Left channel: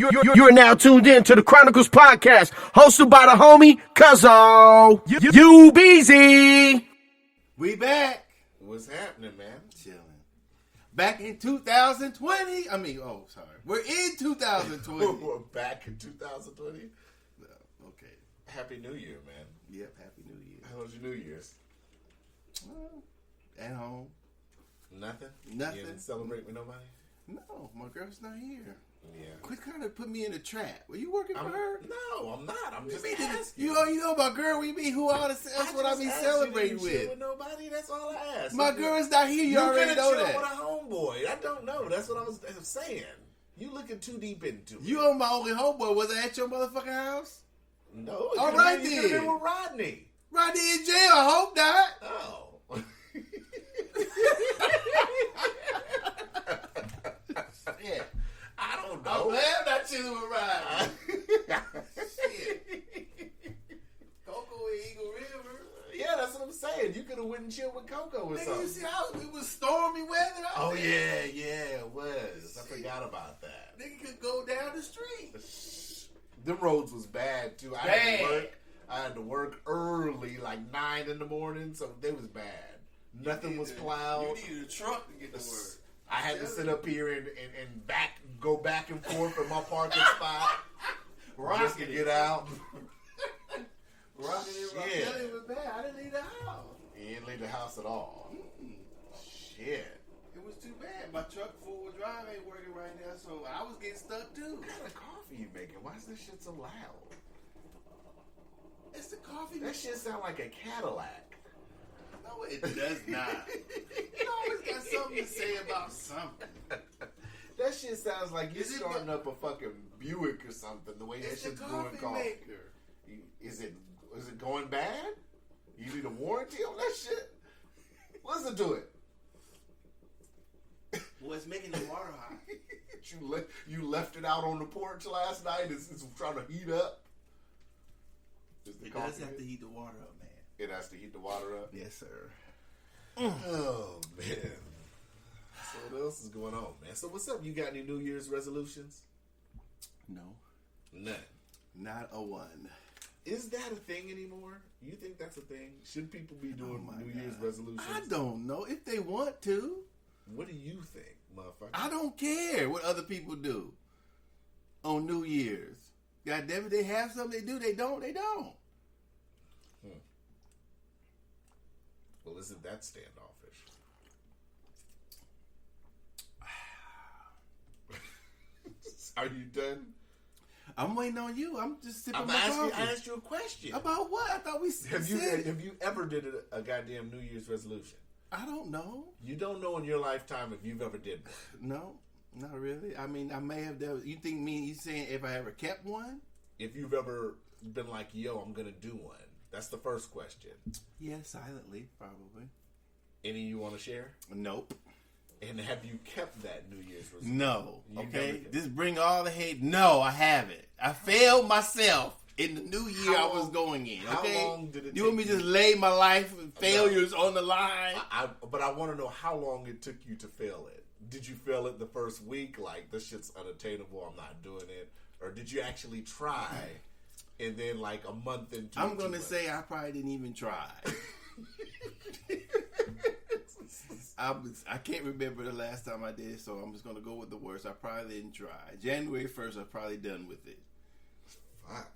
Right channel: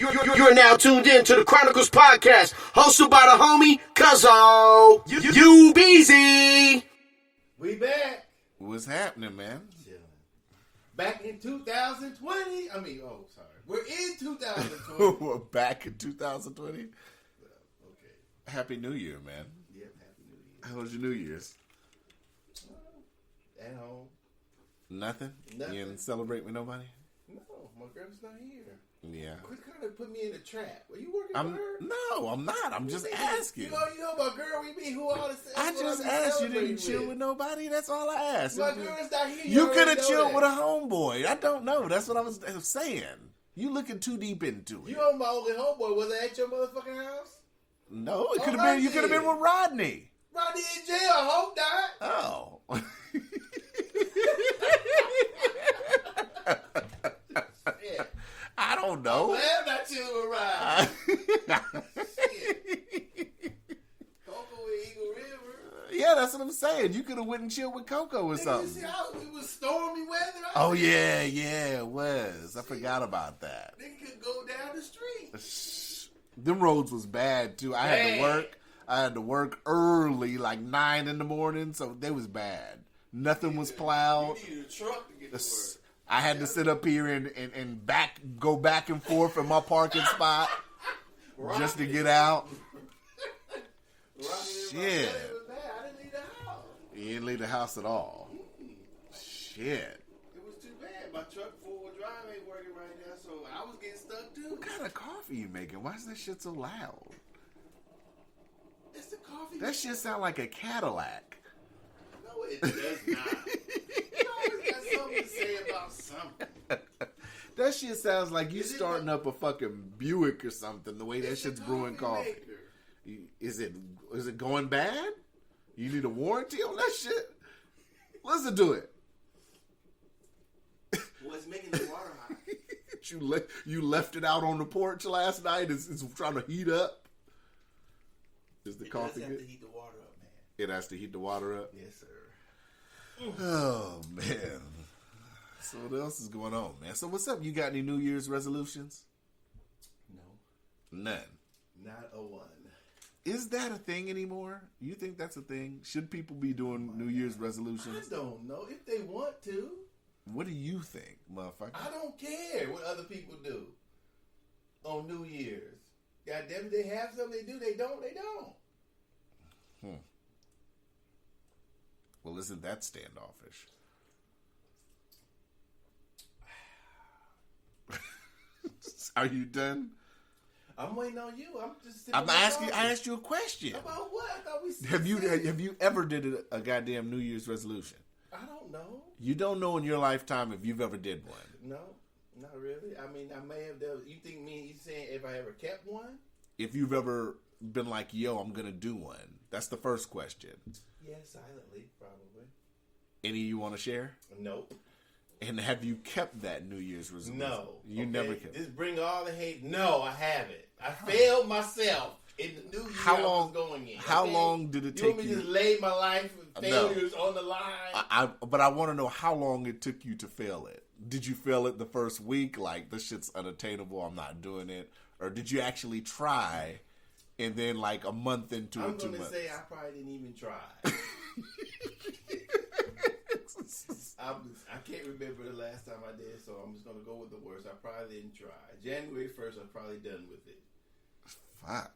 You're now tuned in to the Chroniclez podcast, hosted by the homie Cuzzo. You busy? We back. What's happening, man? Chilling. Back in 2020. We're in 2020. We're back in 2020. Okay. Happy New Year, man. Yep. Happy New Year. How was your New Year's? At home. Nothing. Nothing. You didn't celebrate with nobody? No, my girl's not here. Yeah. Quit trying to put me in a trap. Were you working for her? No, I'm not. I'm just asking. You know my girl. We be who all the. That's what I be asked celebrating you didn't chill with. with nobody. That's all I asked. My girl's not here. You could have chilled that. with a homeboy. I don't know. That's what I was saying. You looking too deep into it. You are my only homeboy. Was I at your motherfucking house? No, it All could have right been. You could have been with Rodney. Rodney in jail. I hope not. Oh. Yeah. I don't I'm know. glad I'm not chilling with Rodney. Shit. Coco and Eagle River. Yeah, that's what I'm saying. You could have went and chilled with Coco or Nigga, something. you see how it was stormy weather Oh out there? yeah, it was. I forgot about that. Nigga could go down the street. Them roads was bad too. I had to work early, like 9 in the morning, so they was bad. Nothing was plowed. You needed a truck to get to work. I had to sit up here and go back and forth from my parking spot just to get out. Shit. It was bad. I didn't leave the house. You didn't leave the house at all. Shit. It was too bad. My truck four-wheel drive ain't working right now, so I was getting stuck too. What kind of coffee you making? Why is that shit so loud? It's the coffee. That shit sound like a Cadillac. No, it does not. You always got something to say about something. That shit sounds like you Is it starting up a fucking Buick or something. The way that It's shit's the brewing coffee. maker. Is it going bad? You need a warranty on that shit? Listen to it. Well, it's making the water hot. You left it out on the porch last night. It's trying to heat up. Is the It coffee does have good? to heat the water up, man. It has to heat the water up. Yes, sir. Oh man. So what else is going on, man? So what's up? You got any New Year's resolutions? No, None. not a one. Is that a thing anymore? You think that's a thing? Should people be doing New Year's resolutions? I don't know if they want to. What do you think, motherfucker? I don't care what other people do on New Year's. God damn it, they have something they do. They don't. They don't. Well, isn't that standoffish? Are you done? I'm waiting on you. I'm just sitting. I'm asking. I asked you a question. About what? I thought we Have said- you ever did a goddamn New Year's resolution? I don't know. You don't know in your lifetime if you've ever did one. No, not really. I mean, I may have. You think me? You saying if I ever kept one? If you've ever been like, yo, I'm gonna do one. That's the first question. Yeah, silently, probably. Any you want to share? Nope. And have you kept that New Year's resolution? No. You okay? never kept. Just bring all the hate. No, I haven't. I failed myself in the new year I was going in. How okay? long did it take you want me to just lay my life and failures on the line? But I want to know how long it took you to fail it. Did you fail it the first week? Like, this shit's unattainable, I'm not doing it. Or did you actually try and then like a month into it? I'm going to say I probably didn't even try. I can't remember the last time I did, so I'm just going to go with the worst. I probably didn't try. January 1st, I'm probably done with it. Fuck.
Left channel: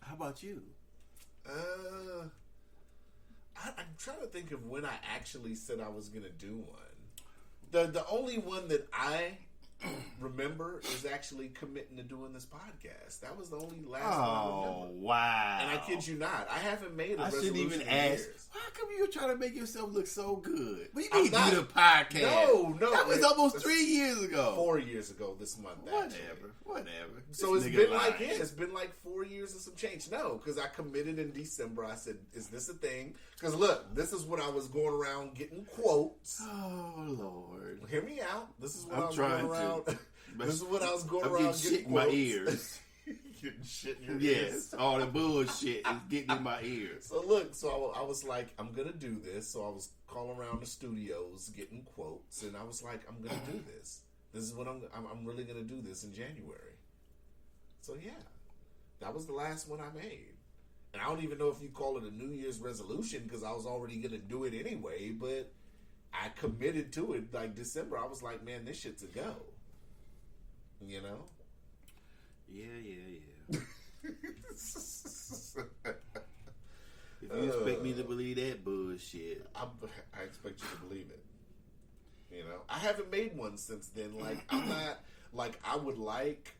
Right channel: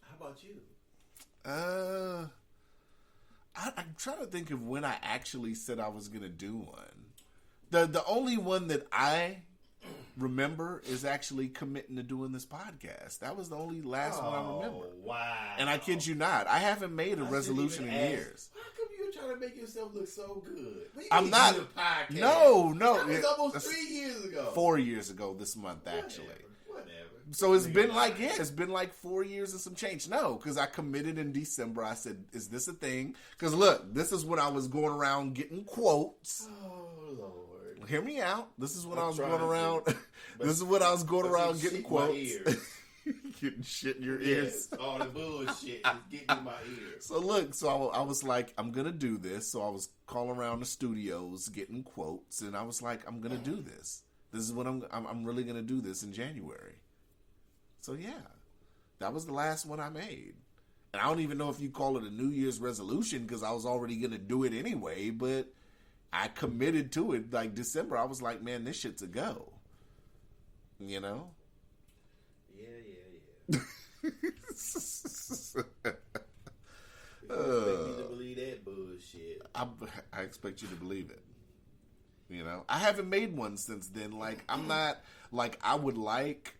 How about you? I'm trying to think of when I actually said I was going to do one. The only one that I remember is actually committing to doing this podcast. That was the only last one I remember. Wow. And I kid you not, I haven't made a resolution in years. How come you're trying to make yourself look so good? What do you I'm mean not. do a podcast? No. That was almost 3 years ago. 4 years ago this month, actually. Whatever. So it's been like, it's been like 4 years and some change. No, because I committed in December. I said, is this a thing? Because look, this is when I was going around getting quotes. Oh, Lord. Hear me out. This is what I'm I was going trying to. around. This is what I was going around getting quotes. My ears. Getting shit in your ears. Yes, all the bullshit is getting in my ears. So look, so I was like, I'm going to do this. So I was calling around the studios, getting quotes. And I was like, I'm going to do this. This is what I'm really gonna do this in January. So yeah, that was the last one I made. And I don't even know if you call it a New Year's resolution because I was already gonna do it anyway. But I committed to it. Like December, I was like, man, this shit's a go. You know? Yeah. If you expect me to believe that bullshit, I expect you to believe it. You know, I haven't made one since then. Like, I'm not, like, I would like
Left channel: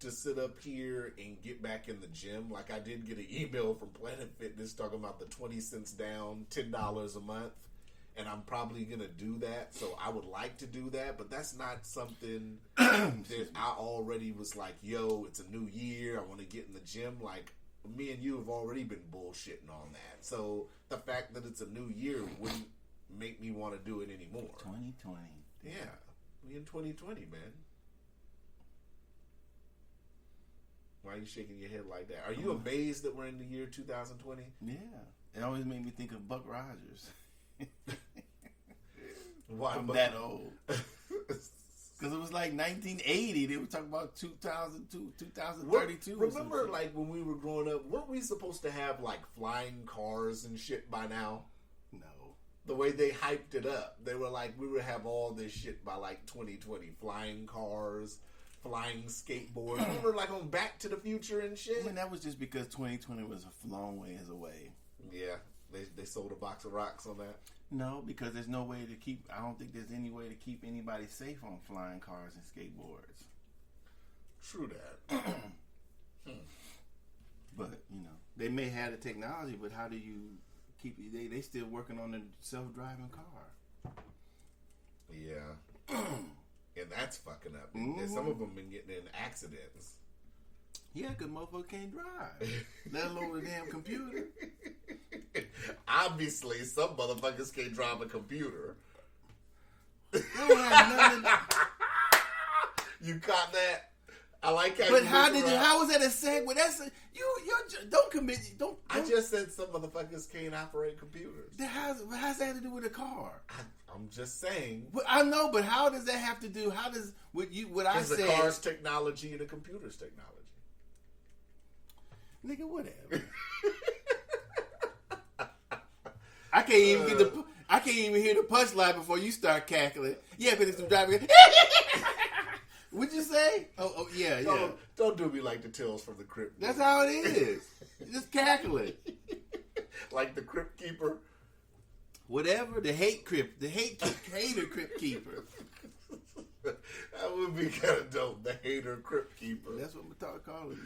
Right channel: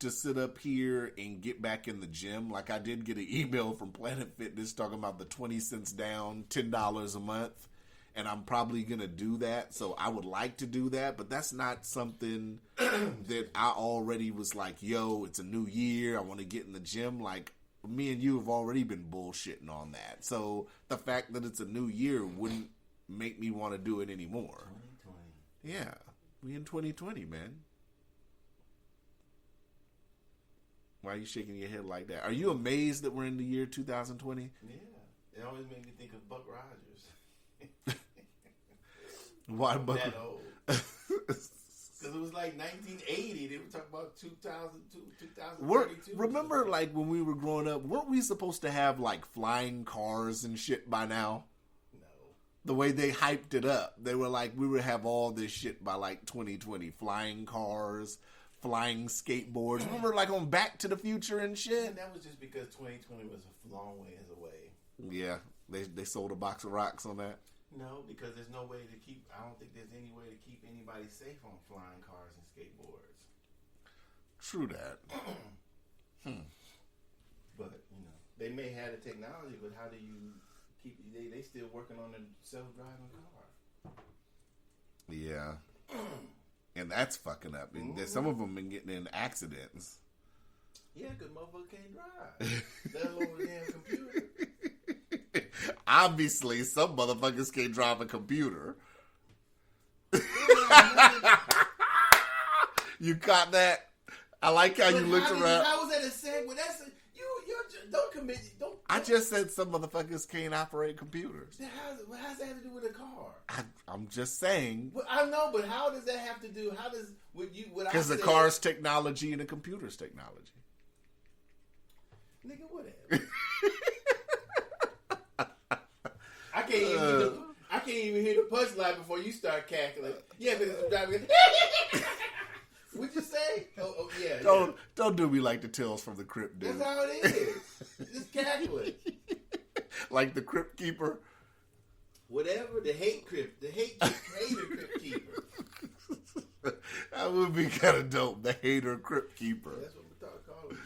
to sit up here and get back in the gym. Like, I did get an email from Planet Fitness talking about the 20 cents down, $10 a month. And I'm probably going to do that. So I would like to do that. But that's not something that I already was like, yo, it's a new year. I want to get in the gym. Like, me and you have already been bullshitting on that. So the fact that it's a new year wouldn't make me want to do it anymore. 2020. Yeah. We in 2020, man. Why are you shaking your head like that? Are you amazed that we're in the year 2020? Yeah. It always made me think of Buck Rogers. Why I'm that old. Because it was like 1980. They were talking about 2002, 2032. Remember, like, when we were growing up, weren't we supposed to have, like, flying cars and shit by now? No. The way they hyped it up. They were like, we would have all this shit by, like, 2020. Flying cars, flying skateboards. Remember, like, on Back to the Future and shit? And that was just because 2020 was a long ways away. Yeah. They sold a box of rocks on that. No, because there's no way to keep. I don't think there's any way to keep anybody safe on flying cars and skateboards. True that. But they may have the technology, but how do you keep? They still working on a self-driving car. Yeah, and that's fucking up. And some of them been getting in accidents. Yeah, because motherfuckers can't drive. Let alone a damn computer. Obviously, some motherfuckers can't drive a computer. You caught that? I like how but you how look did around. how was that a segue? That's you don't commit. Don't. I just said some motherfuckers can't operate computers. How's that have to do with a car? I'm just saying. Well, I know, but how does that have to do? How does what I said? Because the car's technology and the computer's technology. Nigga, whatever. I can't even hear the punchline before you start cackling. Yeah, but it's driving. What'd you say? Oh yeah. Don't do me like the Tales from the Crypt. That's how it is. Just cackling. Like the Crypt Keeper. Whatever, the hater Crypt Keeper. That would be kind of dope. The hater Crypt Keeper. That's what we're calling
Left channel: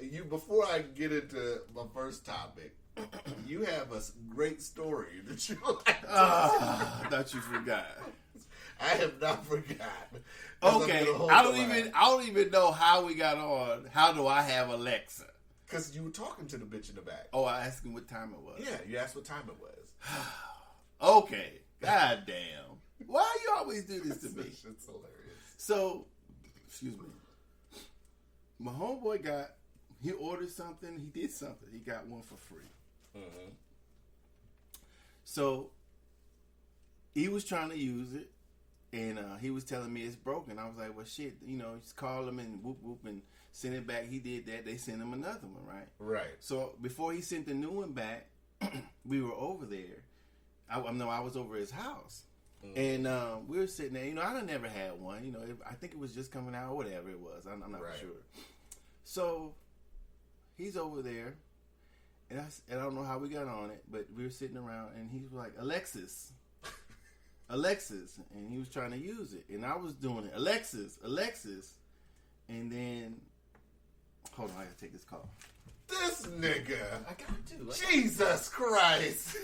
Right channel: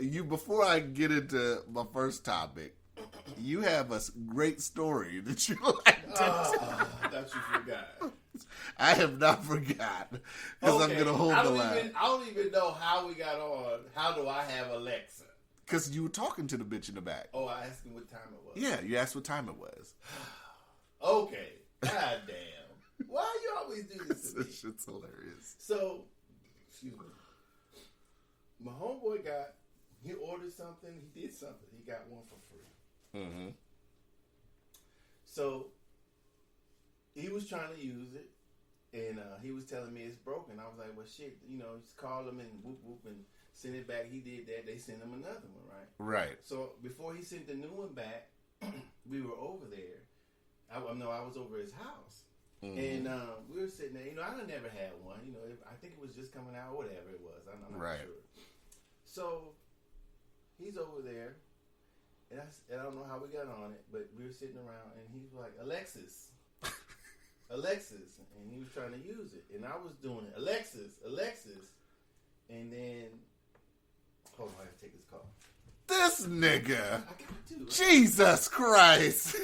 you. But before I get into my first topic, you have a great story that you like to I thought you forgot. I have not forgotten. Okay, I don't even know how we got on. How do I have Alexa? Because you were talking to the bitch in the back. Oh, I asked him what time it was. Yeah, you asked what time it was. Okay. God damn. Why you always do this to me? This shit's hilarious. So, excuse me. My homeboy he ordered something, he did something. He got one for free. Mm-hmm. So, he was trying to use it, and he was telling me it's broken. I was like, well, shit, just call him and whoop, whoop, and send it back. He did that. They sent him another one, right? Right. So, before he sent the new one back, we were over there. I was over his house. Mm-hmm. And we were sitting there. I done never had one. I think it was just coming out or whatever it was. I'm not sure. So, he's over there. And I don't know how we got on it, but we were sitting around, and he was like, Alexis. And he was trying to use it. And I was doing it. Alexis. And then, hold on, I gotta take this call. This nigga. I got to. Jesus Christ.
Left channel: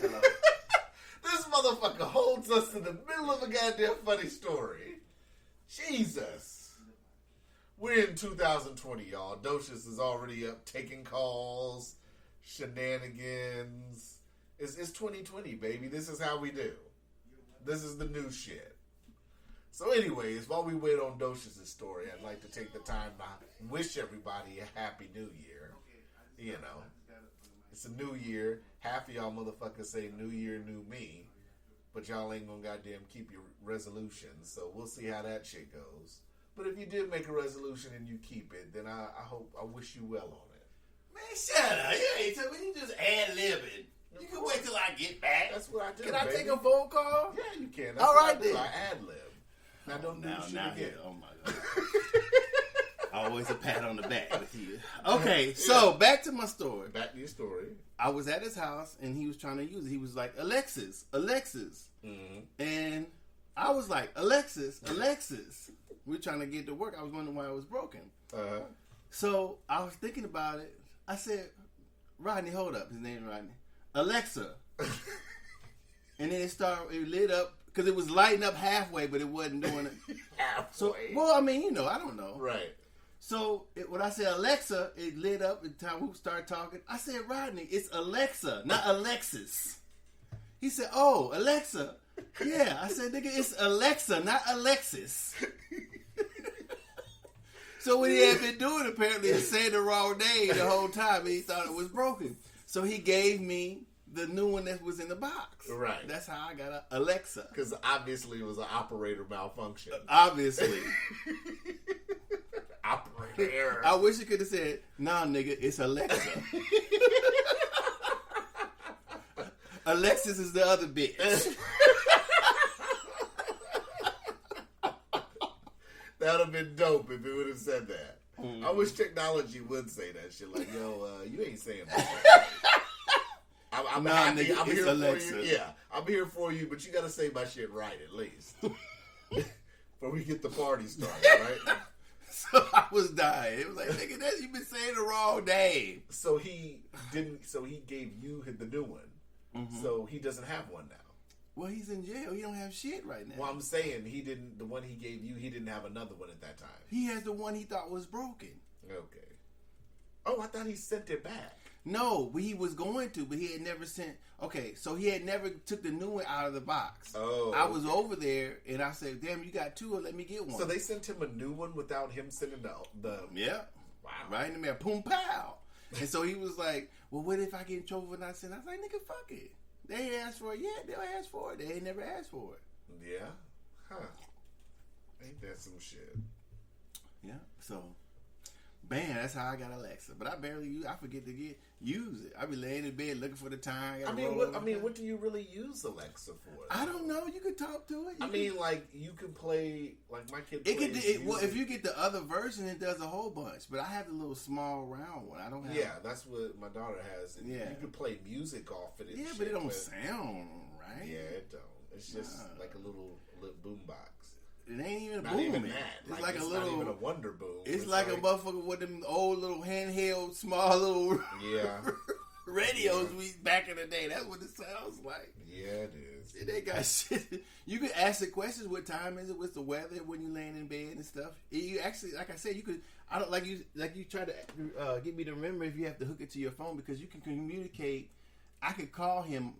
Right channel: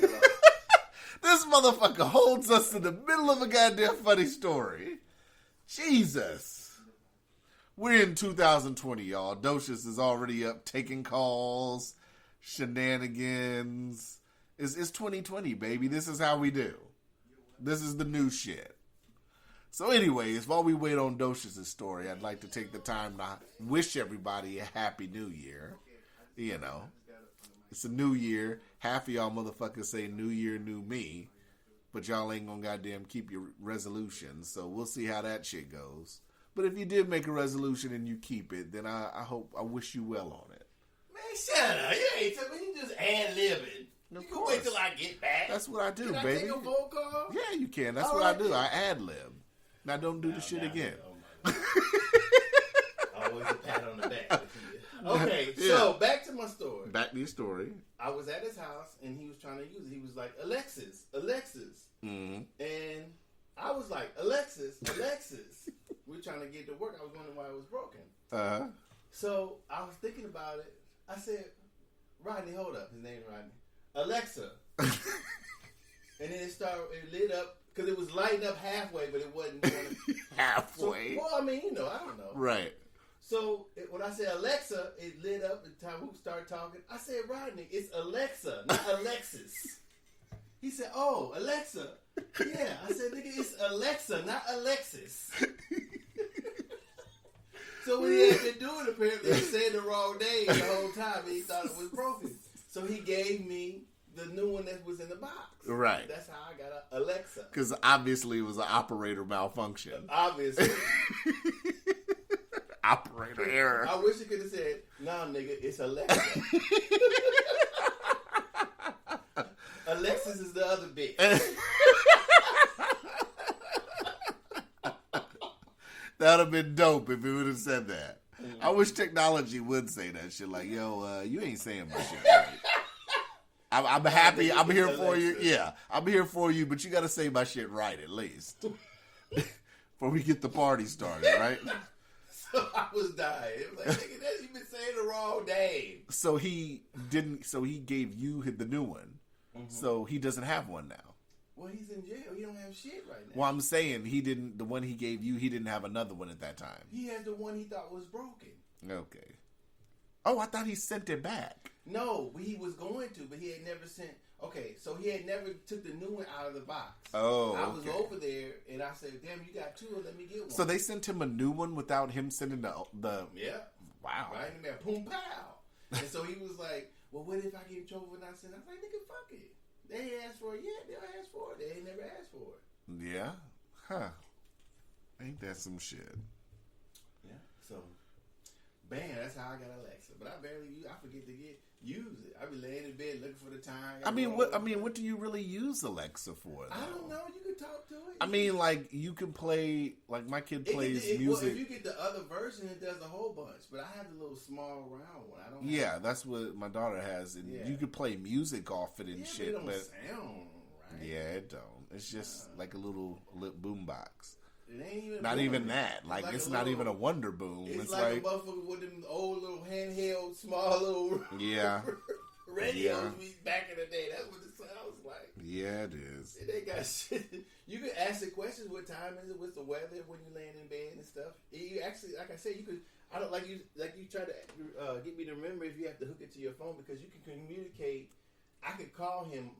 This motherfucker holds us in the middle of a goddamn funny story. Jesus. We're in 2020, y'all. Docious is already up taking calls, shenanigans. It's 2020, baby. This is how we do. This is the new shit. So anyways, while we wait on Docious' story, I'd like to take the time to wish everybody a happy new year. It's a new year. Half of y'all motherfuckers say new year, new me. but y'all ain't gonna goddamn keep your resolutions. So we'll see how that shit goes. But if you did make a resolution and you keep it, then I wish you well on it. Man, shut up. You ain't tell me. You just ad-libbing. You can wait till I get back. That's what I do, Can baby. I take a phone call? Yeah, you can. That's All what right, I do. then. I ad-lib. Now don't do the shit again. Oh, my God. Always a pat on the back with you. Okay, so back to my story. Back to your story. I was at his house, and he was trying to use it. He was like, Alexis. Mm-hmm. And I was like, Alexis. We were trying to get to work. I was wondering why it was broken. Uh-huh. So I was thinking about it. I said, Rodney, hold up. His name is Rodney. Alexa. And then it lit up, because it was lighting up halfway, but it wasn't doing it. Halfway? So, well, I mean, I don't know. Right. So when I said Alexa, it lit up. At the time we started talking, I said, Rodney, it's Alexa, not Alexis. He said, oh, Alexa. Yeah. I said, nigga, it's Alexa, not Alexis. So what he had been doing, apparently, he said the wrong name the whole time, and he thought it was broken. So he gave me the new one that was in the box. Right. That's how I got a Alexa. Because obviously it was an operator malfunction. Obviously. Operator error. I wish you could have said, nah, nigga, it's Alexa. Alexis is the other bitch. That would have been dope if it would have said that. I wish technology would say that shit. Like, yo, you ain't saying my shit. I'm happy. Nigga, I'm here it's for you. Alexa. Yeah, I'm here for you, but you got to say my shit right at least. Before we get the party started, right? So I was dying. It was like, nigga, you've been saying the wrong name. So he didn't. So he gave you the new one. Mm-hmm. So he doesn't have one now. Well, he's in jail. He don't have shit right now. Well, I'm saying he didn't. The one he gave you, he didn't have another one at that time. He has the one he thought was broken. Okay. Oh, I thought he sent it back. No, he was going to, but he had never sent. Okay, so he had never took the new one out of the box. Oh, I was over there, and I said, "Damn, you got two, let me get one." So they sent him a new one without him sending the yeah. Wow. Right in the mail, boom, pow. And so he was like, "Well, what if I get in trouble for not sending?" I was like, "Nigga, fuck it. They ain't asked for it yet. They'll ask for it. They ain't never asked for it." Yeah. Huh. Ain't that some shit? Yeah. So, bam, that's how I got Alexa. But I barely use. I forget to use it. I be laying in bed looking for the time. What do you really use Alexa for? I don't know. You can talk to it. Like you can play. Like my kid plays music. Well, if you get the other version, it does a whole bunch. But I have the little small round one. I don't. Yeah, that's what my daughter has, and you can play music off it and shit. But it don't sound right. Yeah, it don't. It's just like a little boom box. It ain't even not even that. Like it's not even a Wonder Boom. It's like a motherfucker with them old little handheld, small little radios we back in the day. That's what it sounds like. Yeah, it is. And they got shit. You can ask the questions. What time is it? What's the weather when you laying in bed and stuff? You actually, like I said, you could. I don't like you try to get me to remember if you have to hook it to your phone because you can communicate. I could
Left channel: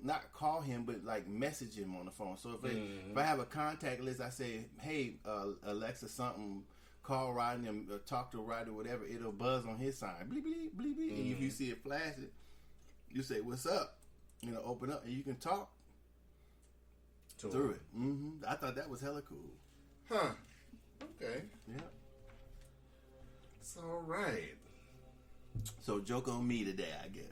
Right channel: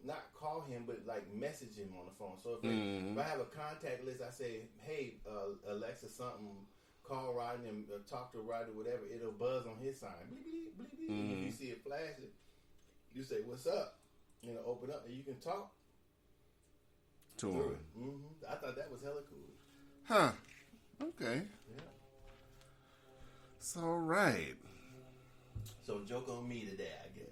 not call him, but like message him on the phone. So if I have a contact list, I say, "Hey, Alexa, something, call Rodney, talk to Rodney, whatever." It'll buzz on his sign, bleep bleep bleep bleep. And if you see it flashing, you say, "What's up?" And it'll open up, and you can talk through it. I thought that was hella cool. Huh? Okay. Yeah. It's all right. So joke on me today, I guess.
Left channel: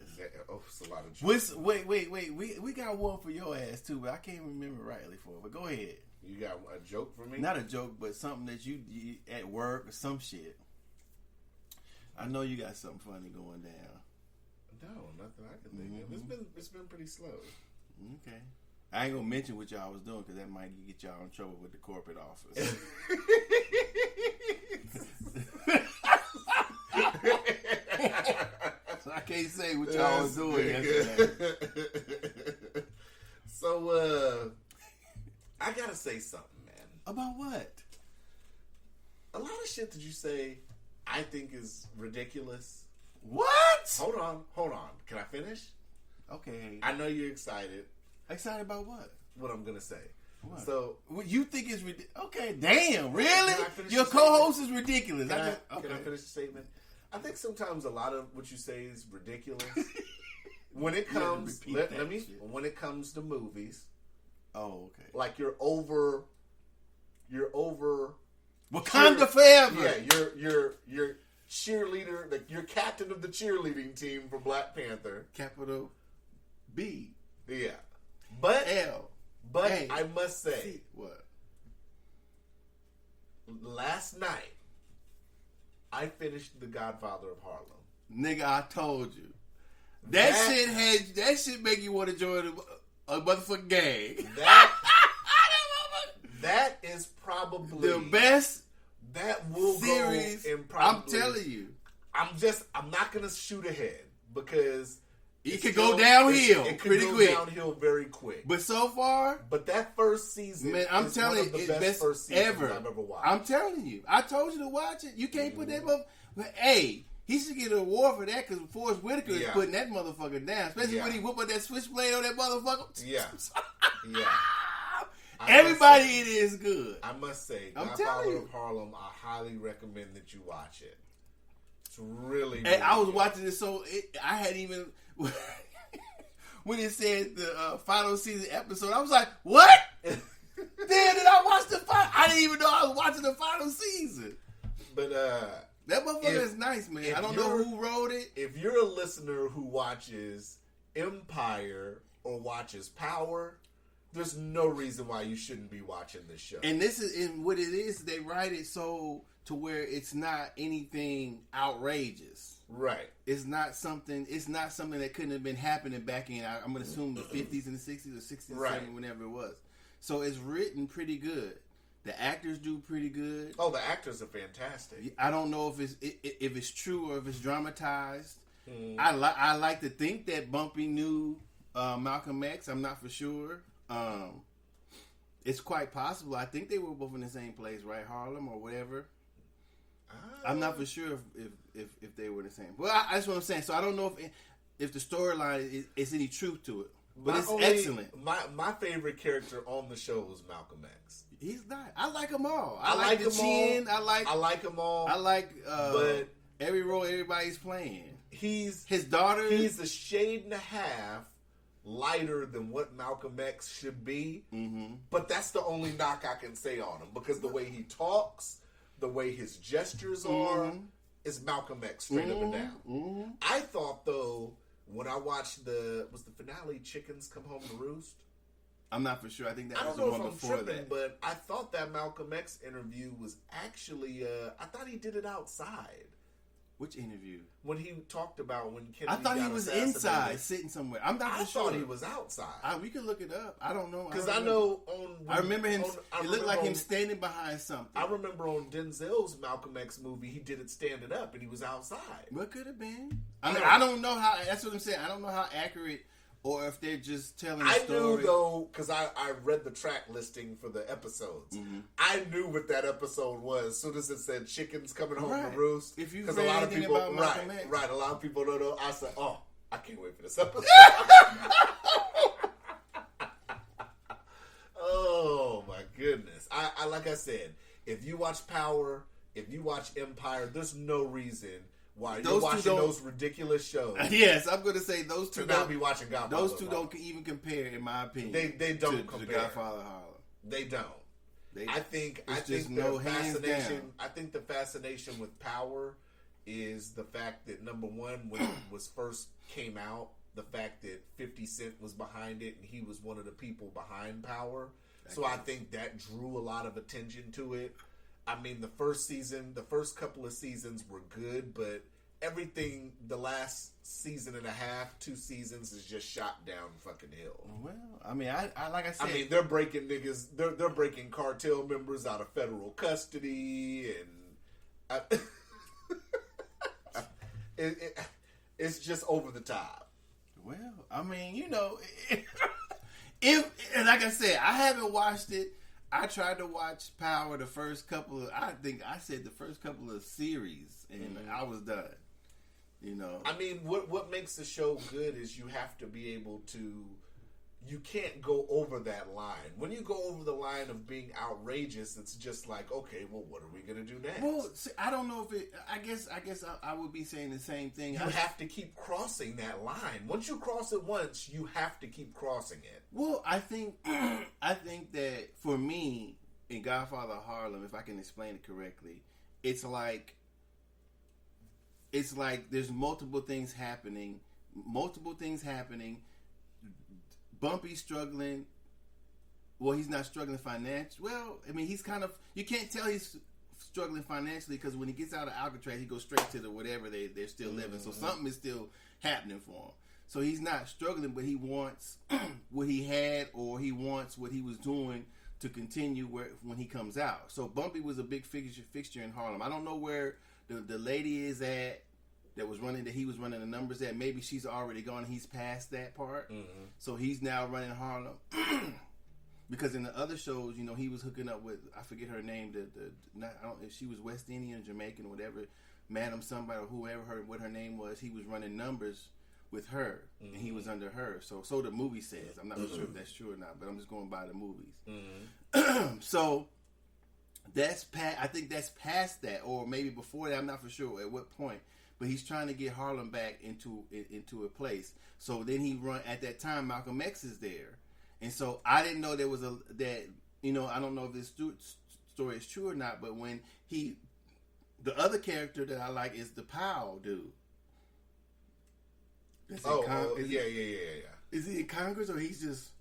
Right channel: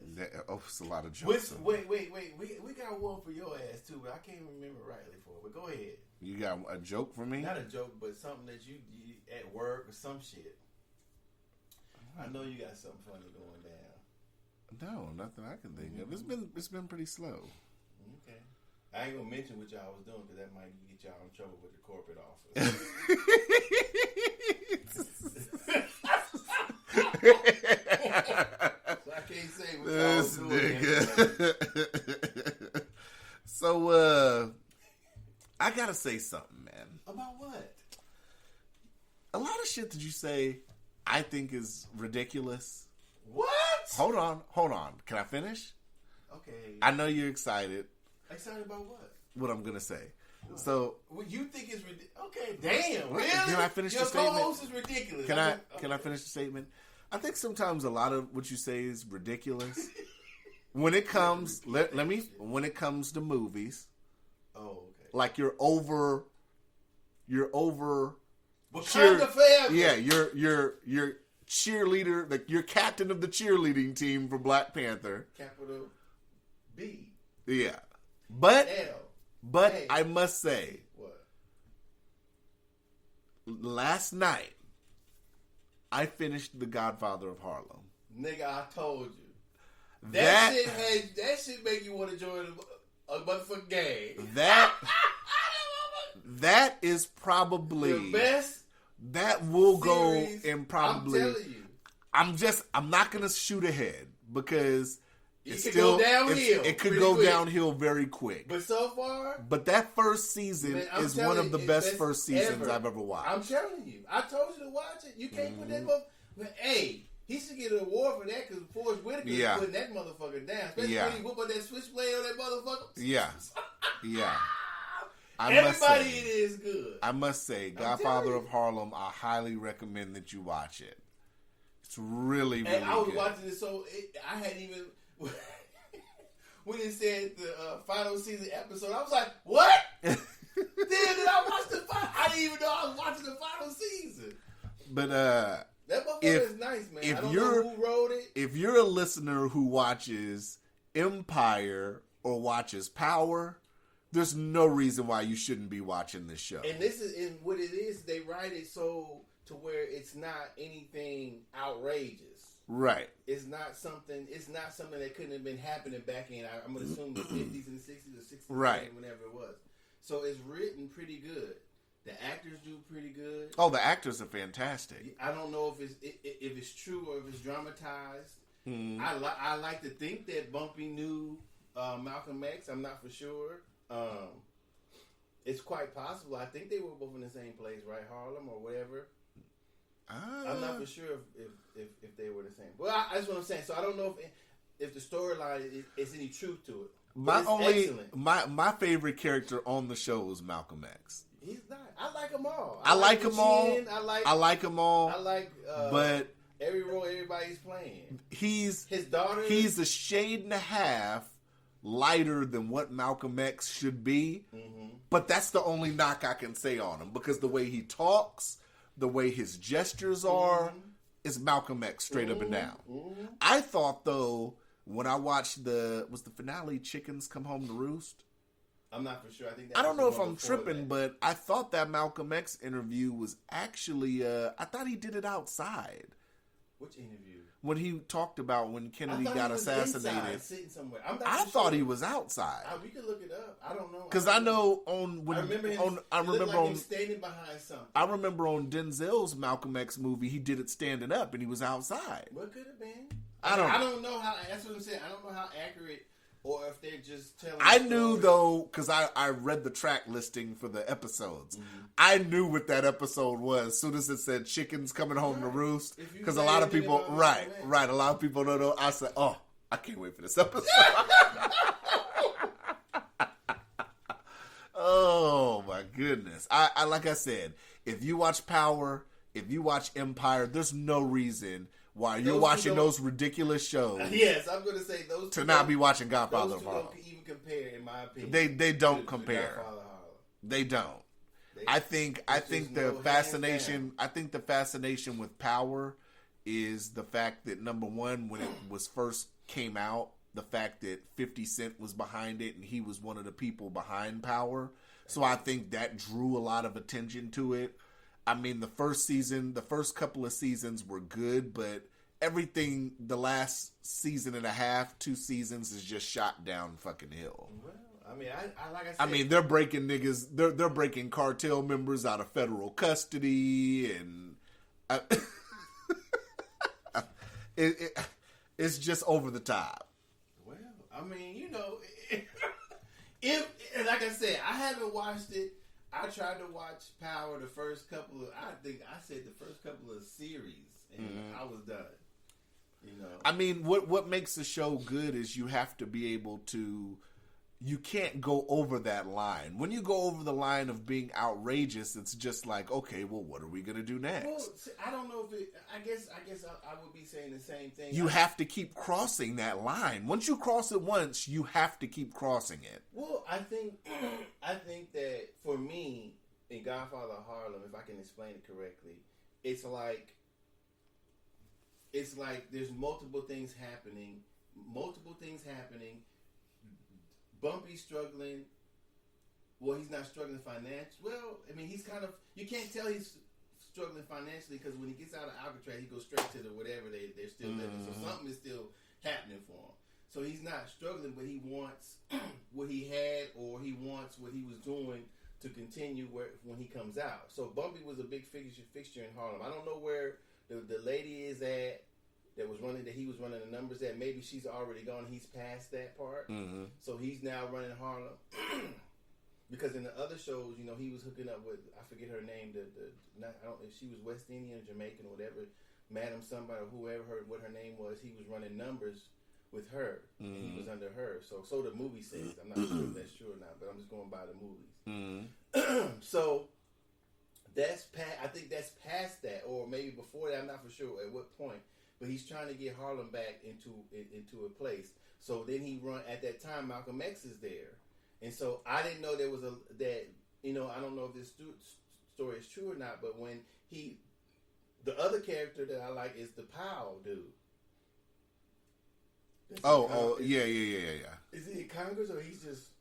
It's a lot of jokes. Wait. We got one for your ass too, but I can't remember rightly for it. But go ahead. You got a joke for me? Not a joke, but something that you at work or some shit. I know you got something funny going down. No, nothing I can think of. It's been pretty slow. Okay. I ain't gonna mention what y'all was doing because that might get y'all in trouble with the corporate office. So I can't say what y'all was doing. So, I gotta say something, man. About what? A lot of shit that you say, I think is ridiculous. What? Hold on. Can I finish? Okay. I know you're excited. Excited about what? What I'm gonna say. What? So, what you think is ridiculous? Okay, damn, really? Can I finish Your the statement? co-host is ridiculous. Can I finish the statement? I think sometimes a lot of what you say is ridiculous. When it comes, when it comes to movies, Oh, okay. Like you're over. Wakanda forever. Yeah, you're cheerleader. Like you're captain of the cheerleading team for Black Panther. Capital B. Yeah, but L. But A. I must say, What? last night I finished The Godfather of Harlem. Nigga, I told you. That shit make you want to join a motherfucking gang. That is probably the best. That will series, go in probably. I'm telling you. I'm not gonna shoot ahead because it could go downhill. It could go downhill very quick. But so far, that first season is one of the best first seasons I've ever watched. I'm telling you. I told you to watch it. You can't put that motherfucker. Hey, he should get an award for that because Forrest Whitaker is putting that motherfucker down. Especially when he whoop up that switchblade on that motherfucker. Yeah. Yeah. Everybody in it is good. I must say, Godfather of Harlem, I highly recommend that you watch it. It's really, really I was good. watching it, so I hadn't even... when it said the final season episode, I was like, what? Then did I watch the final... I didn't even know I was watching the final season. But, that motherfucker is nice, man. I don't know who wrote it. If you're a listener who watches Empire or watches Power... There's no reason why you shouldn't be watching this show. And this is, and what it is, they write it so to where it's not anything outrageous. Right. It's not something that couldn't have been happening back in, I'm going to assume the 50s and the 60s or 60s, right. 70s, whenever it was. So it's written pretty good. The actors do pretty good. Oh, the actors are fantastic. I don't know if it's true or if it's dramatized. I like to think that Bumpy knew Malcolm X. I'm not for sure. It's quite possible. I think they were both in the same place, right? Harlem or whatever. I'm not for sure if they were the same. Well, that's what I'm saying. So I don't know if the storyline is any truth to it. But it's excellent. My favorite character on the show is Malcolm X. He's not. I like them all. I like them all. I like them all. I like. But every role everybody's playing. His daughter. He's a shade and a half lighter than what Malcolm X should be, but that's the only knock I can say on him because the way he talks, the way his gestures are, is Malcolm X straight up and down. I thought though when I watched was the finale Chickens Come Home to Roost? I'm not for sure. I think I don't know if I'm tripping, but I thought that Malcolm X interview was actually I thought he did it outside. Which interview? When he talked about when Kennedy got he was assassinated. Inside, sitting somewhere. I thought he was outside. We could look it up. I don't know. Because I know I remember him. It looked like him standing behind something. I remember on Denzel's Malcolm X movie, he did it standing up and he was outside. What could have been? I don't know how. That's what I'm saying. I don't know how accurate. Or if they're just telling. I knew though, because I read the track listing for the episodes. I knew what that episode was. As soon as it said "Chickens Coming Home to Roost," because a lot of people, a lot of people don't know. I said, "Oh, I can't wait for this episode." Oh my goodness! I like I said, if you watch Power, if you watch Empire, there's no reason why you're watching those ridiculous shows. Yes, I'm going to say those two. To not be watching Godfather. Those two don't even compare, in my opinion. They don't compare. To Godfather Harlem. They don't. I think the fascination. I think the fascination with Power is the fact that number one, when it was first came out, the fact that 50 Cent was behind it and he was one of the people behind Power. So I think that drew a lot of attention to it. I mean, the first couple of seasons were good, but everything, the last season and a half, 2 seasons is just shot down fucking hill. Well, I mean, I like I said. I mean, they're breaking niggas, they're breaking cartel members out of federal custody, and it's just over the top. Well, I mean, you know, if like I said, I haven't watched it. I tried to watch Power the first couple of, I think I said the first couple of series, and I was done. You know, I mean, what makes the show good is you have to be able to you can't go over that line. When you go over the line of being outrageous, it's just like, okay, well, what are we gonna do next? Well, see, I don't know if it. I guess I would be saying the same thing. You have to keep crossing that line. Once you cross it once, you have to keep crossing it. Well, I think that for me in Godfather of Harlem, if I can explain it correctly, it's like there's multiple things happening. Bumpy's struggling. Well, he's not struggling financially. Well, I mean, he's kind of. You can't tell he's struggling financially because when he gets out of Alcatraz, he goes straight to the whatever they're still living. So something is still happening for him. So he's not struggling, but he wants what he had, or he wants what he was doing to continue when he comes out. So Bumpy was a big fixture in Harlem. I don't know where the lady is at. That he was running the numbers at. Maybe she's already gone. He's past that part. Mm-hmm. So he's now running Harlem. Because in the other shows, you know, he was hooking up with, I forget her name, I don't know if she was West Indian, Jamaican, or whatever, Madam somebody, or what her name was. He was running numbers with her, and he was under her. So the movie says. I'm not sure if that's true or not, but I'm just going by the movies. Mm-hmm. So that's I think that's past that, or maybe before that. I'm not for sure at what point. But he's trying to get Harlem back into a place. So then he run at that time. Malcolm X is there, and so I didn't know there was I don't know if this story is true or not. But when the other character that I like is the Powell dude. Yeah. Is he in Congress or he's just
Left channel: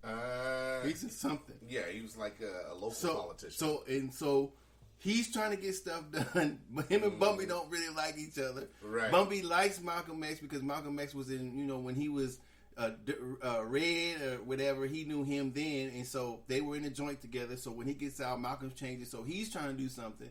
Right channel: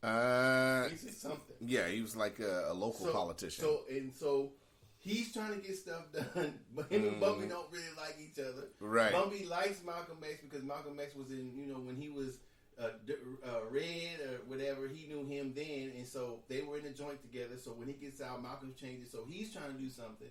something? Yeah, he was like a local politician. So he's trying to get stuff done, but him and Bumpy don't really like each other. Right. Bumpy likes Malcolm X because Malcolm X was in, when he was Red or whatever, he knew him then, and so they were in a joint together. So when he gets out, Malcolm changes. So he's trying to do something.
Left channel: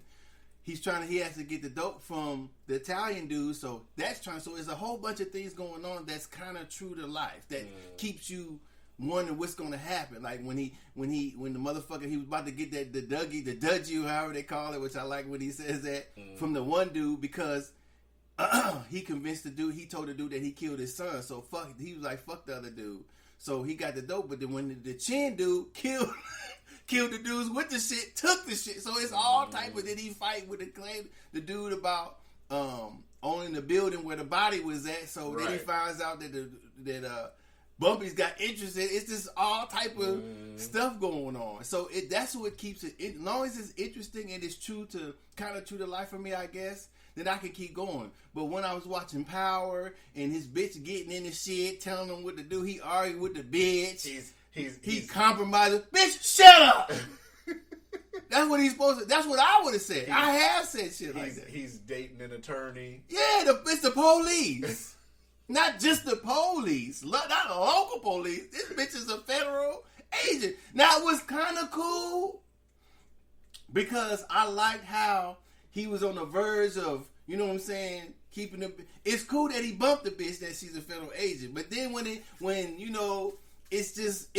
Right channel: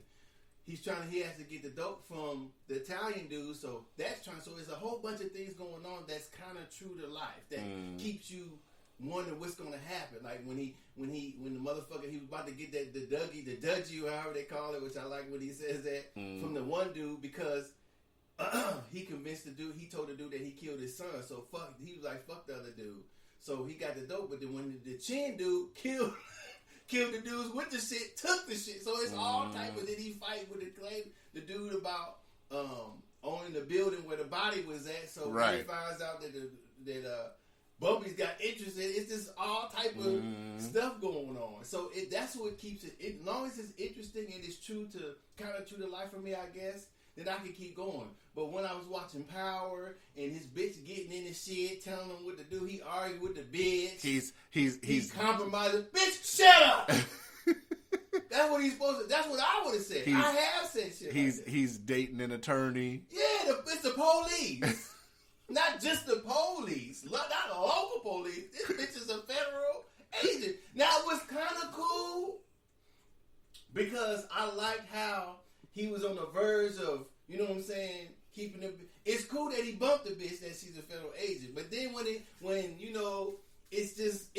He has to get the dope from the Italian dude. So so there's a whole bunch of things going on that's kind of true to life that keeps you wondering what's going to happen. Like when the motherfucker, he was about to get the Dougie, however they call it, which I like when he says that from the one dude, because he convinced the dude, he told the dude that he killed his son. So he was like, fuck the other dude. So he got the dope, but then when the Chin dude killed the dudes with the shit, took the shit. So it's all type of, then he fight with the dude about owning the building where the body was at. So then he finds out that Bumpy's got interest in it. It's just all type of stuff going on. So that's what keeps it. As long as it's interesting and it's true to life for me, I guess, then I can keep going. But when I was watching Power and his bitch getting in the shit, telling him what to do, he argued with the bitch. He's compromising. Bitch, shut up. That's what he's supposed to. That's what I would have said. I have said shit like that. He's dating an attorney. Yeah, it's the police. Not just the police, not the local police. This bitch is a federal agent. Now, it was kind of cool because I liked how he was on the verge of, you know what I'm saying, keeping the. It's cool that he bumped the bitch that she's a federal agent, but then when it was just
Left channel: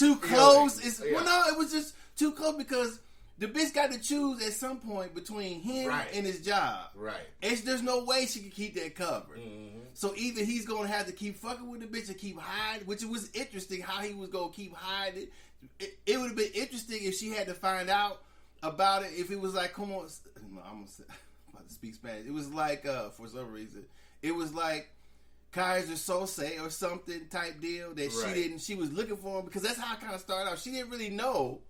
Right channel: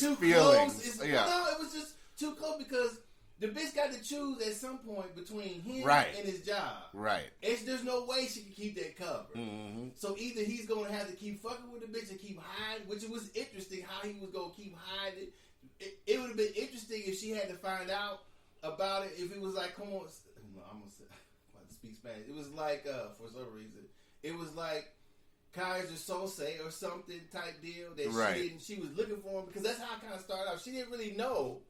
too close. It was just too close because the bitch got to choose at some point between him and his job. Right. There's no way she can keep that covered. Mm-hmm. So either he's going to have to keep fucking with the bitch and keep hiding, which it was interesting how he was going to keep hiding. It would have been interesting if she had to find out about it. If it was like, come on, I'm about to speak Spanish. It was like, for some reason, it was like Kaiser Sose or something type deal that she was looking for him, because that's how it kind of started out. She didn't really know.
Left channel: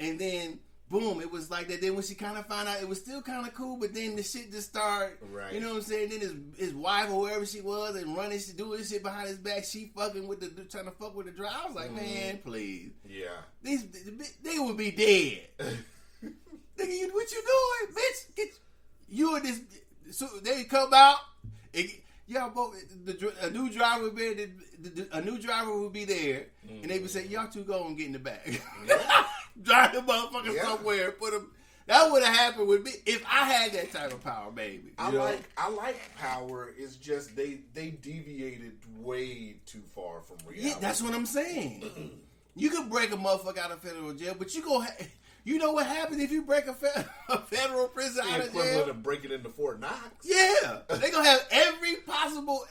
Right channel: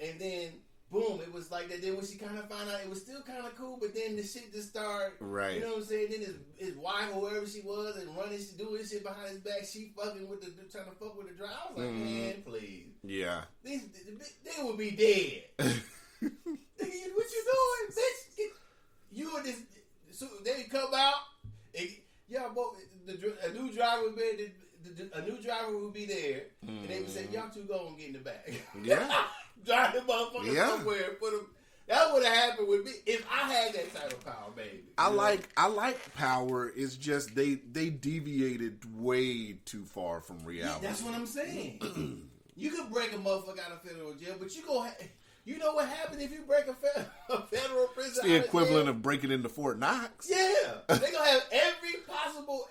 And then boom, it was like that. Then when she kind of found out, it was still kind of cool, but then the shit just started, you know what I'm saying? Then his wife or whoever she was and doing shit behind his back, she fucking with trying to fuck with the driver. I was like, man, please. Yeah. They would be dead. Nigga, what you doing, bitch? You and this, so they come out, and y'all both, a new driver would be, a new driver would be there, and they would say, y'all two go and get in the back. Yeah. Drive the motherfucker somewhere and put him. That would have happened with me if I had that type of power, baby. I like Power. It's just they deviated way too far from reality. Yeah, that's what I'm saying. You could break a motherfucker out of federal jail, but you know what happens if you break a federal prison out of jail? The equivalent of breaking into Fort Knox. Yeah, they gonna have every possible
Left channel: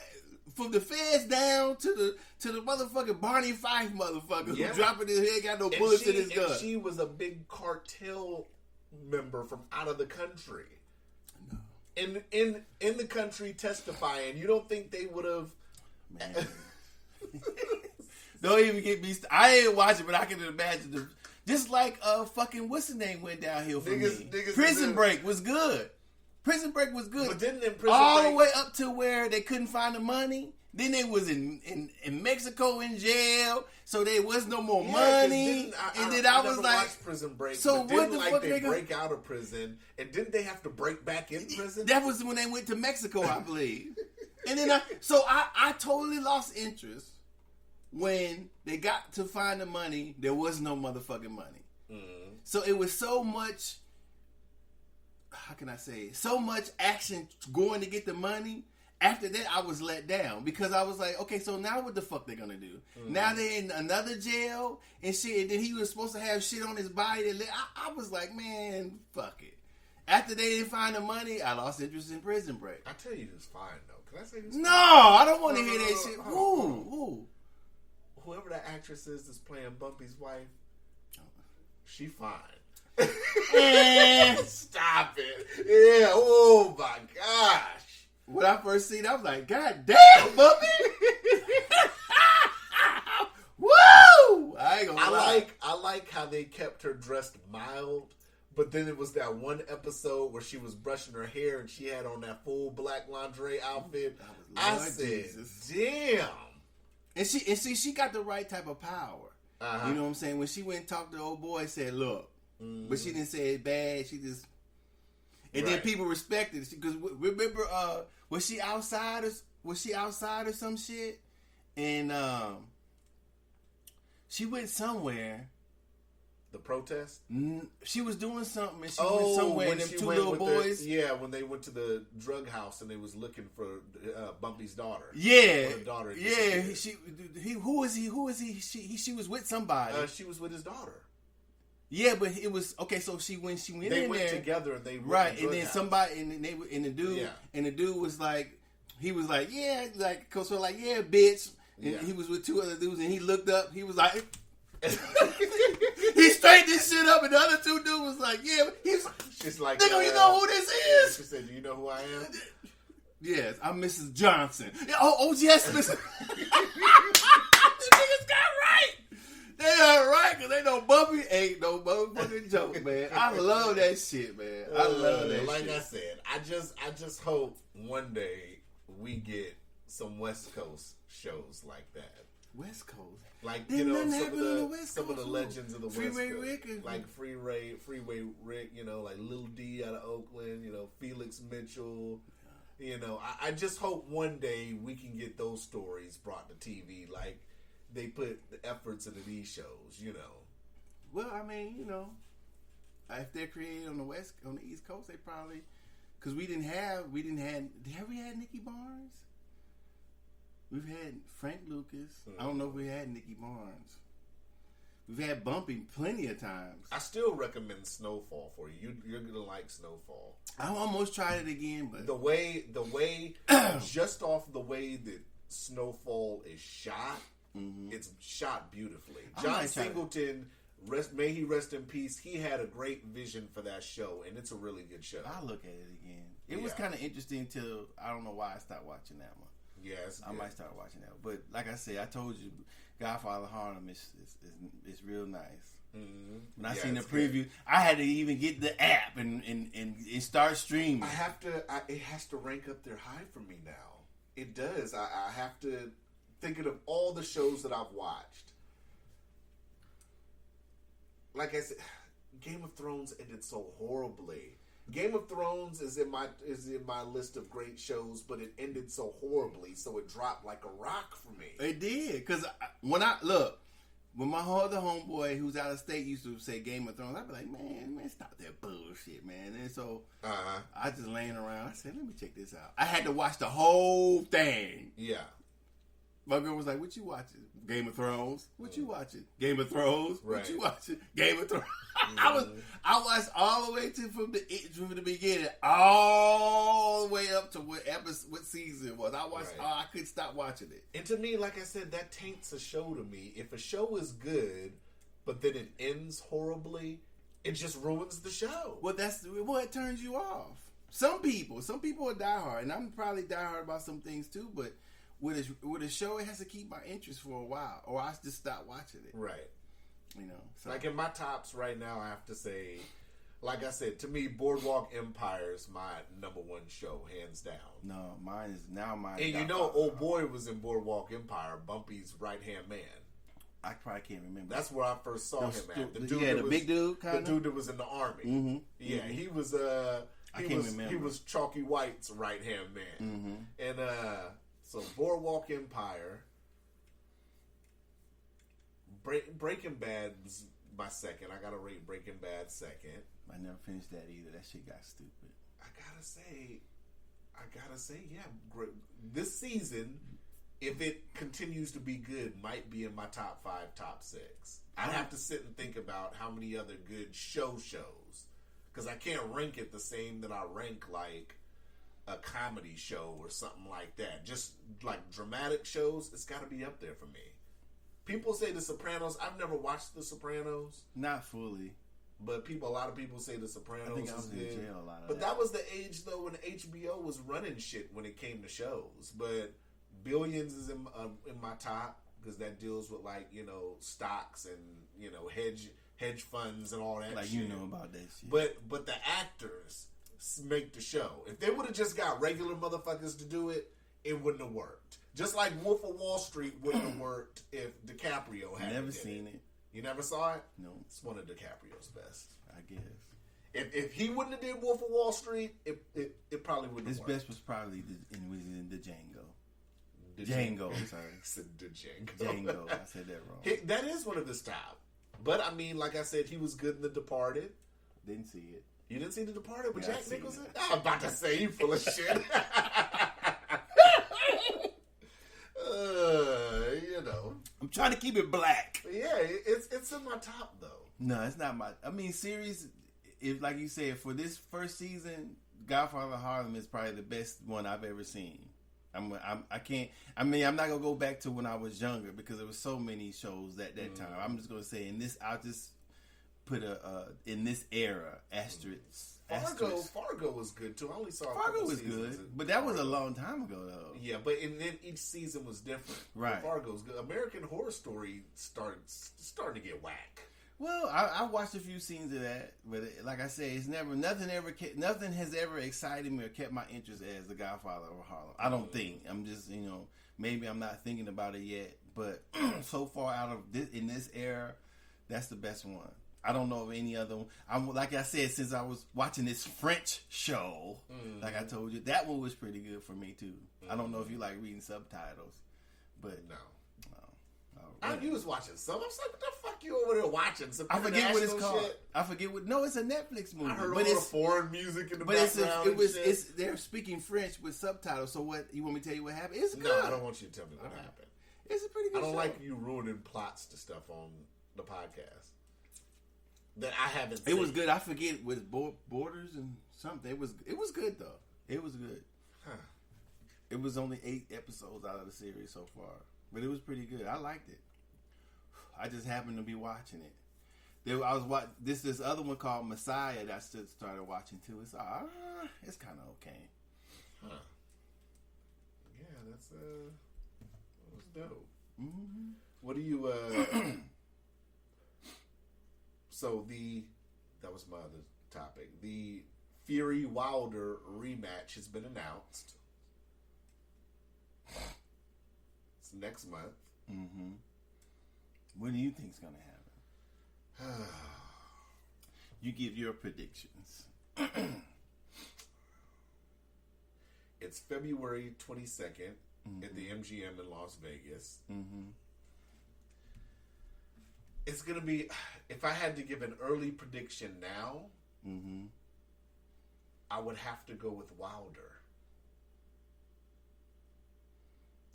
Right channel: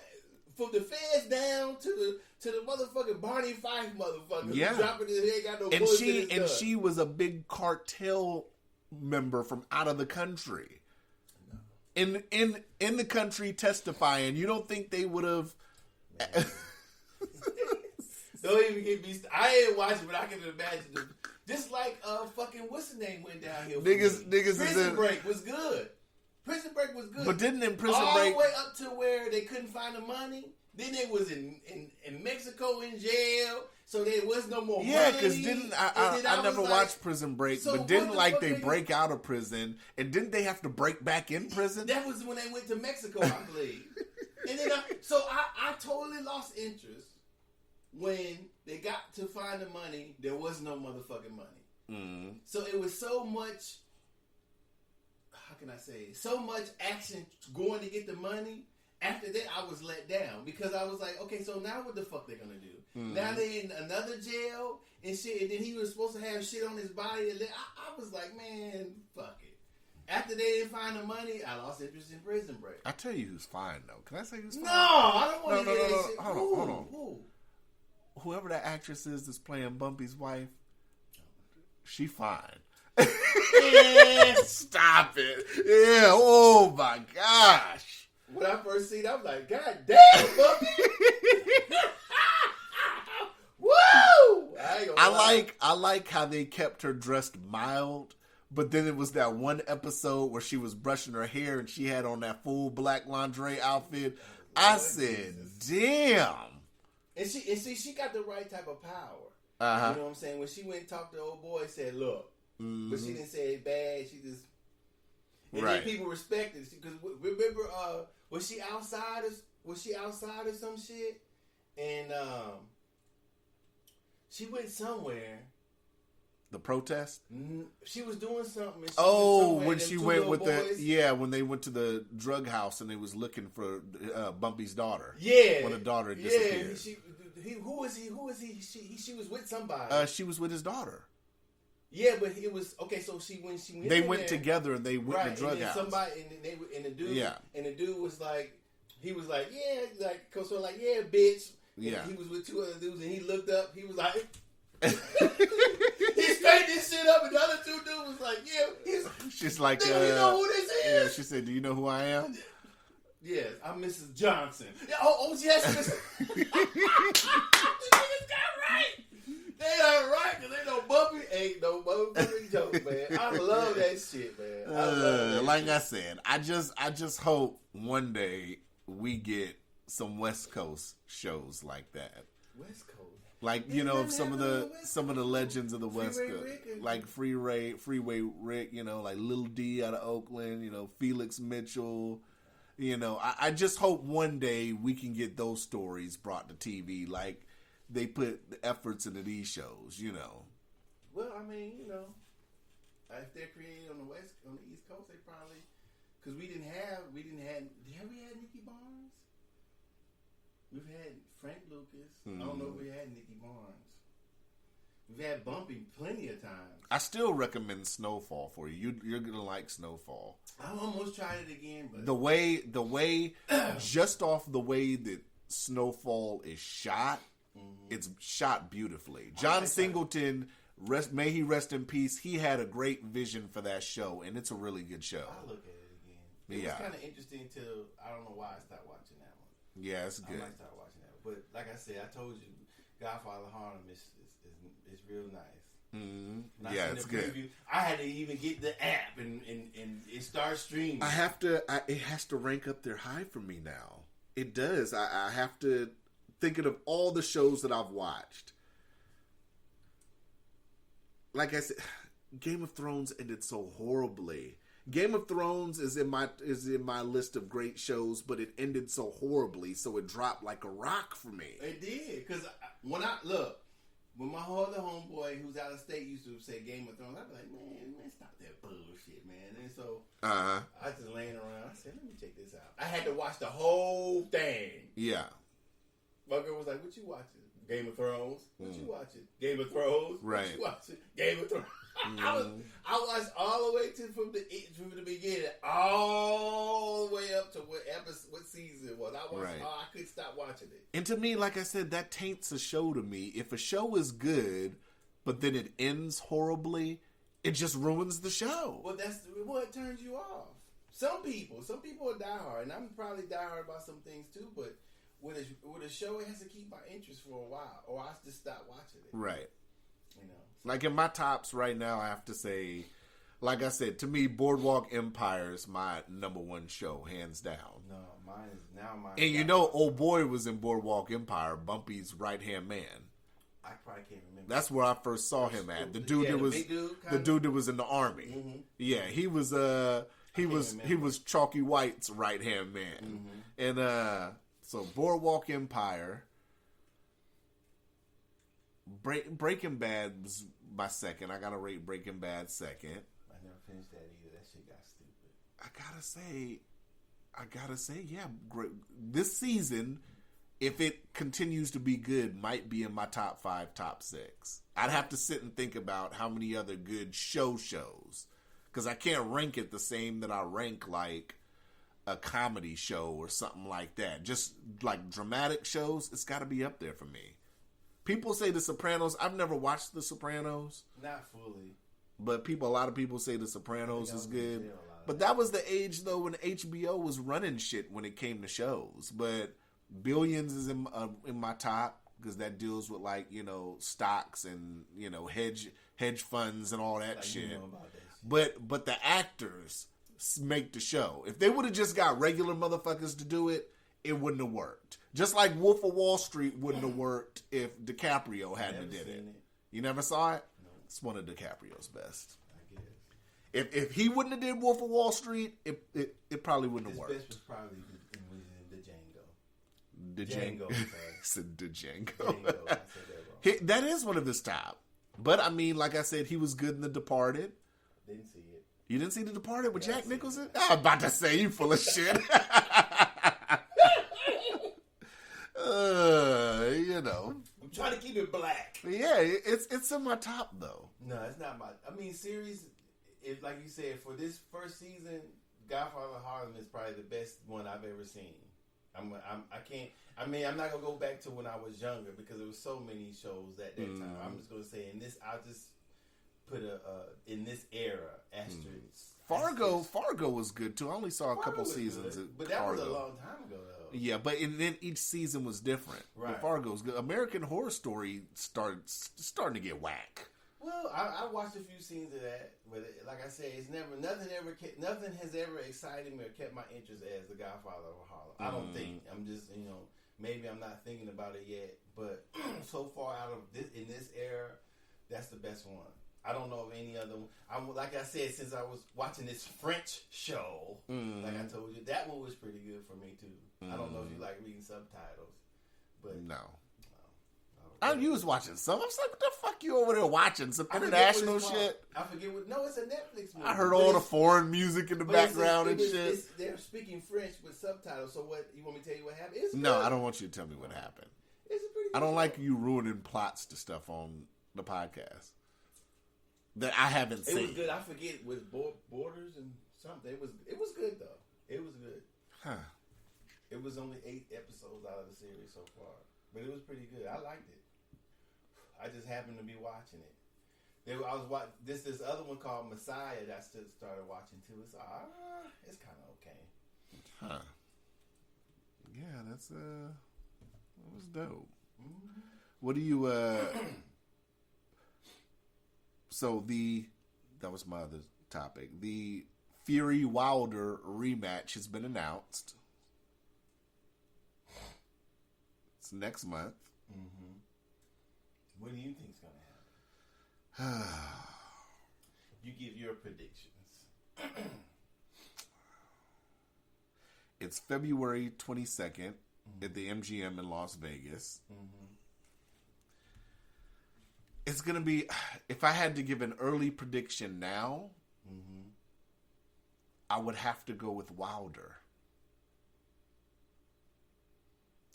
from the feds down to the motherfucking Barney Fife motherfucker who dropping his head, got no bullets in his gun. And she was a big cartel member from out of the country. No. In the country testifying. You don't think they would have... Don't even get me... I ain't watching, but I can imagine... Just like fucking what's the name went downhill for niggas Prison Break was good. Prison Break was good. But didn't in Prison all Break... the way up to where they couldn't find the money. Then they was in Mexico in jail, so there was no more money. I never watched Prison Break, so but didn't like they break out of prison, and didn't they have to break back in prison? That was when they went to Mexico, I believe. And then I totally lost interest when they got to find the money. There was no motherfucking money. Mm. So it was so much. How can I say it? So much action going to get the money. After that, I was let down because I was like, okay, so now what the fuck they gonna do? Mm-hmm. Now they're in another jail and shit. And then he was supposed to have shit on his body. I was like, man, fuck it. After they didn't find the money, I lost interest in Prison Break. I tell you who's fine though. Can I say who's fine? No, I don't want to hear that shit. Who? Whoever that actress is that's playing Bumpy's wife, she fine. Stop it. Yeah. Oh my gosh. When I first seen it, I was like, God damn, Bumpy. Woo! I like how they kept her dressed mild, but then it was that one episode where she was brushing her hair and she had on that full black lingerie outfit. I said, damn. And she got the right type of power. Uh-huh. You know what I'm saying? When she went and talked to the old boy and said, look, but she didn't say it bad. She just... And then people respected it. Because remember, was she outside or some shit? And she went somewhere. The protest? She was doing something. And she went somewhere when she went with when they went to the drug house and they was looking for Bumpy's daughter. Yeah, when the daughter. Yeah, who was he? She was with somebody. She was with his daughter. Yeah, but it was okay. So they went together and they went right, to drug and then house. somebody and the dude was like, he was like, yeah, like so like yeah, bitch. And he was with two other dudes, and he looked up. He was like, he straightened this shit up, and the other two dudes was like, yeah. She's like, nigga, you know who this is? Yeah, she said, do you know who I am? Yes, I'm Mrs. Johnson. Oh yes, Mrs. The niggas got right. They are right, because they know Bumpy ain't no motherfucking joke, man. I love that shit, man. I love that like shit. I said, I just hope one day we get some West Coast shows like that. West Coast? Like, you know, some of the legends of the West Coast. Like Freeway Rick, you know, like Lil D out of Oakland, you know, Felix Mitchell. You know, I just hope one day we can get those stories brought to TV. Like, they put the efforts into these shows, you know. Well, I mean, you know, if they're created on the East Coast, they probably, because have we had Nicky Barnes? We've had Frank Lucas. Mm-hmm. I don't know if we had Nicky Barnes. We've had Bumpy plenty of times. I still recommend Snowfall for you. You're gonna like Snowfall. I almost tried it again, but the way, just off the way that Snowfall is shot. Mm-hmm. It's shot beautifully. John Singleton, may he rest in peace. He had a great vision for that show, and it's a really good show. I'll look at it again. It was kind of interesting till I don't know why I stopped watching that one. Yeah, it's good. I might start watching that, but like I said, I told you, Godfather of Harlem is real nice. Mm-hmm. When I seen the preview, I had to even get the app and it starts streaming. It has to rank up there high for me now. It does. I have to. Thinking of all the shows that I've watched, like I said, Game of Thrones ended so horribly. Game of Thrones is in my list of great shows, but it ended so horribly, so it dropped like a rock for me. It did, because when my other homeboy who's out of state used to say Game of Thrones, I'd be like, man, stop that bullshit, man. And so I just laying around. I said, let me check this out. I had to watch the whole thing. Yeah. My girl was like, what you watching? Game of Thrones. What you watching? Game of Thrones. Right. What you watching? Game of Thrones. I watched all the way from the beginning, all the way up to what season it was. I watched. Right. I couldn't stop watching it. And to me, like I said, that taints a show to me. If a show is good, but then it ends horribly, it just ruins the show. Well, that's what turns you off. Some people are diehard, and I'm probably diehard about some things too. But with a show, it has to keep my interest for a while, or I just stop watching it. Right. You know, like in my tops right now, I have to say, like I said, to me, Boardwalk Empire is my number one show, hands down. No, mine is now mine. And you know, old boy was in Boardwalk Empire, Bumpy's right hand man. I probably can't remember. That's where I first saw him at. The dude yeah, that was big dude, the dude that was in the army. Mm-hmm. Yeah, he was he was Chalky White's right hand man. Mm-hmm. And so Boardwalk Empire. Breaking Bad was my second. I gotta rate Breaking Bad second. I never finished that either. That shit got stupid. I gotta say, yeah. Great. This season, if it continues to be good, might be in my top 5, top 6. I'd have to sit and think about how many other good shows, because I can't rank it the same that I rank like a comedy show or something like that. Just like dramatic shows, it's got to be up there for me. People say The Sopranos. I've never watched The Sopranos. Not fully. But a lot of people say The Sopranos is good. But that was the age, though, when HBO was running shit when it came to shows. But Billions is in my top, because that deals with, like, you know, stocks and, you know, hedge funds and all that like shit. You know about that shit. But the actors make the show. If they would have just got regular motherfuckers to do it, it wouldn't have worked. Just like Wolf of Wall Street wouldn't have worked if DiCaprio hadn't Never did seen it. it. You never saw it? No. It's one of DiCaprio's best. I guess. If he wouldn't have did Wolf of Wall Street, it probably wouldn't have His worked. best was probably in the Django. Django. Sorry. Said Django. Django. I said that wrong. That is one of his top. But I mean, like I said, he was good in The Departed. Didn't see it. You didn't see The Departed with Yeah, Jack I seen Nicholson? I'm about to say you full of shit. You know, I'm trying to keep it black. yeah, it's in my top though. No, it's not my. I mean, series. If like you said, for this first season, Godfather of Harlem is probably the best one I've ever seen. I can't. I mean, I'm not gonna go back to when I was younger because there was so many shows at that time. I'm just gonna say in this. I'll just put in this era asterisk. Fargo was good too. I only saw a couple seasons, but that was a long time ago though. Yeah, but then each season was different. Right. But Fargo's good. American Horror Story starting to get whack. Well, I watched a few scenes of that, but like I say, it's nothing has ever excited me or kept my interest as The Godfather of Harlem. I don't think. I'm just maybe I'm not thinking about it yet, but so far out of this in this era, that's the best one. I don't know of any other one. Like I said, since I was watching this French show, like I told you, that one was pretty good for me too. I don't know if you like reading subtitles, but No. really. You was watching some. I was like, what the fuck you over there watching? Some I forget what international it's called. shit? I forget what. No, it's a Netflix movie. I heard but all the foreign music in the but it's- background and shit. they're speaking French with subtitles. So what? You want me to tell you what happened? It's No, good. I don't want you to tell me what happened. It's a pretty good I don't show. like you ruining plots to stuff on the podcast that I haven't seen. It was good. I forget with Borders and something. It was good though. It was good. Huh. It was only 8 episodes out of the series so far, but it was pretty good. I liked it. I just happened to be watching it. I was watching this other one called Messiah that I started watching too. It's kind of okay. Huh. Yeah, that was dope. Mm-hmm. What do you so that was my other topic. The Fury Wilder rematch has been announced. It's next month. Mm-hmm. What do you think's gonna happen? You give your predictions. It's February 22nd at the MGM in Las Vegas. Mm-hmm. It's going to be, if I had to give an early prediction now, Mm-hmm. I would have to go with Wilder.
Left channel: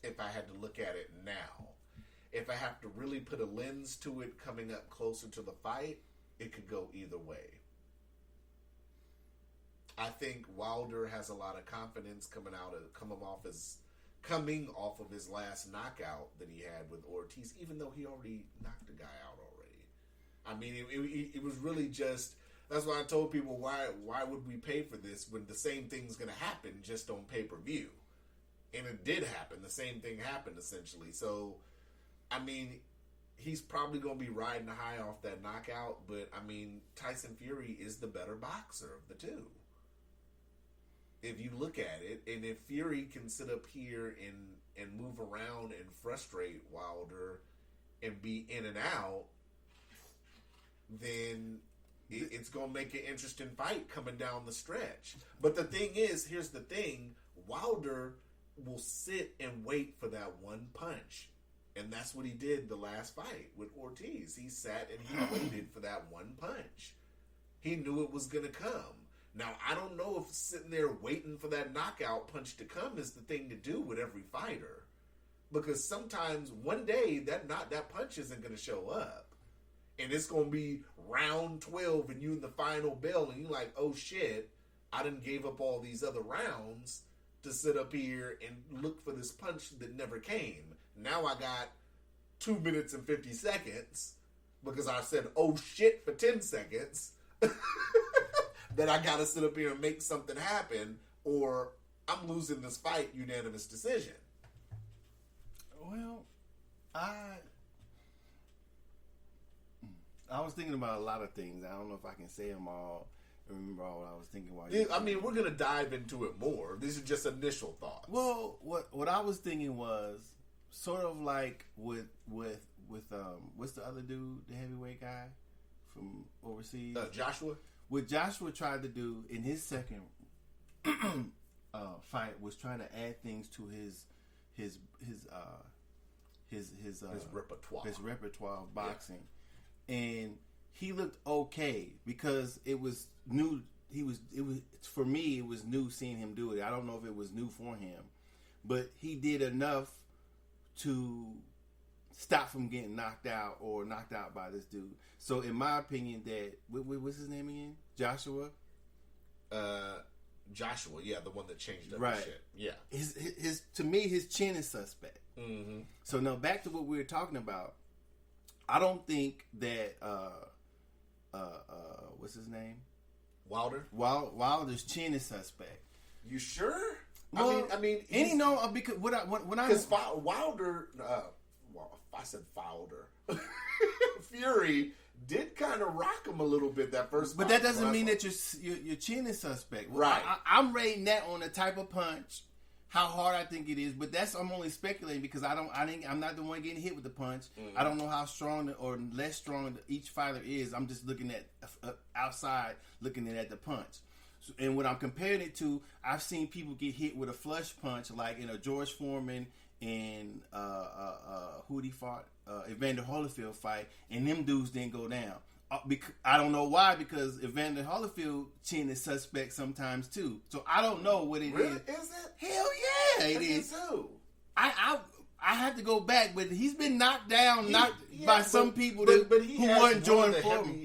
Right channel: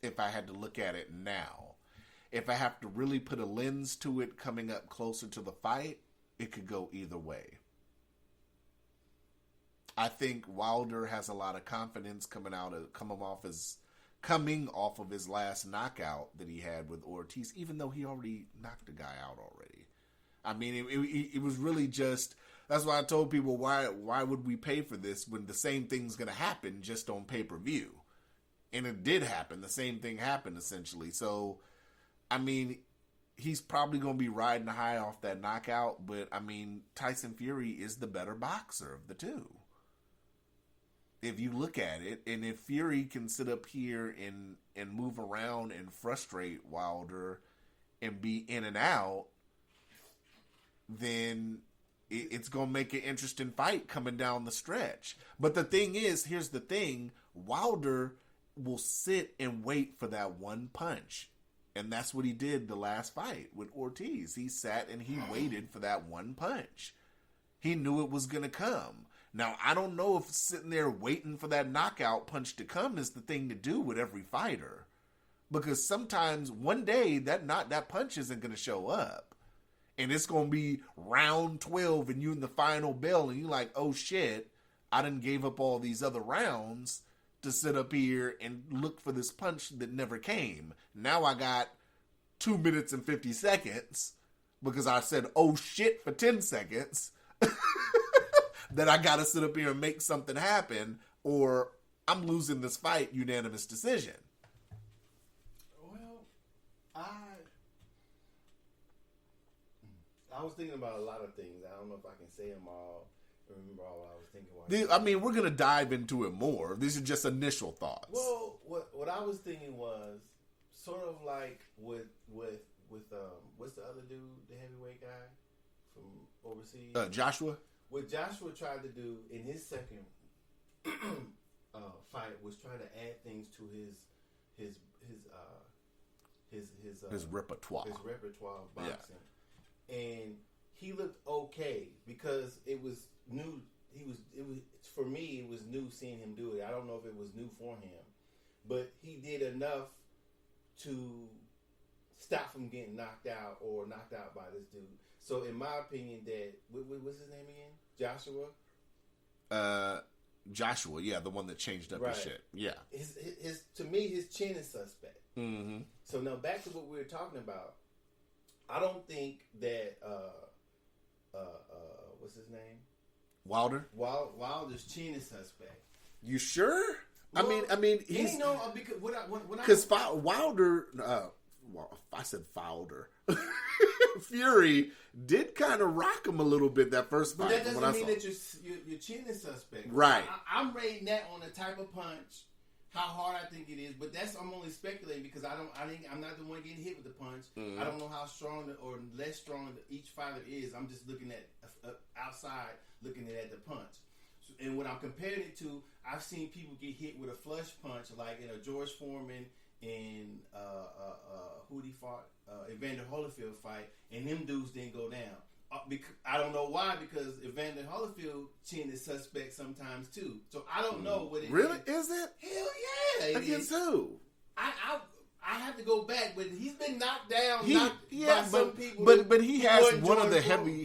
If I had to look at it now. if I have to really put a lens to it coming up closer to the fight, it could go either way. I think Wilder has a lot of confidence coming off of his last knockout that he had with Ortiz, even though he already knocked the guy out already. I mean, it was really just, that's why I told people, why would we pay for this when the same thing's going to happen just on pay-per-view? And it did happen. The same thing happened, essentially. So, I mean, he's probably going to be riding high off that knockout, but, I mean, Tyson Fury is the better boxer of the two. If you look at it, and if Fury can sit up here and move around and frustrate Wilder and be in and out, then it's going to make an interesting fight coming down the stretch. But the thing is, here's the thing, Wilder will sit and wait for that one punch. And that's what he did the last fight with Ortiz. He sat and he waited for that one punch. He knew it was going to come. Now, I don't know if sitting there waiting for that knockout punch to come is the thing to do with every fighter. Because sometimes one day that punch isn't going to show up. And it's going to be round 12 and you in the final bell and you're like, oh shit, I done gave up all these other rounds to sit up here and look for this punch that never came. Now I got 2 minutes and 50 seconds because I said, oh shit, for 10 seconds. That I gotta sit up here and make something happen, or I'm losing this fight unanimous decision. Well, I was thinking about a lot of things. I don't know if I can say them all. Remember all what I was thinking. I mean, we're gonna dive into it more. These are just initial thoughts. Well, what I was thinking was sort of like with what's the other dude, the heavyweight guy from overseas, Joshua. What Joshua tried to do in his second fight was trying to add things to his repertoire. His repertoire of boxing, and he looked okay because it was new. It was for me. It was new seeing him do it. I don't know if it was new for him, but he did enough to stop from getting knocked out by this dude. So in my opinion, that what's his name again? Joshua. Joshua, yeah, the one that changed up right. his shit. Yeah. His to me, his chin is suspect. Mm-hmm. So now back to what we were talking about. I don't think that what's his name? Wilder. Wilder's chin is suspect. You sure? Well, I mean, he's, you know, because Wilder. I said Wilder. Fury did kind of rock him a little bit that first fight. But that doesn't mean that your chin is suspect. Right. I'm rating that on the type of punch, how hard I think it is. But I'm only speculating because I'm not the one getting hit with the punch. Mm-hmm. I don't know how strong or less strong each fighter is. I'm just looking at outside, looking at the punch. So, and what I'm comparing it to, I've seen people get hit with a flush punch, like in a George Foreman and who he fought, Evander Holyfield fight, and them dudes didn't go down. I don't know why, because Evander Holyfield chin is suspect sometimes too. So I don't know what it is. Really? Is it? Hell yeah, it Against is. Who? I have to go back, but he's been knocked down by some people. But he has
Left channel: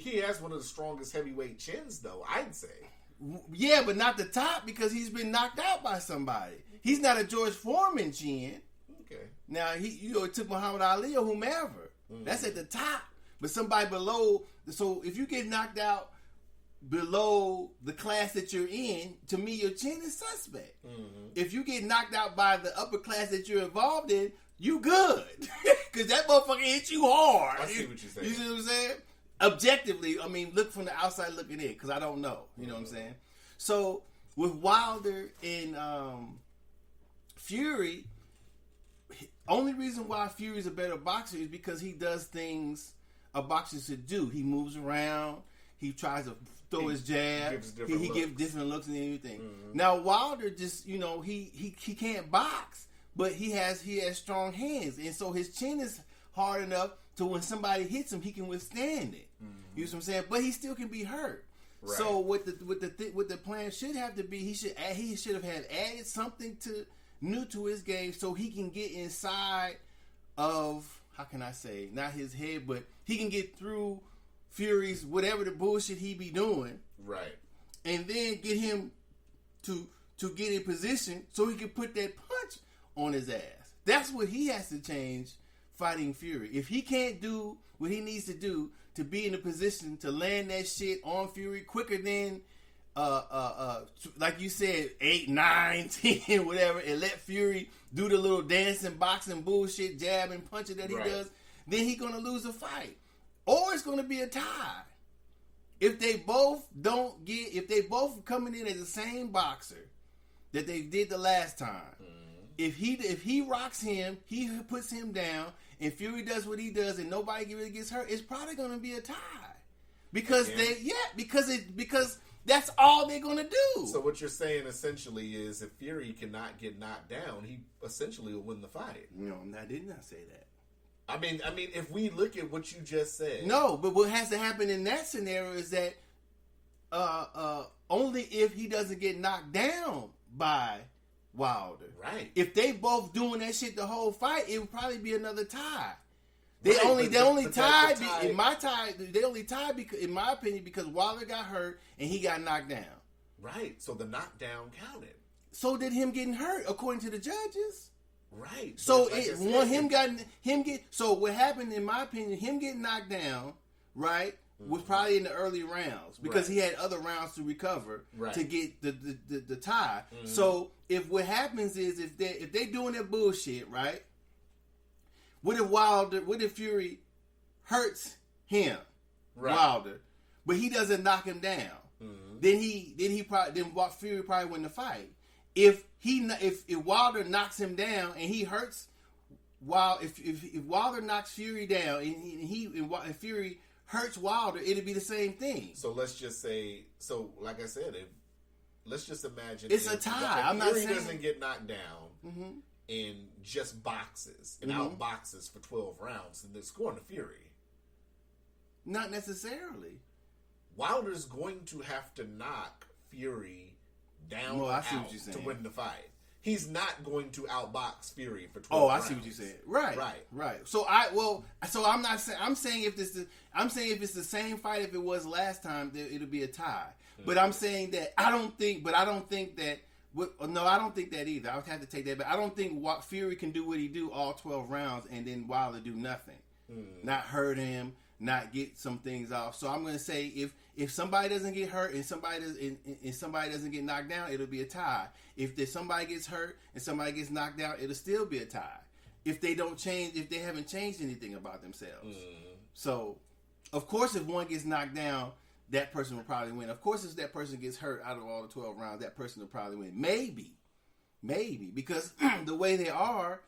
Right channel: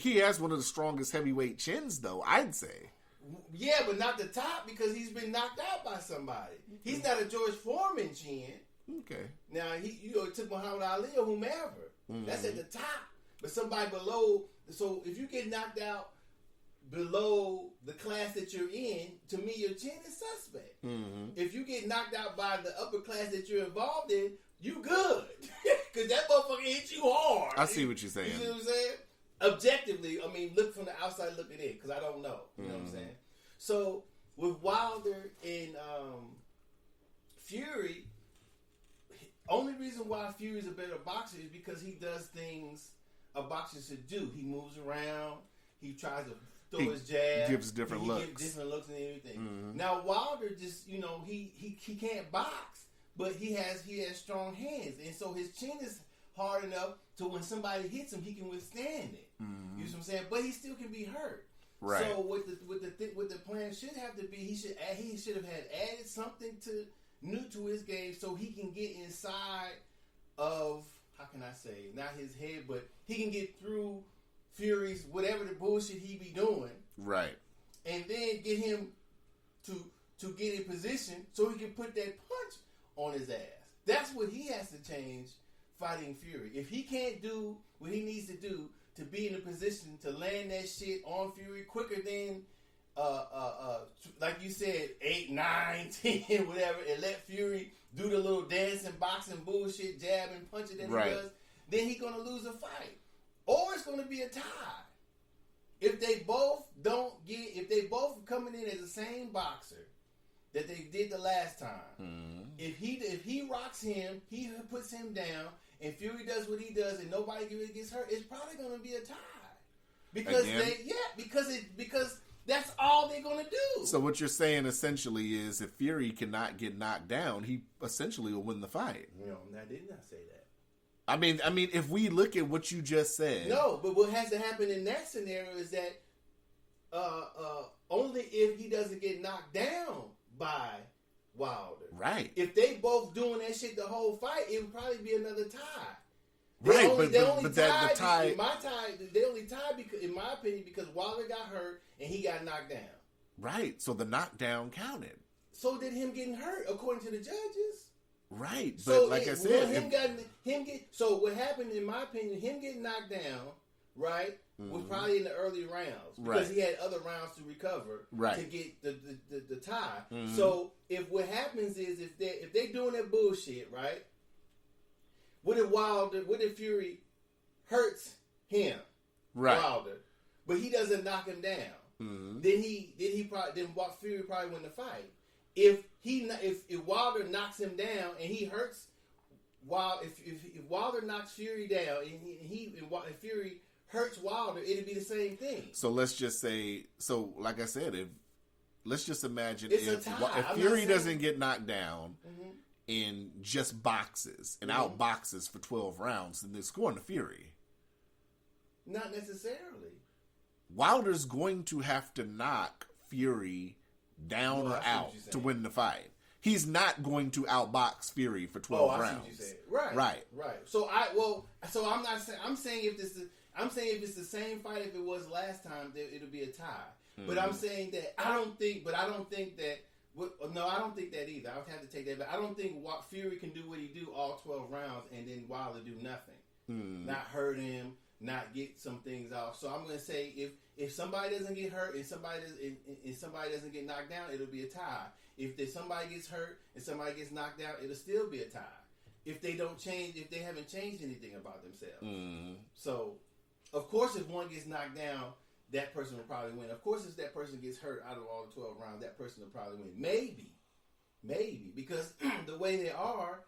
he has one of the strongest heavyweight chins, though, I'd say. Yeah, but not the top, because he's been knocked out by somebody. He's not a George Foreman chin. Okay. Now it took Muhammad Ali or whomever. Mm-hmm. That's at the top. But somebody below. So if you get knocked out below the class that you're in, to me your chin is suspect. Mm-hmm. If you get knocked out by the upper class that you're involved in, you good, because that motherfucker hit you hard. I see what you're saying. You see what I'm saying? Objectively, I mean, look from the outside looking in, because I don't know. You know what I'm saying? So with Wilder and Fury, only reason why Fury's a better boxer is because he does things a boxer should do. He moves around. He tries to throw his jab. He gives different looks. He gives different looks and everything. Mm-hmm. Now Wilder just, he can't box, but he has strong hands, and so his chin is hard enough to when somebody hits him, he can withstand it. Mm-hmm. You know what I'm saying? But he still can be hurt. Right. So what the plan should have to be, he should have had added something new to his game so he can get inside of how can I say, not his head, but he can get through Fury's whatever the bullshit he be doing, right, and then get him to get in position so he can put that punch on his ass. That's what he has to change fighting Fury. If he can't do what he needs to do to be in a position to land that shit on Fury quicker than like you said, 8, 9, 10, whatever, and let Fury do the little dancing, boxing bullshit, jabbing, punching that he does, then he's gonna lose a fight. Or it's gonna be a tie. If they both coming in as the same boxer that they did the last time, if he rocks him, he puts him down, and Fury does what he does, and nobody really gets hurt, it's probably gonna be a tie. Because because that's all they're gonna do. So what you're saying essentially is, if Fury cannot get knocked down, he essentially will win the fight. No, I did not say that. I mean, if we look at what you just said, no. But what has to happen in that scenario is that only if he doesn't get knocked down by Wilder. Right. If they both doing that shit the whole fight, it would probably be another tie. They Right, only tied tie, they only tied because, in my opinion, because Wilder got hurt and he got knocked down. Right. So the knockdown counted. So did him getting hurt, according to the judges. Right. So so what happened, in my opinion, him getting knocked down, right, was probably in the early rounds because he had other rounds to recover to get the tie. So if what happens is if they doing that bullshit, right? What if Fury hurts him, Wilder, but he doesn't knock him down? Then Fury probably win the fight. If Wilder knocks him down and he hurts if Wilder knocks Fury down and Fury hurts Wilder, it'd be the same thing. So let's just say, like I said, let's just imagine it's a tie. If Fury doesn't get knocked down and just boxes and out boxes for 12 rounds, then they're scoring to Fury. Not necessarily. Wilder's going to have to knock Fury down or out to win the fight. He's not going to outbox Fury for 12 rounds. I see what you're saying. Right. So I'm not saying. I'm saying if it's the same fight if it was last time, it'll be a tie. But I'm saying that I don't think that. No, I don't think that either. I would have to take that back. I don't think Fury can do what he do all 12 rounds and then Wilder do nothing, not hurt him, not get some things off. So I'm going to say if somebody doesn't get hurt and somebody doesn't get knocked down, it'll be a tie. If somebody gets hurt and somebody gets knocked down, it'll still be a tie. If they haven't changed anything about themselves. So, of course, if one gets knocked down, that person will probably win. Of course, if that person gets hurt out of all the 12 rounds, that person will probably win. Maybe. Because the way they are,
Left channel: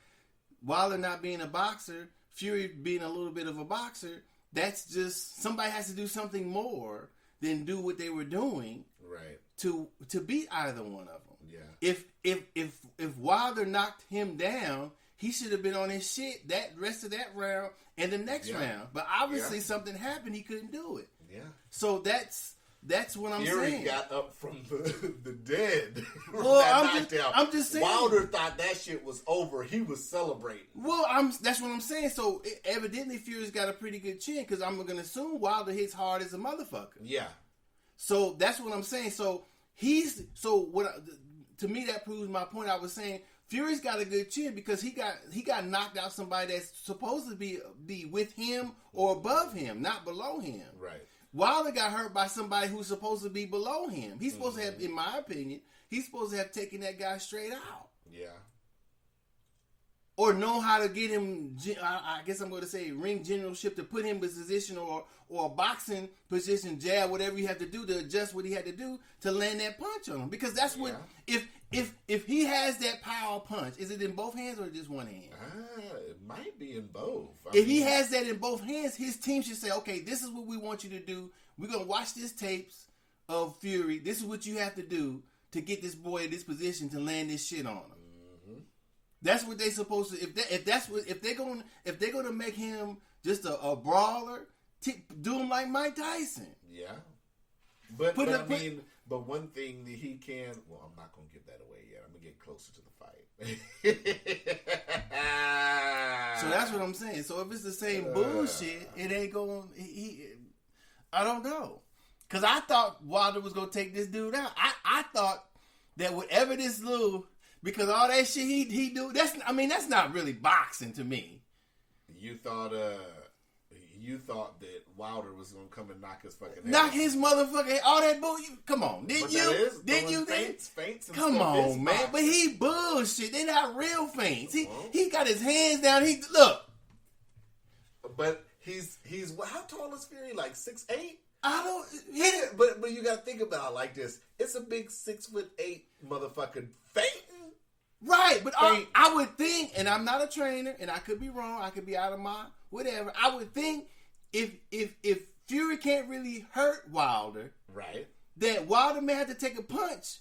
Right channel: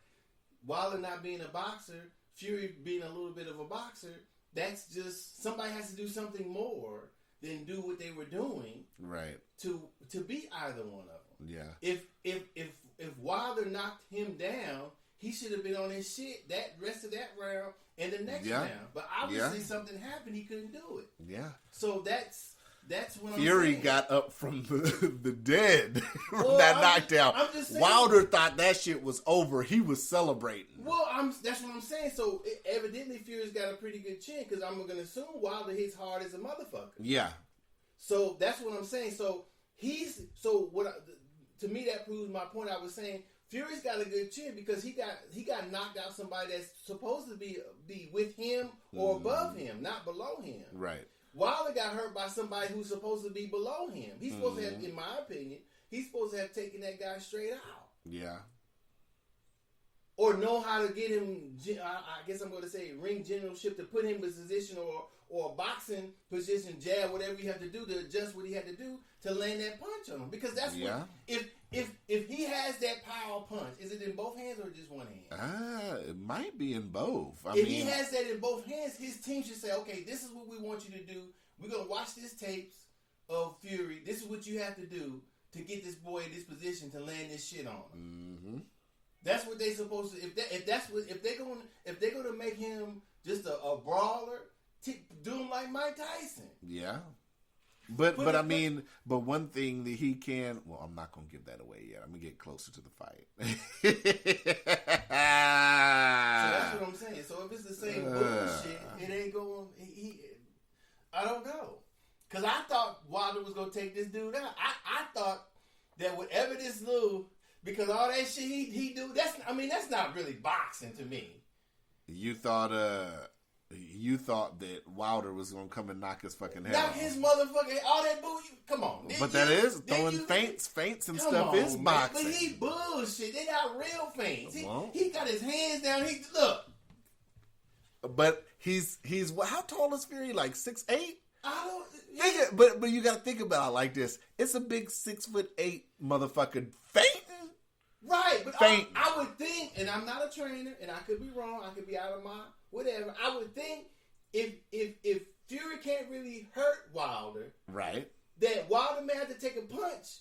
Wilder not being a boxer, Fury being a little bit of a boxer, that's just, somebody has to do something more than do what they were doing to beat either one of them. Yeah. If Wilder knocked him down, he should have been on his shit that rest of that round and the next round. But obviously something happened, he couldn't do it. Yeah. So that's what I'm Fury saying. got up from the dead from that knockdown. I'm just saying. Wilder thought that shit was over. He was celebrating. Well, that's what I'm saying. So evidently Fury's got a pretty good chin because I'm going to assume Wilder hits hard as a motherfucker. Yeah. So that's what I'm saying. So to me that proves my point. I was saying Fury's got a good chin because he got knocked out somebody that's supposed to be with him or above him, not below him. Right. Wilder got hurt by somebody who's supposed to be below him. He's supposed to have, in my opinion, he's supposed to have taken that guy straight out. Yeah. Or know how to get him, I guess I'm going to say ring generalship, to put him in position or a boxing position, jab, whatever you have to do to adjust what he had to do to land that punch on him. Because that's what, if he has that power punch, is it in both hands or just one hand? It might be in both. If he has that in both hands, his team should say, okay, this is what we want you to do. We're going to watch this tapes of Fury. This is what you have to do to get this boy in this position to land this shit on him. That's what they supposed to. If they're gonna make him just a brawler, do him like Mike Tyson. Yeah. But one thing that he can. Well, I'm not gonna give that away yet. I'm gonna get closer to the fight. So that's what I'm saying. So gonna take this dude out. I thought that whatever this little, because all that shit he do, that's not really boxing to me. You thought that Wilder was gonna come and knock his fucking head Knock off. his motherfucking all that bull. Come on, But that is throwing feints and come stuff. on, is man. boxing. But he bullshit. They not real feints. He got his hands down. He look. But he's how tall is Fury? Like 6'8"? I don't. Yeah, but you gotta think about it like this. It's a big 6'8" motherfucking feint. Right, but I would think, and I'm not a trainer, and I could be wrong. I could be out of my whatever. I would think if Fury can't really hurt Wilder, right, that Wilder may have to take a punch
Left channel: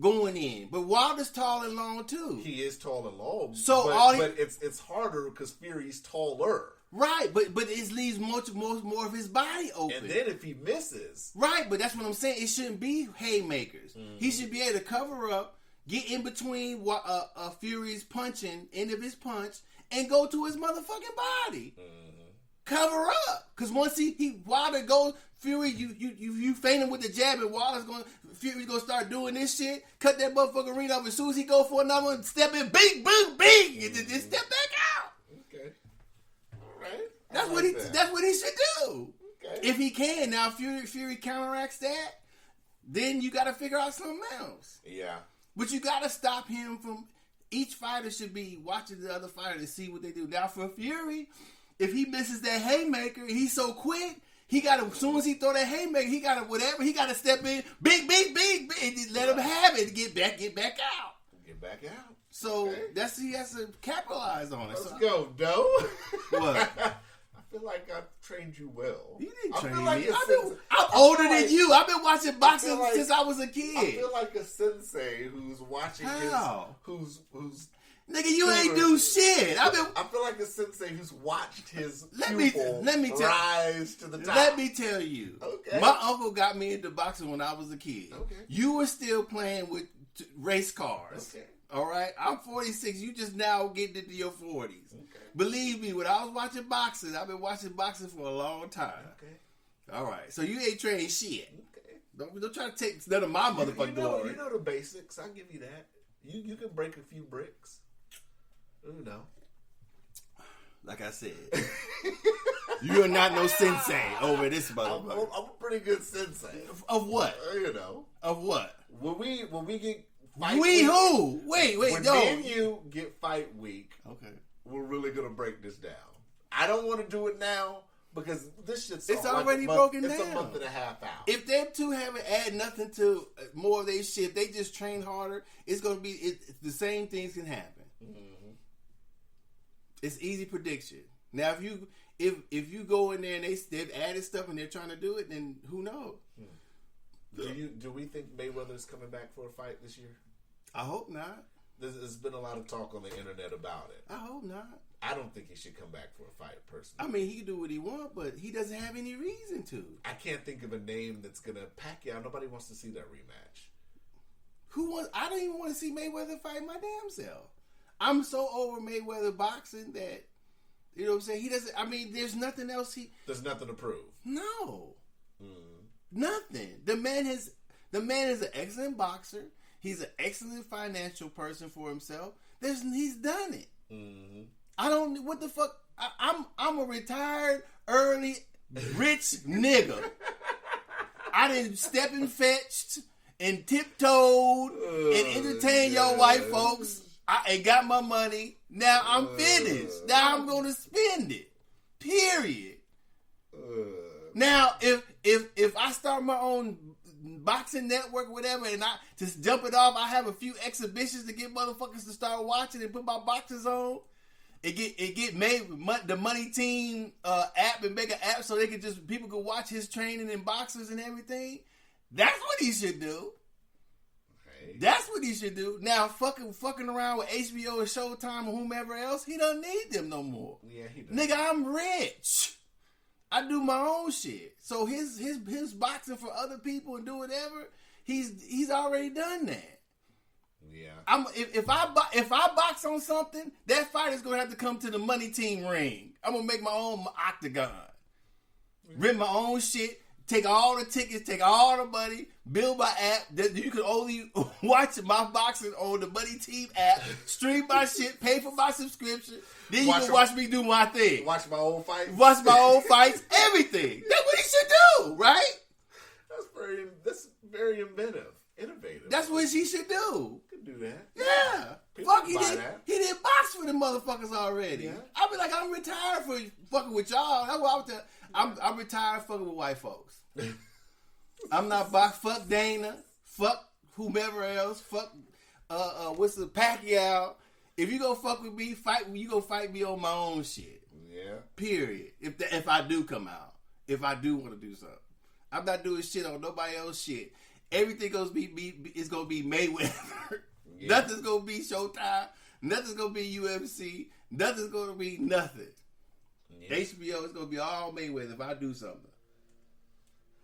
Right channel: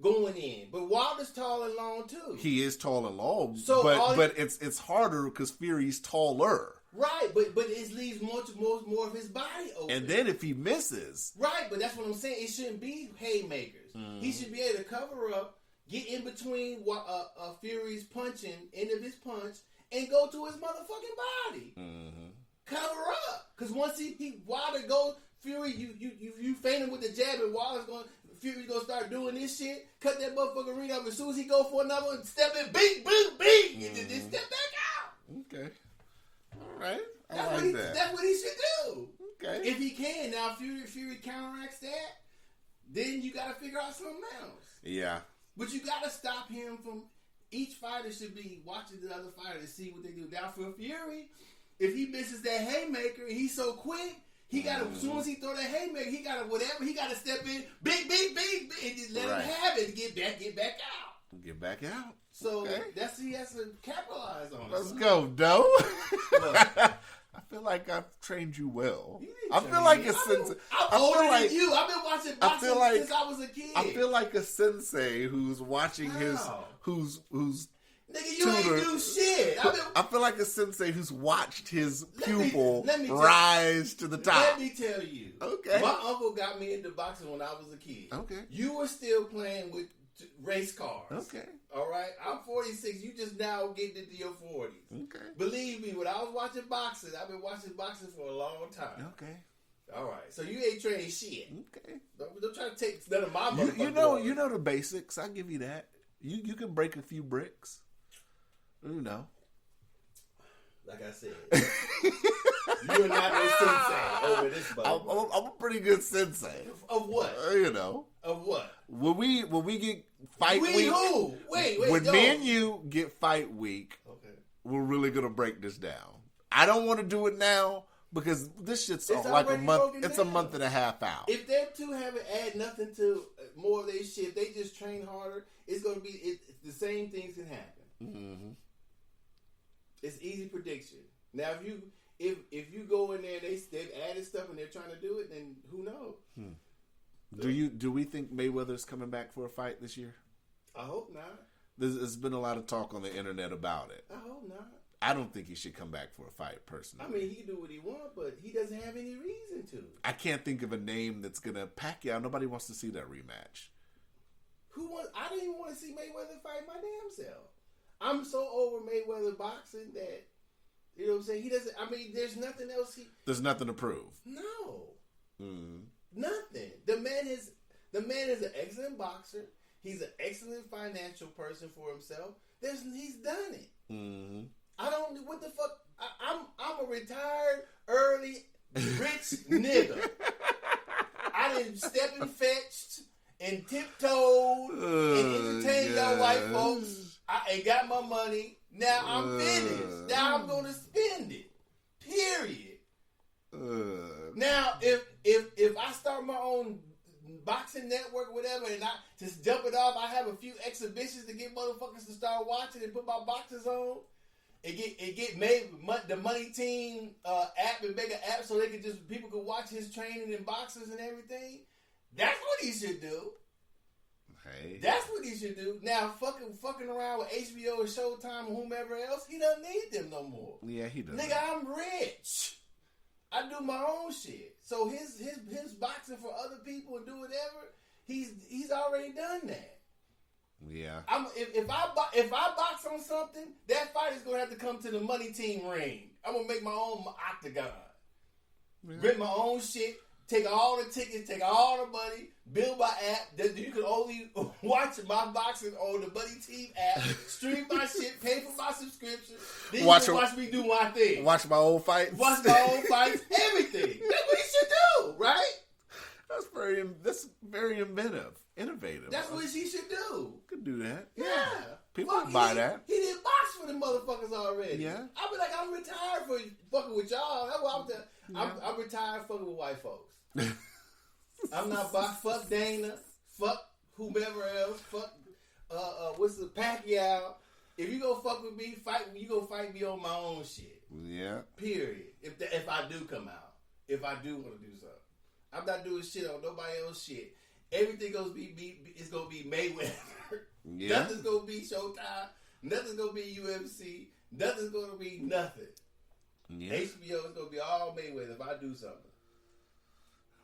going in. But Wilder's tall and long too. He is tall and long. So but it's harder because Fury's taller. Right, but it leaves much more of his body open. And then if he misses, right, but that's what I'm saying. It shouldn't be haymakers. Mm-hmm. He should be able to cover up, get in between Fury's punching, end of his punch, and go to his motherfucking body. Mm-hmm. Cover up, because once Wilder goes, Fury, you feint him with the jab, and Fury's gonna start doing this shit. Cut that motherfucking ring up. As soon as he go for another one, step in, bing, boom, bing, and just step back out. Okay. Right? That's what he should do. Okay. If he can. Now Fury counteracts that, then you gotta figure out something else. Yeah. But you gotta stop him from, each fighter should be watching the other fighter to see what they do. Now for Fury, if he misses that haymaker, he's so quick, he gotta, as soon as he throw that haymaker, he gotta step in, big, and just let him have it, get back out. Get back out. So he has to capitalize on it. Let's go, Doe. What? I feel like I've trained you well. You didn't I train feel like me. a sensei. I'm older than you. I've been watching boxing since I was a kid. I feel like a sensei who's watching who's nigga, you ain't do shit. I feel like a sensei who's watched his pupil rise to the top. Let me tell you. Okay. My uncle got me into boxing when I was a kid. Okay. You were still playing with race cars. Okay. All right, I'm 46. You just now getting into your 40s. Okay. Believe me, when I was watching boxing, I've been watching boxing for a long time. Okay. All right, so you ain't trained shit. Okay. Don't try to take none of my motherfucking You know the basics. I give you that. You can break a few bricks. You know. Like I said, you're not no sensei over this motherfucker. I'm a pretty good sensei. Of what? You know. Of what? When we get fight week. Who? Wait. When me and you get fight week, okay, we're really gonna break this down. I don't want to do it now because this shit's already broken down. It's a month and a half out. If them two haven't added nothing to more of their shit, they just train harder. It's gonna be the same things can happen. Mm-hmm. It's easy prediction. Now, if you go in there and they've added stuff and they're trying to do it, then who knows? Do we think Mayweather's coming back for a fight this year? I hope not. There's been a lot of talk on the internet about it. I hope not. I don't think he should come back for a fight, personally. I mean, he can do what he wants, but he doesn't have any reason to. I can't think of a name that's gonna Pacquiao. Nobody wants to see that rematch. I don't even want to see Mayweather fight my damn self. I'm so over Mayweather boxing that, you know what I'm saying? He doesn't. I mean, there's nothing else. There's nothing to prove. No. Nothing. The man is an excellent boxer. He's an excellent financial person for himself. He's done it. Mm-hmm. I don't. What the fuck? I'm a retired, early, rich nigga. I didn't step and fetched and tiptoed and entertained your white folks. I got my money. Now I'm finished. Now I'm gonna spend it. Period. Now if I start my own boxing network, whatever, and I just jump it off, I have a few exhibitions to get motherfuckers to start watching and put my boxers on. It get made the Money Team app and make an app so people could watch his training and boxers and everything. That's what he should do. Hey. That's what he should do. Now fucking around with HBO and Showtime and whomever else, he doesn't need them no more. Yeah, he does. Nigga, I'm rich. I do my own shit. So his boxing for other people and do whatever, he's already done that. Yeah. If I box on something, that fighter's gonna have to come to the Money Team ring. I'm gonna make my own octagon, rip my own shit, take all the tickets, take all the money, build my app. That you can only watch my boxing on the Money Team app, stream my shit, pay for my subscription. Then you can watch me do my thing. Watch my old fights. Watch my own fights, everything. That's what he should do, right? That's very innovative. That's what he should do. Could do that. Yeah. People Fuck, can buy that. He didn't box for the motherfuckers already. Yeah. I be like, I'm retired for fucking with y'all. That's what I'm retired fucking with white folks. I'm not box. Fuck Dana. Fuck whomever else. Fuck what's the Pacquiao. If you go fuck with me, you go fight me on my own shit. Yeah. Period. If I do come out, if I do want to do something, I'm not doing shit on nobody else shit. Everything gonna it's gonna be Mayweather. Yeah. Nothing's gonna be Showtime. Nothing's gonna be UFC. Nothing's gonna be nothing. Yeah. HBO is gonna be all Mayweather if I do something.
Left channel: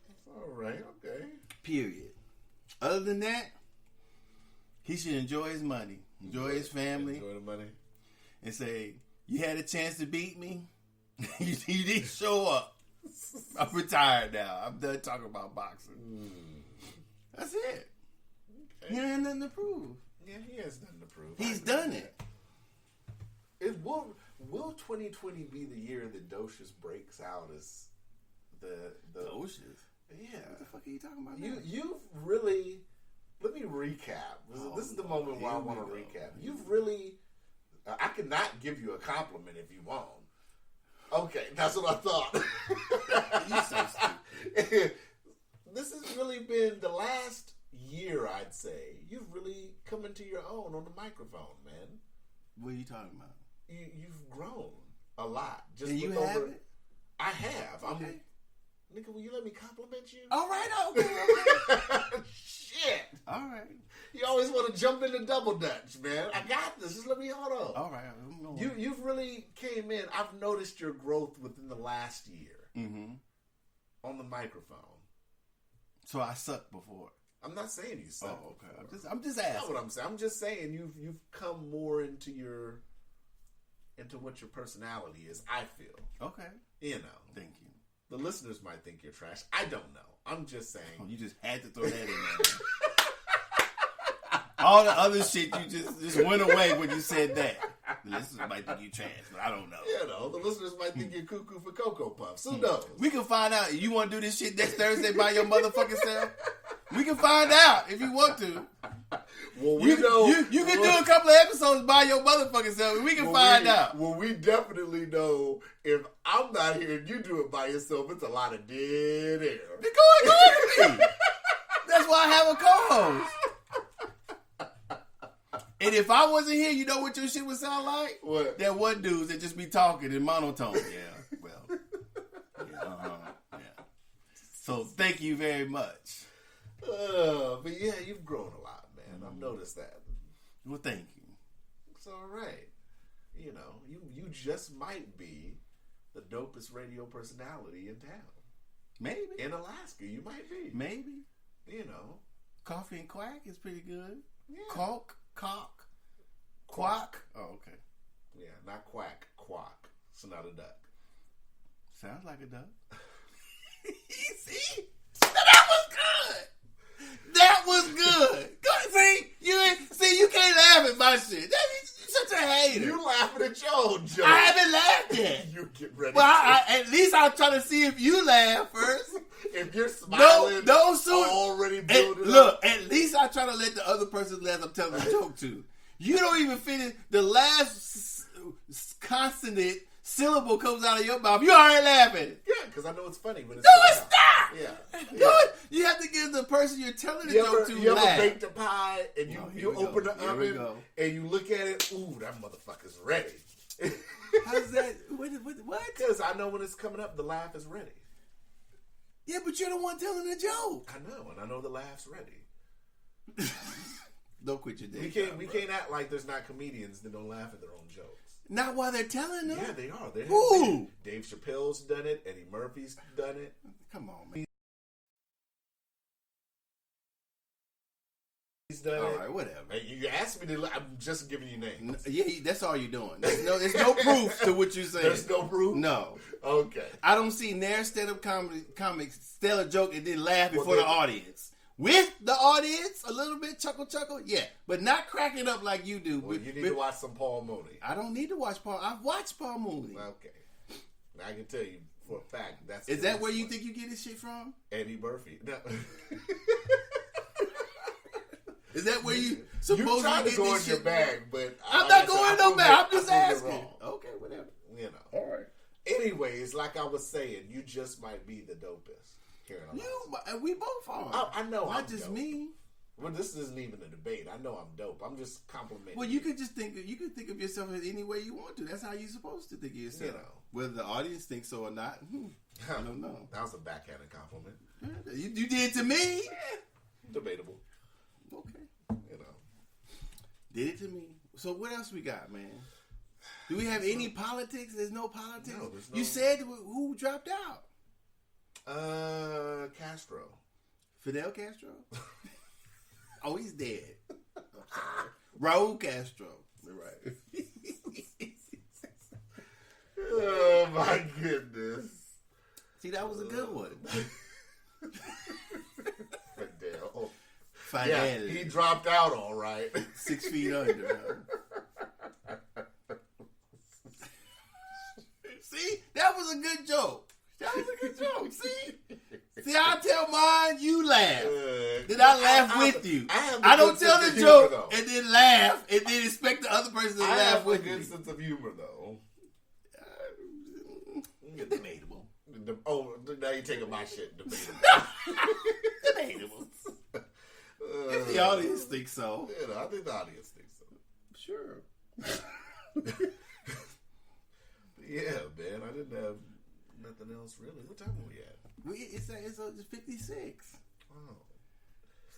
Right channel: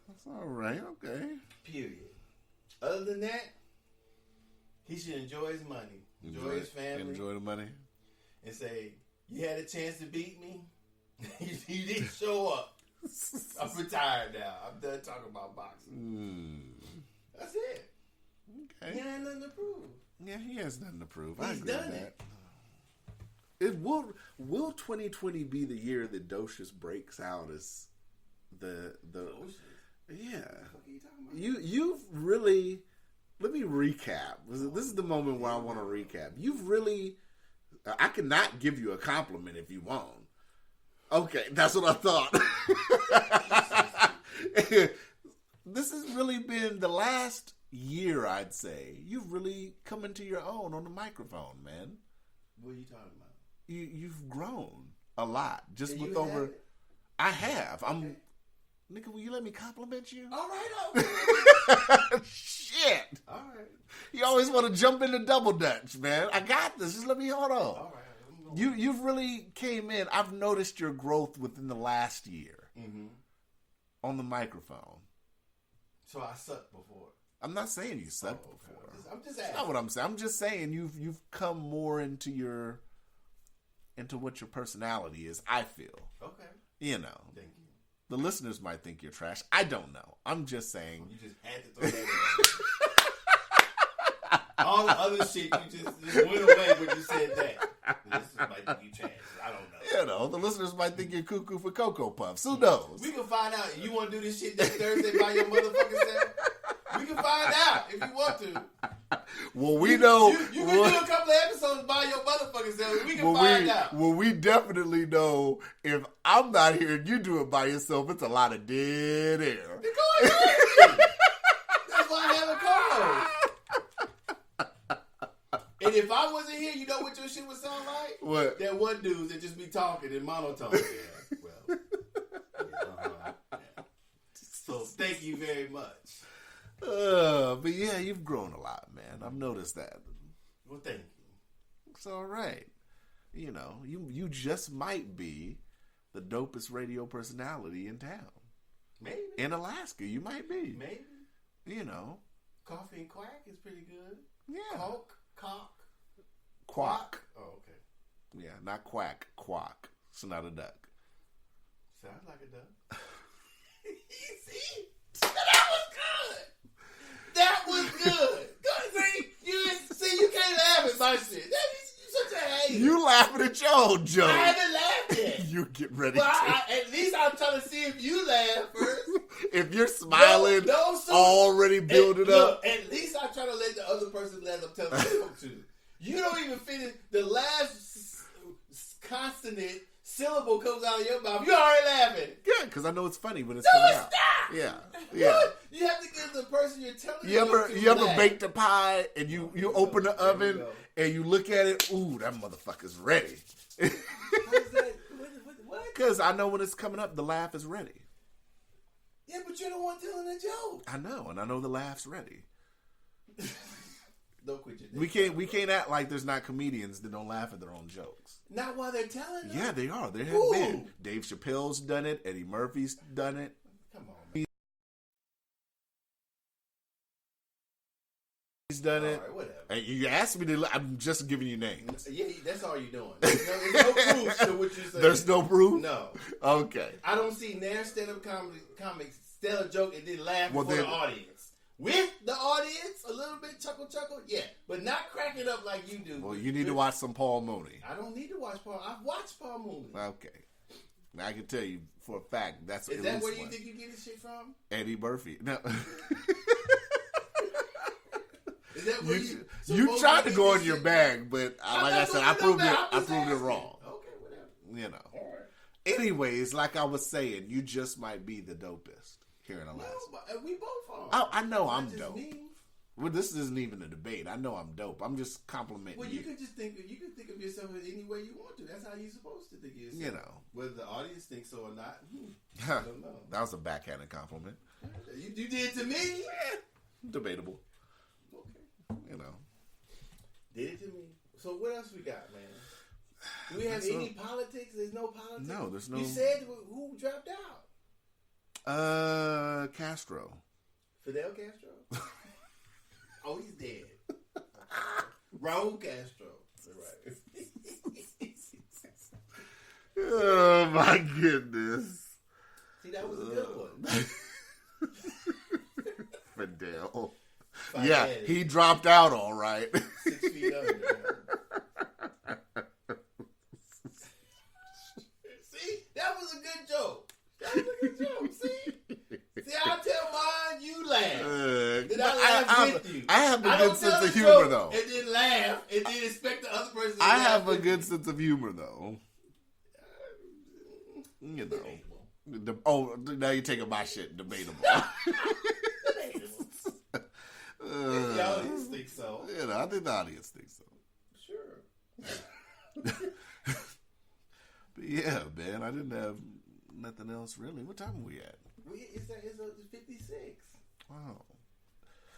That's all right. Okay. Period. Other than that, he should enjoy his money, enjoy his family, enjoy the money, and say, "You had a chance to beat me. You didn't show up. I'm retired now. I'm done talking about boxing." That's it. Okay. He ain't nothing to prove. Yeah, he has nothing to prove. He's done it. Will 2020 be the year that Docious breaks out as the Docious? Yeah. What the fuck are you talking about? You've really. Let me recap. This is the moment where I want to recap. You've really. I cannot give you a compliment if you won't. Okay, that's what I thought. This has really been the last year, I'd say. You've really come into your own on the microphone, man. What are you talking about? You've grown a lot. Just look over. Haven't? I have. Okay. Nigga, will you let me compliment you? All right, okay. Shit. All right. You always want to jump into double dutch, man. I got this. Just let me hold on. All right. You've really came in. I've noticed your growth within the last year on the microphone. So I sucked before. I'm not saying you sucked okay. before. I'm just asking. That's not what I'm saying. I'm just saying you've come more into what your personality is. I feel. Okay. You know. Thank you. The listeners might think you're trash. I don't know. I'm just saying. You just had to throw that in there. All the other shit you just went away when you said that. The listeners might think you trash. I don't know. You know, the listeners might think you're cuckoo for Cocoa Puffs. Who knows? We can find out. You want to do this shit next Thursday by your motherfucking self? We can find out if you want to. Well, we know. You can do a couple of episodes by your motherfucking self. We can find out. Well, we definitely know if I'm not here and you do it by yourself, it's a lot of dead air. Go ahead. That's why I have a co-host. And if I wasn't here, you know what your shit would sound like? What? That one dude that just be talking in monotone. Yeah, well. Yeah. So thank you very much. But yeah, you've grown a lot, man. I've noticed that. Well, thank you. It's all right. You know, you just might be the dopest radio personality in town. Maybe. In Alaska, you might be. Maybe. You know. Coffee and Quack is pretty good. Yeah. Cock. Quack. Oh, okay. Yeah, not quack. Quack. It's not a duck. Sounds like a duck. See? That was good. See, you can't laugh at my shit. You're such a hater. You laughing at your own joke. I haven't laughed yet. You get ready. Well, at least I'm trying to see if you laugh first. If you're smiling, already building up. Look, at least I try to let the other person laugh. I'm telling the joke to. You don't even finish the last consonant syllable comes out of your mouth. You already laughing. Yeah, because I know it's funny, but it's stop. Yeah. You have to give the person you're telling the joke to. You ever baked a pie and you open the oven and you look at it? Ooh, that motherfucker's ready. How's that? What? Because I know when it's coming up, the laugh is ready. Yeah, but you're the one telling the joke. I know, and I know the laugh's ready. Don't quit your day. We can't act like there's not comedians that don't laugh at their own jokes. Not while they're telling them. Yeah, they are. They have Who? been. Dave Chappelle's done it. Eddie Murphy's done it. Come on, man. He's done it. All right, whatever. Hey, you asked me to. I'm just giving you names. Yeah, that's all you're doing. There's no proof to what you're saying. There's no proof? No. Okay. I don't see Nair stand-up comics tell a joke and then laugh before the audience. With the audience, a little bit chuckle, yeah. But not cracking up like you do. Well, you need to watch some Paul Mooney. I don't need to watch Paul. I've watched Paul Mooney. Okay. Now I can tell you for a fact that's. Is that where you think you get this shit from? Eddie Murphy. No. Is that where you? You tried to go in your bag, but I'm not going in no bag. I'm just asking. You're wrong. Okay, whatever. You know. All right. Anyways, like I was saying, you just might be the dopest here in Alaska. We both are. I know not I'm just dope. Me. Well, this isn't even a debate. I know I'm dope. I'm just complimenting. Well, you can just think of yourself any way you want to. That's how you're supposed to think of yourself. You know, whether the audience thinks so or not. I don't know. That was a backhanded compliment. You did to me. Debatable. Okay. You know. Did it to me. So what else we got, man? Do we have any politics? There's no politics. No, there's no. You said who dropped out? Castro. Fidel Castro. Oh, he's dead. Raul Castro. Right. Oh my goodness. See, that was a good one. Fidel. Fidel. Yeah, he dropped out all right. 6 feet under. See, that was a good joke. That was a good joke. See, I tell mine, you laugh. Then I laugh with you. I don't tell the humor, joke though. and then laugh and then expect the other person to laugh. I have a with good me. sense of humor, though. You know. Debatable. Now you're taking my shit. Debatable. Debatable. The audience thinks so. You know, I think the audience thinks so. Sure. But yeah, man, I didn't have nothing else really. What time are we at? It's 56. Wow.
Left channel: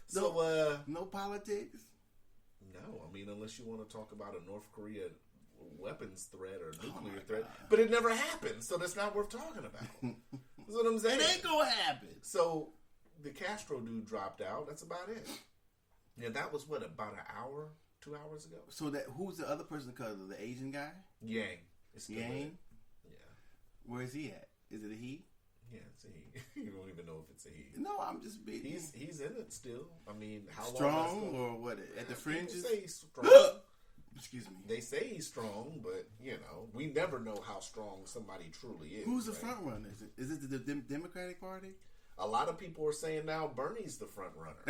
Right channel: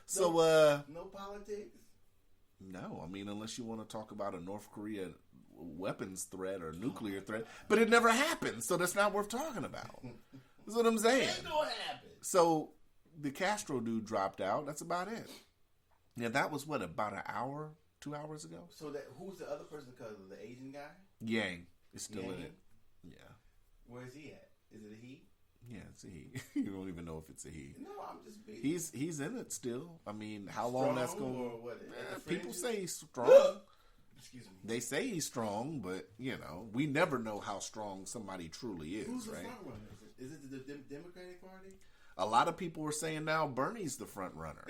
So, no politics? No, I mean, unless you want to talk about a North Korea weapons threat or nuclear threat. But it never happened, so that's not worth talking about. That's what I'm saying. It ain't gonna happen. So, the Castro dude dropped out. That's about it. Yeah, that was, what, about an hour, 2 hours ago? So, who's the other person, the Asian guy? Yang. Is still Yang? in it. Yeah. Where is he at? Is it a he? Yeah, it's a he. You don't even know if it's a he. No, I'm just being. He's in it still. I mean, how strong long that's going? Or what? At the fringe? People say he's strong. Excuse me. They say he's strong, but you know, we never know how strong somebody truly is. Who's the right? front runner? Is it the Democratic Party? A lot of people are saying now Bernie's the front runner.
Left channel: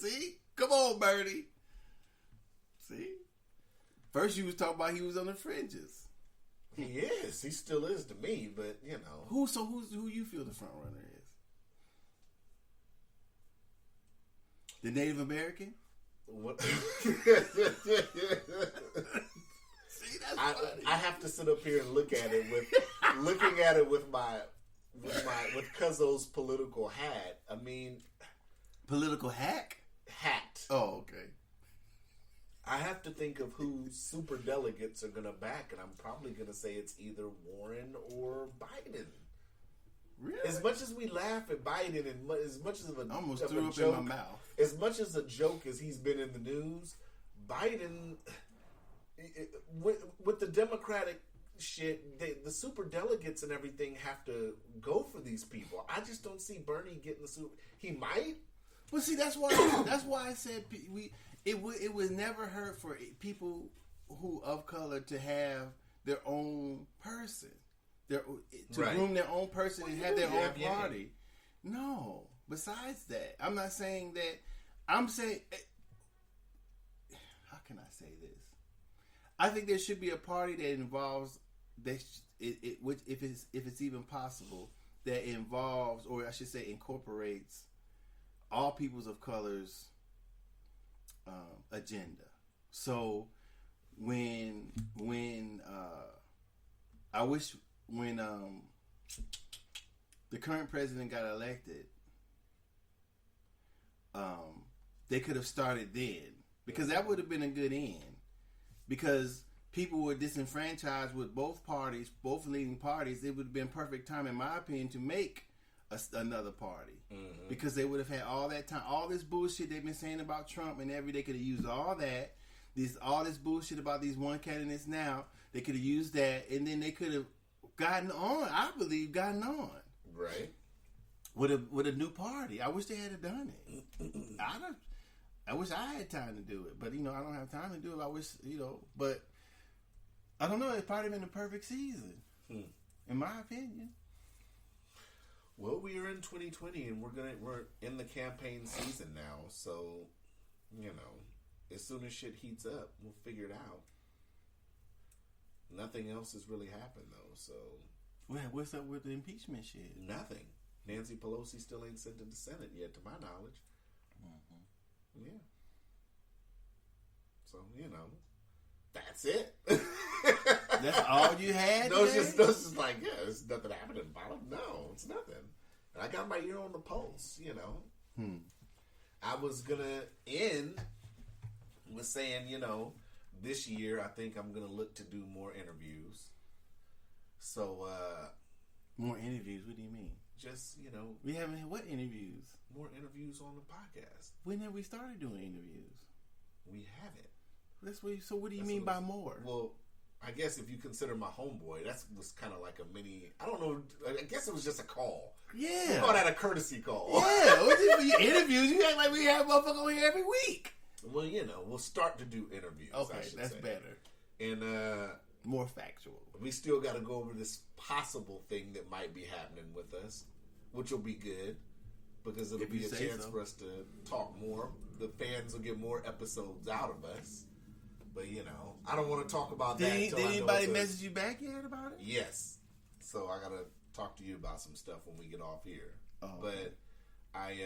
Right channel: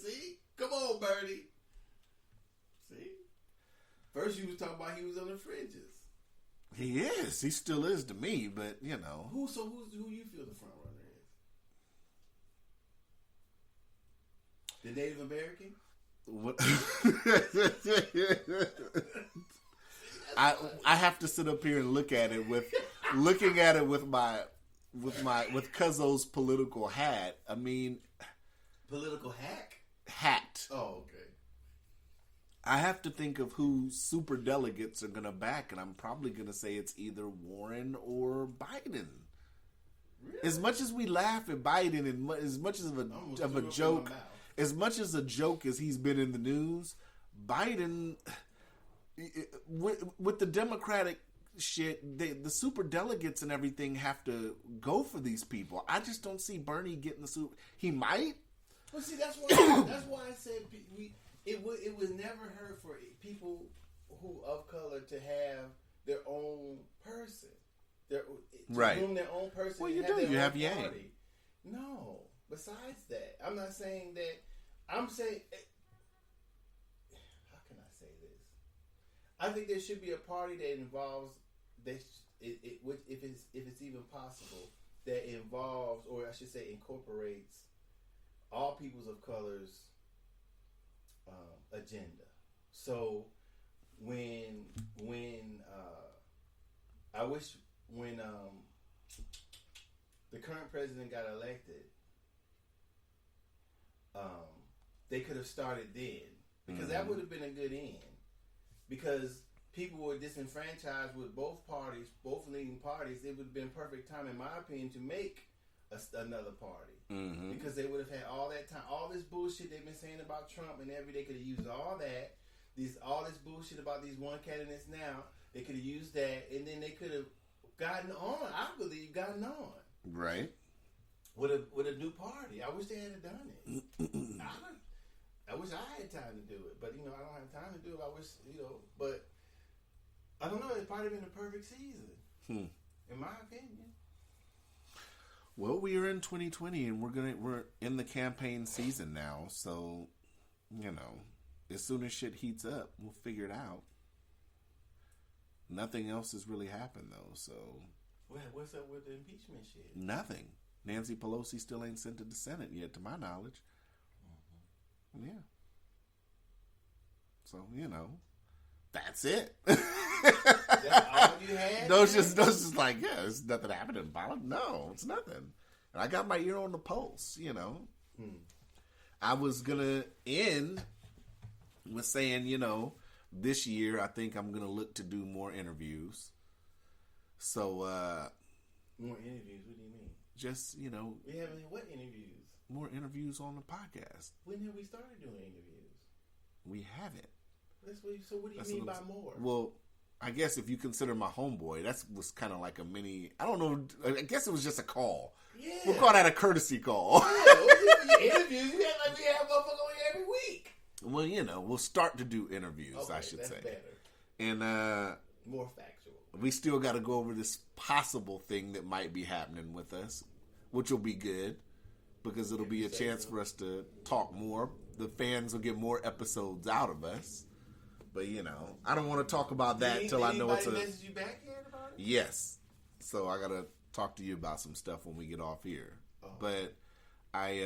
See, come on, Bernie. See, first you was talking about he was on the fringes. He is. He still is to me, but you know. Who you feel the front runner is? The Native American? What? I have to sit up here and look at it with Cuzzo's political hat. I mean, political hack? Hat. Oh, okay. I have to think of who super delegates are going to back, and I'm probably going to say it's either Warren or Biden. Really? As much as we laugh at Biden, and as much as of a joke, as much as a joke as he's been in the news, Biden, with the Democratic shit, the super delegates and everything have to go for these people. I just don't see Bernie getting the super. He might. Well, see, that's why I said it was never hurt for people who of color to have their own person, groom their own person and have their own party. No, besides that, I'm not saying that. I'm saying, how can I say this? I think there should be a party that involves which if it's even possible, that involves, or I should say, incorporates all peoples of color's agenda. So when I wish when the current president got elected, they could have started then, because that would have been a good end, because people were disenfranchised with both parties, both leading parties. It would have been perfect time, in my opinion, to make another party because they would have had all that time, all this bullshit they've been saying about Trump and they could have used all that, all this bullshit about these one candidates now. They could have used that, and then they could have gotten on. I believe gotten on right with a new party. I wish they had done it. I wish I had time to do it, but I don't have time to do it. I wish but I don't know. It's probably been the perfect season, in my opinion. Well, we are in 2020, and we're in the campaign season now. So, as soon as shit heats up, we'll figure it out. Nothing else has really happened though. So, what's up with the impeachment shit? Nothing. Nancy Pelosi still ain't sent to the Senate yet, to my knowledge. Yeah. So that's it. That's all you had? No, it's just like, there's nothing happening about it. No, it's nothing. And I got my ear on the pulse, I was gonna end with saying, this year I think I'm gonna look to do more interviews. So more interviews, what do you mean? Just, we haven't what interviews? More interviews on the podcast. When have we started doing interviews? We haven't. So what do you mean by more? Well, I guess if you consider my homeboy, that was kind of like a mini. I don't know. I guess it was just a call. Yeah, we'll call that a courtesy call. Yeah, interviews. You act like we have motherfuckers on here every week. Well, we'll start to do interviews. Okay, I should that's say better and more factual. We still got to go over this possible thing that might be happening with us, which will be good because it'll be a chance for us to talk more. The fans will get more episodes out of us. But, I don't want to talk about that until I know anybody message you back yet about it? Yes. So I got to talk to you about some stuff when we get off here. Oh. But I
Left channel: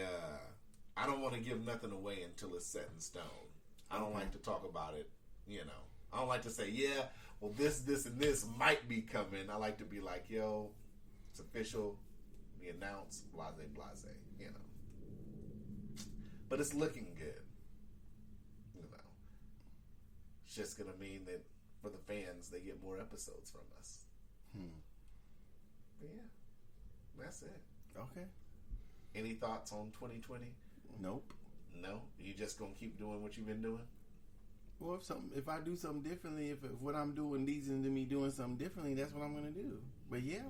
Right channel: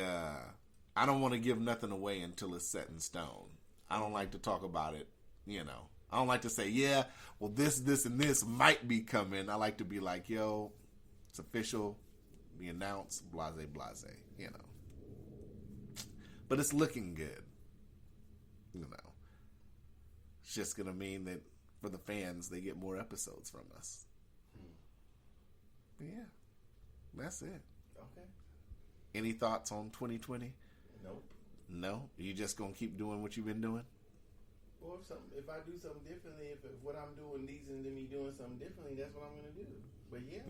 don't want to give nothing away until it's set in stone. I don't like to talk about it, I don't like to say, well, this, and this might be coming. I like to be like, yo, it's official, be announced, blase, But it's looking good, It's just going to mean that for the fans, they get more episodes from us. But yeah, that's it. Okay. Any thoughts on 2020? Nope. No? You just going to keep doing what you've been doing? Well, if I do something differently, if what I'm doing leads into me doing something differently, that's what I'm going to do. But yeah.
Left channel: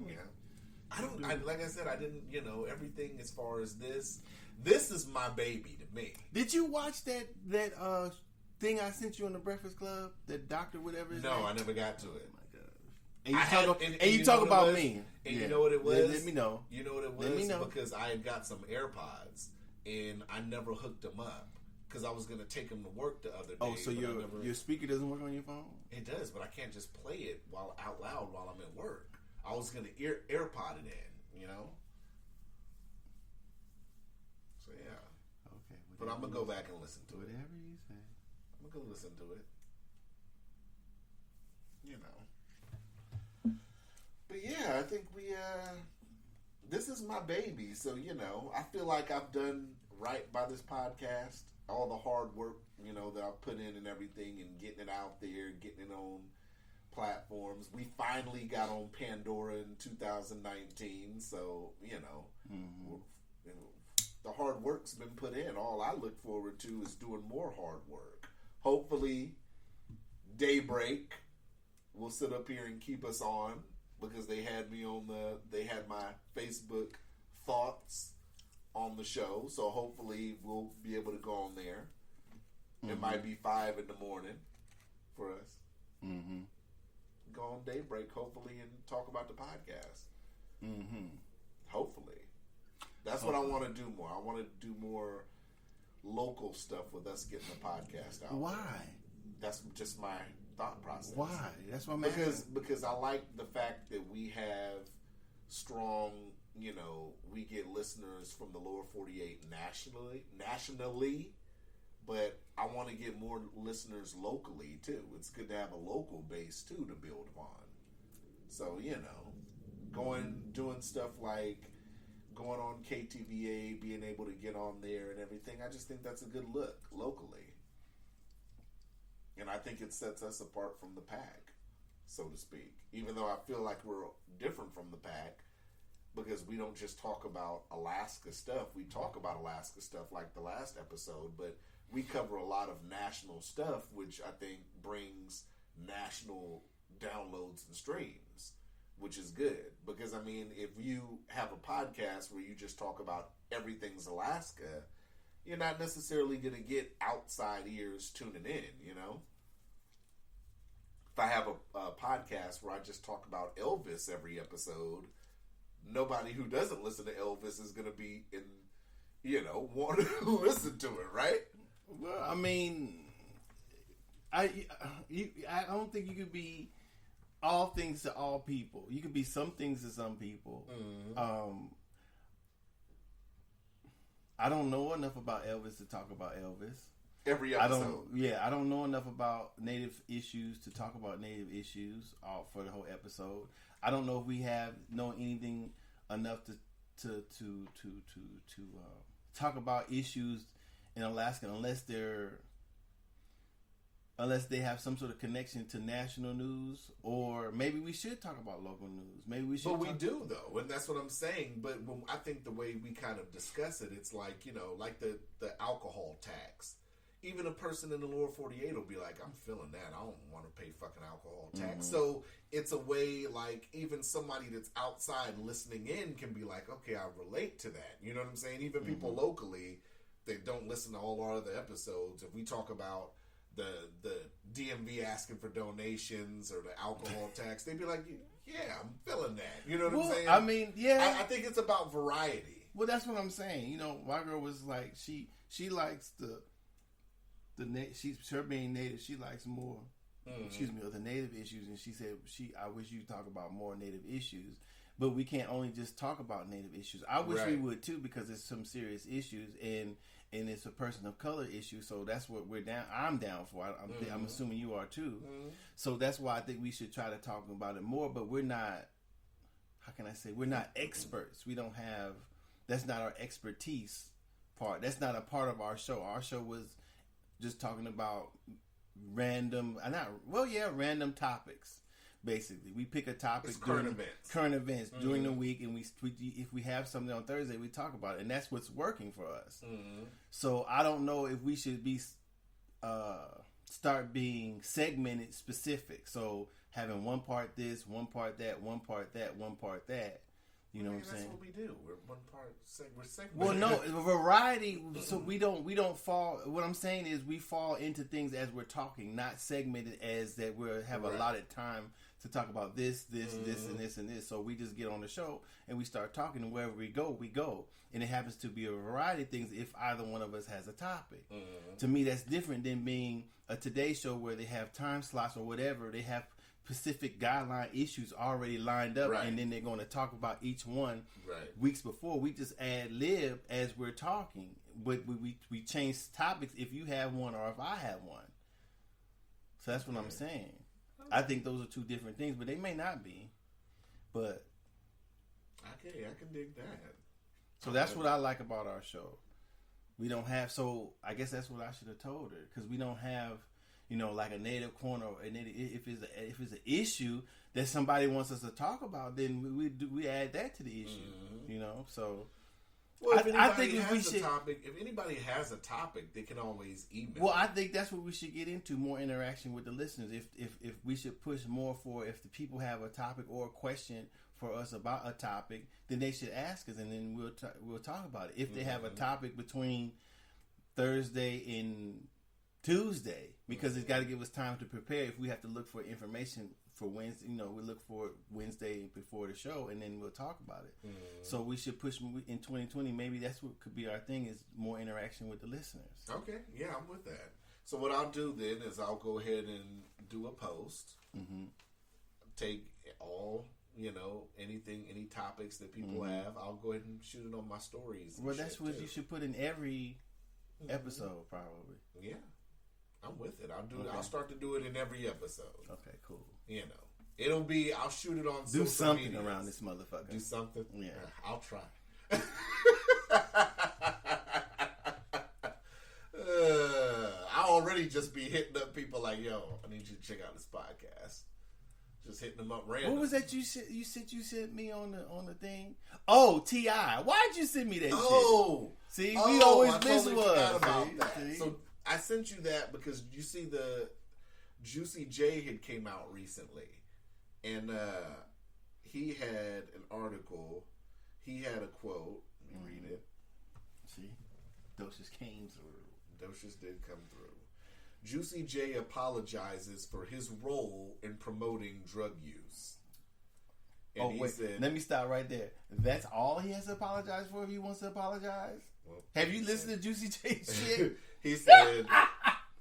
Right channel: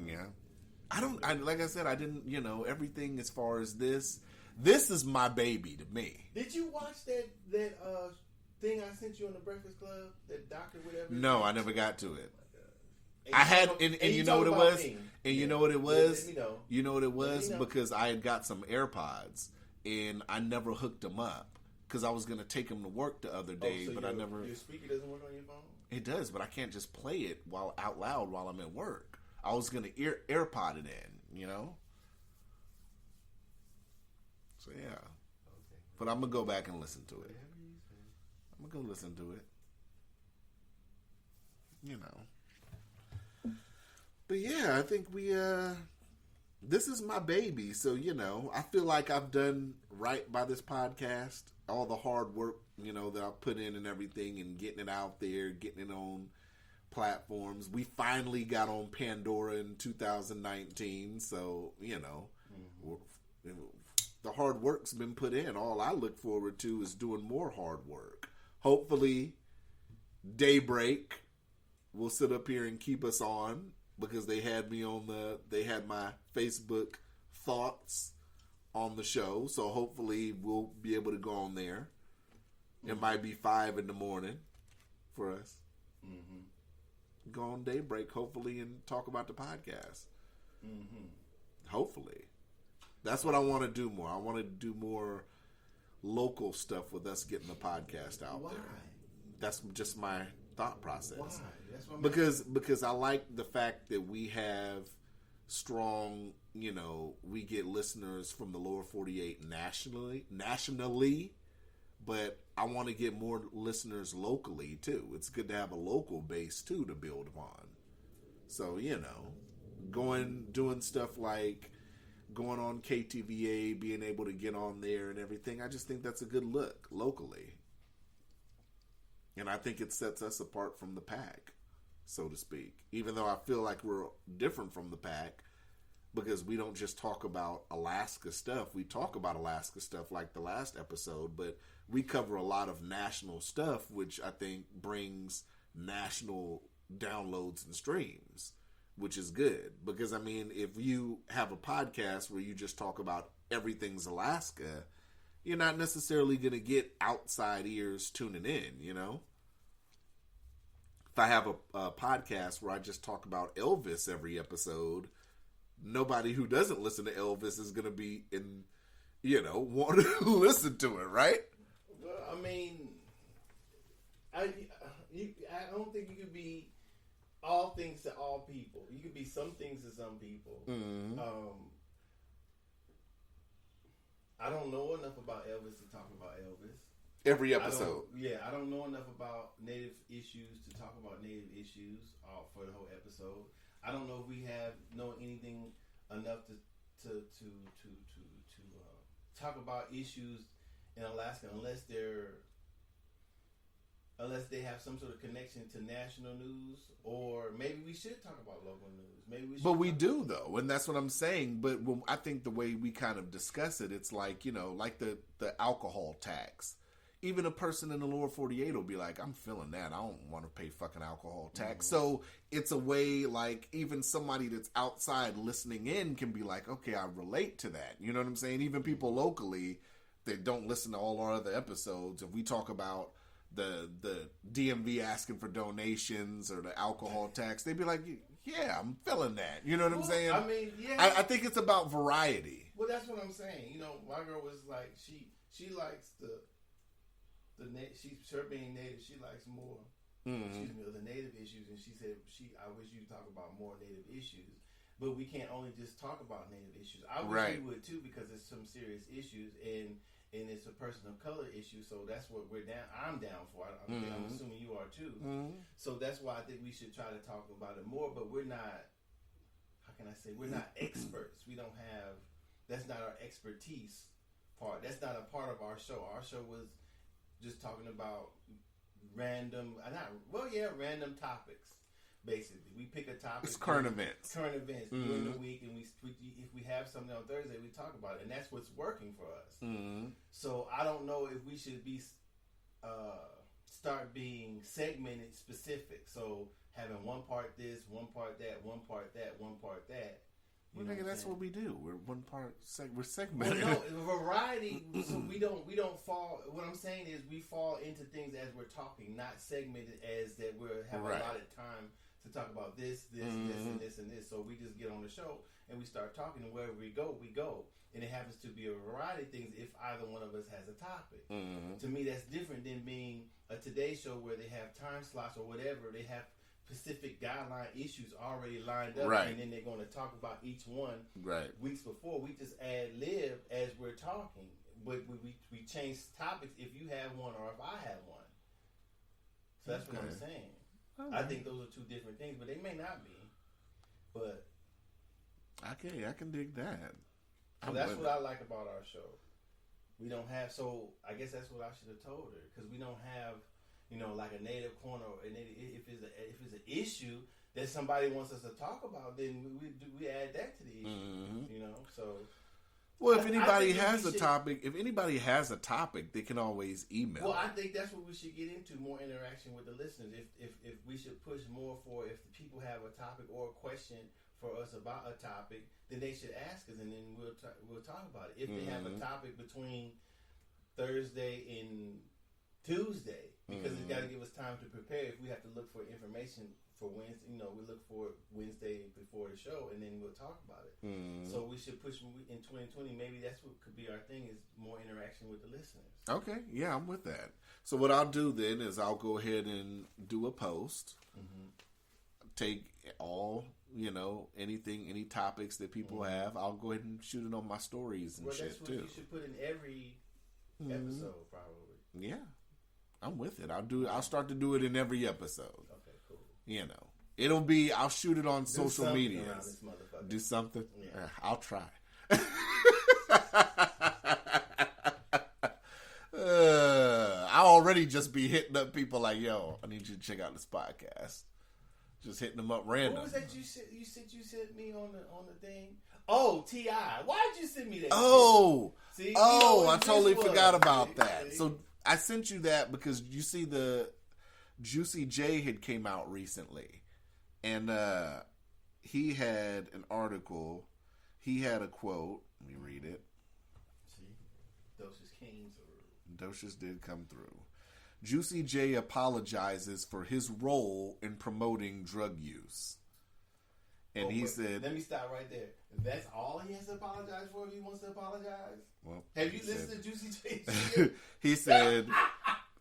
Like I said, I didn't, everything as far as this is my baby to me. Did you watch that thing I sent you on the Breakfast Club? That doctor, whatever? No, I never got to it. Oh my God. And you talk about me. And you know what it was? Let me know. You know what it was? Because I had got some AirPods and I never hooked them up. Because I was going to take them to work the other day. So your speaker doesn't work on your phone? It does, but I can't just play it out loud while I'm at work. I was going to AirPod it in, So, yeah. Okay. But I'm going to go back and listen to it. Whatever you say. I'm going to go listen to it. But, yeah, I think this is my baby. So, I feel like I've done right by this podcast. All the hard work, that I put in and everything and getting it out there, getting it on platforms. We finally got on Pandora in 2019. So, the hard work's been put in. All I look forward to is doing more hard work. Hopefully, Daybreak will sit up here and keep us on because they had my Facebook thoughts on the show, so hopefully we'll be able to go on there. It might be 5 a.m. for us. Go on Daybreak, hopefully, and talk about the podcast. Hopefully. That's what I want to do more. I want to do more local stuff with us getting the podcast out. Why? That's just my thought process. Why? That's what I'm because I like the fact that we have strong, we get listeners from the lower 48 nationally, but I want to get more listeners locally too. It's good to have a local base too to build upon. So, doing stuff like going on KTVA, being able to get on there and everything, I just think that's a good look locally. And I think it sets us apart from the pack, so to speak. Even though I feel like we're different from the pack, because we don't just talk about Alaska stuff. We talk about Alaska stuff like the last episode, but we cover a lot of national stuff, which I think brings national downloads and streams, which is good. Because, I mean, if you have a podcast where you just talk about everything's Alaska, you're not necessarily going to get outside ears tuning in, you know? If I have a podcast where I just talk about Elvis every episode, nobody who doesn't listen to Elvis is going to be want to listen to it, right? Well, I mean, I don't think you could be all things to all people. You could be some things to some people. Mm-hmm. I don't know enough about Elvis to talk about Elvis. Every episode. I don't know enough about Native issues to talk about Native issues for the whole episode. I don't know if we know anything enough to talk about issues in Alaska unless they have some sort of connection to national news, or maybe we should talk about local news. Maybe we should. But we do though, and that's what I'm saying. But I think the way we kind of discuss it, it's like like the alcohol tax. Even a person in the lower 48 will be like, I'm feeling that. I don't want to pay fucking alcohol tax. Mm-hmm. So it's a way, like, even somebody that's outside listening in can be like, okay, I relate to that. You know what I'm saying? Even people locally that don't listen to all our other episodes, if we talk about the DMV asking for donations or the alcohol tax, they'd be like, yeah, I'm feeling that. You know what I'm saying? I mean, yeah. I think it's about variety. Well, that's what I'm saying. My girl was like, she likes her being Native, she likes more, the Native issues, and she said, I wish you talk about more Native issues, but we can't only just talk about Native issues. I wish we would too, because it's some serious issues, and it's a person of color issue, so that's what I'm down for. I'm assuming you are too. So that's why I think we should try to talk about it more, but we're not, how can I say, we're not experts. We don't have, that's not our expertise part. That's not a part of our show. Our show was just talking about random topics. Basically, we pick a topic. It's current events during the week, and if we have something on Thursday, we talk about it, and that's what's working for us. So I don't know if we should be start being segmented specific. So having one part this, one part that, one part that, one part that. You know that's what we do. We're one part. We're segmented. Well, no, variety. So we don't fall. What I'm saying is we fall into things as we're talking, not segmented as that we have a lot of time to talk about this, and this. So we just get on the show and we start talking, and wherever we go, and it happens to be a variety of things. If either one of us has a topic, to me that's different than being a Today Show where they have time slots or whatever. They have specific guideline issues already lined up, and then they're going to talk about each one weeks before. We just ad lib as we're talking, but we change topics if you have one or if I have one. So that's what I'm saying. I think those are two different things, but they may not be. But I can dig that. So that's what I like about our show. We don't have. So I guess that's what I should have told her, because we don't have, like a Native corner. And if it's an issue that somebody wants us to talk about, then we add that to the issue. So. Well, if anybody has a topic, they can always email. Well, I think that's what we should get into, more interaction with the listeners. If we should push more for, if the people have a topic or a question for us about a topic, then they should ask us, and then we'll talk about it. If they have a topic between Thursday and Tuesday, because it's got to give us time to prepare. If we have to look for information for Wednesday, we look for it Wednesday before the show, and then we'll talk about it. So we should push in 2020. Maybe that's what could be our thing, is more interaction with the listeners. Okay, yeah, I'm with that. So what I'll do then is I'll go ahead and do a post. Take all, any topics that people have. I'll go ahead and shoot it on my stories. And that's what you should put in every episode, probably. Yeah. I'm with it. I'll start to do it in every episode. Okay, cool. I'll shoot it on social media around this motherfucker. Do something? Yeah. I'll try. I already just be hitting up people like, yo, I need you to check out this podcast. Just hitting them up random. What was that you sent me on the thing? Oh, T.I. Why'd you send me that shit? See, I totally forgot about that. See? So I sent you that because you see the Juicy J had came out recently. And he had an article. He had a quote. Let me read it. See? Docious came through. Docious did come through. Juicy J apologizes for his role in promoting drug use. And he said... Let me stop right there. That's all he has to apologize for if he wants to apologize? Well, have you listened to Juicy J's shit? He said,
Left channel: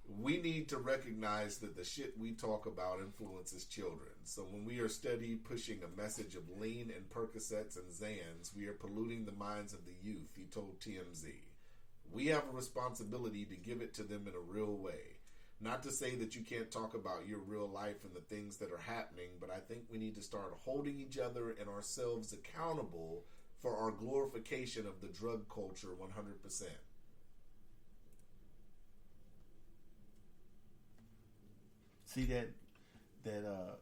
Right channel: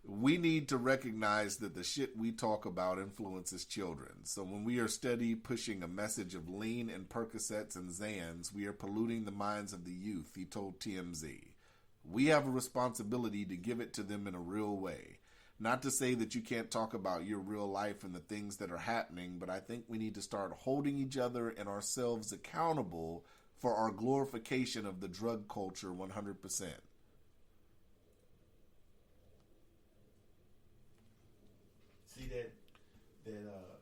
we need to recognize that the shit we talk about influences children. So when we are steady pushing a message of lean and Percocets and Xans, we are polluting the minds of the youth, he told TMZ. We have a responsibility to give it to them in a real way. Not to say that you can't talk about your real life and the things that are happening, but I think we need to start holding each other and ourselves accountable for our glorification of the drug culture 100%. See that